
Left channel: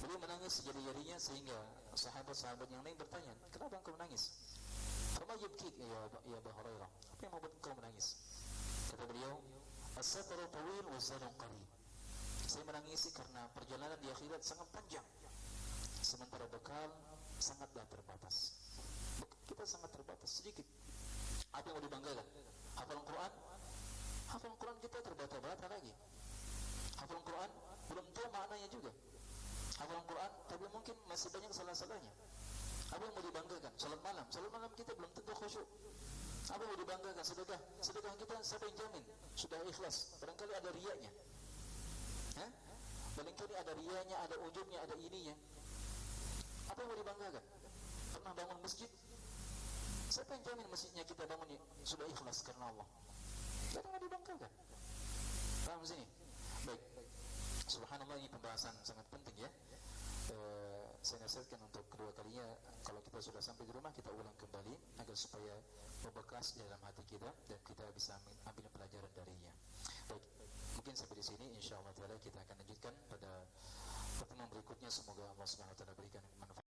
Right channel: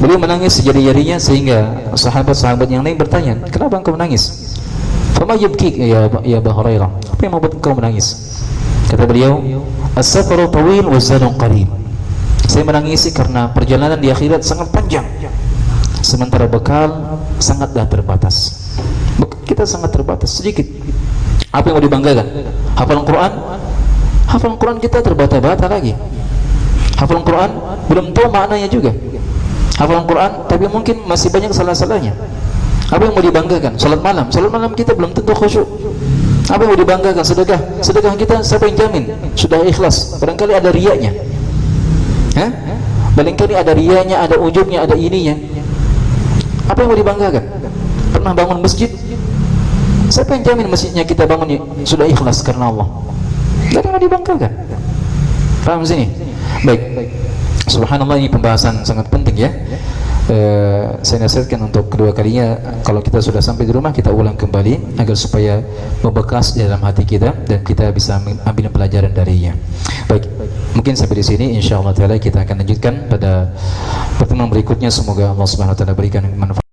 Beliau menangis sejadi-jadinya sehingga sahabat-sahabat yang lain bertanya, kenapa engkau menangis? Fama yubkik ya Abu Hurairah, apa yang membuat engkau menangis? Kata beliau, as-safaru tawil wa zadun qarib. Saya menangisi karena perjalanan di akhirat sangat panjang, sementara bekal sangatlah terbatas. Bekal kita sangat terbatas, sedikit. Apa yang mau dibanggakan? Hafalan Quran? Hafalan Quran kita terbata-bata lagi. Hafalan Quran belum tahu maknanya juga. Hafalan Quran tapi mungkin masih banyak salah-salahnya. Apa yang mau dibanggakan? Salat malam kita belum tentu khusyuk. Apa yang mau dibanggakan? Sedekah kita siapa yang jamin sudah ikhlas? Barangkali ada riyanya. Barangkali ada riyanya, ada ujubnya, ada ininya. Apa yang mau dibanggakan? Pernah bangun masjid? Siapa yang jamin masjidnya kita bangun sudah ikhlas karena Allah? Tidak ada yang mau dibanggakan. Paham sini? Baik. Subhanallah, ini pembahasan sangat penting ya. Saya nasihatkan untuk kedua kalinya, kalau kita sudah sampai di rumah kita ulang kembali agar supaya membekas di dalam hati kita dan kita bisa ambil pelajaran darinya. Baik, mungkin sampai di sini. Insyaallah taala kita akan lanjutkan pada pertemuan berikutnya. Semoga Allah Subhanahu wa taala berikan manfaat.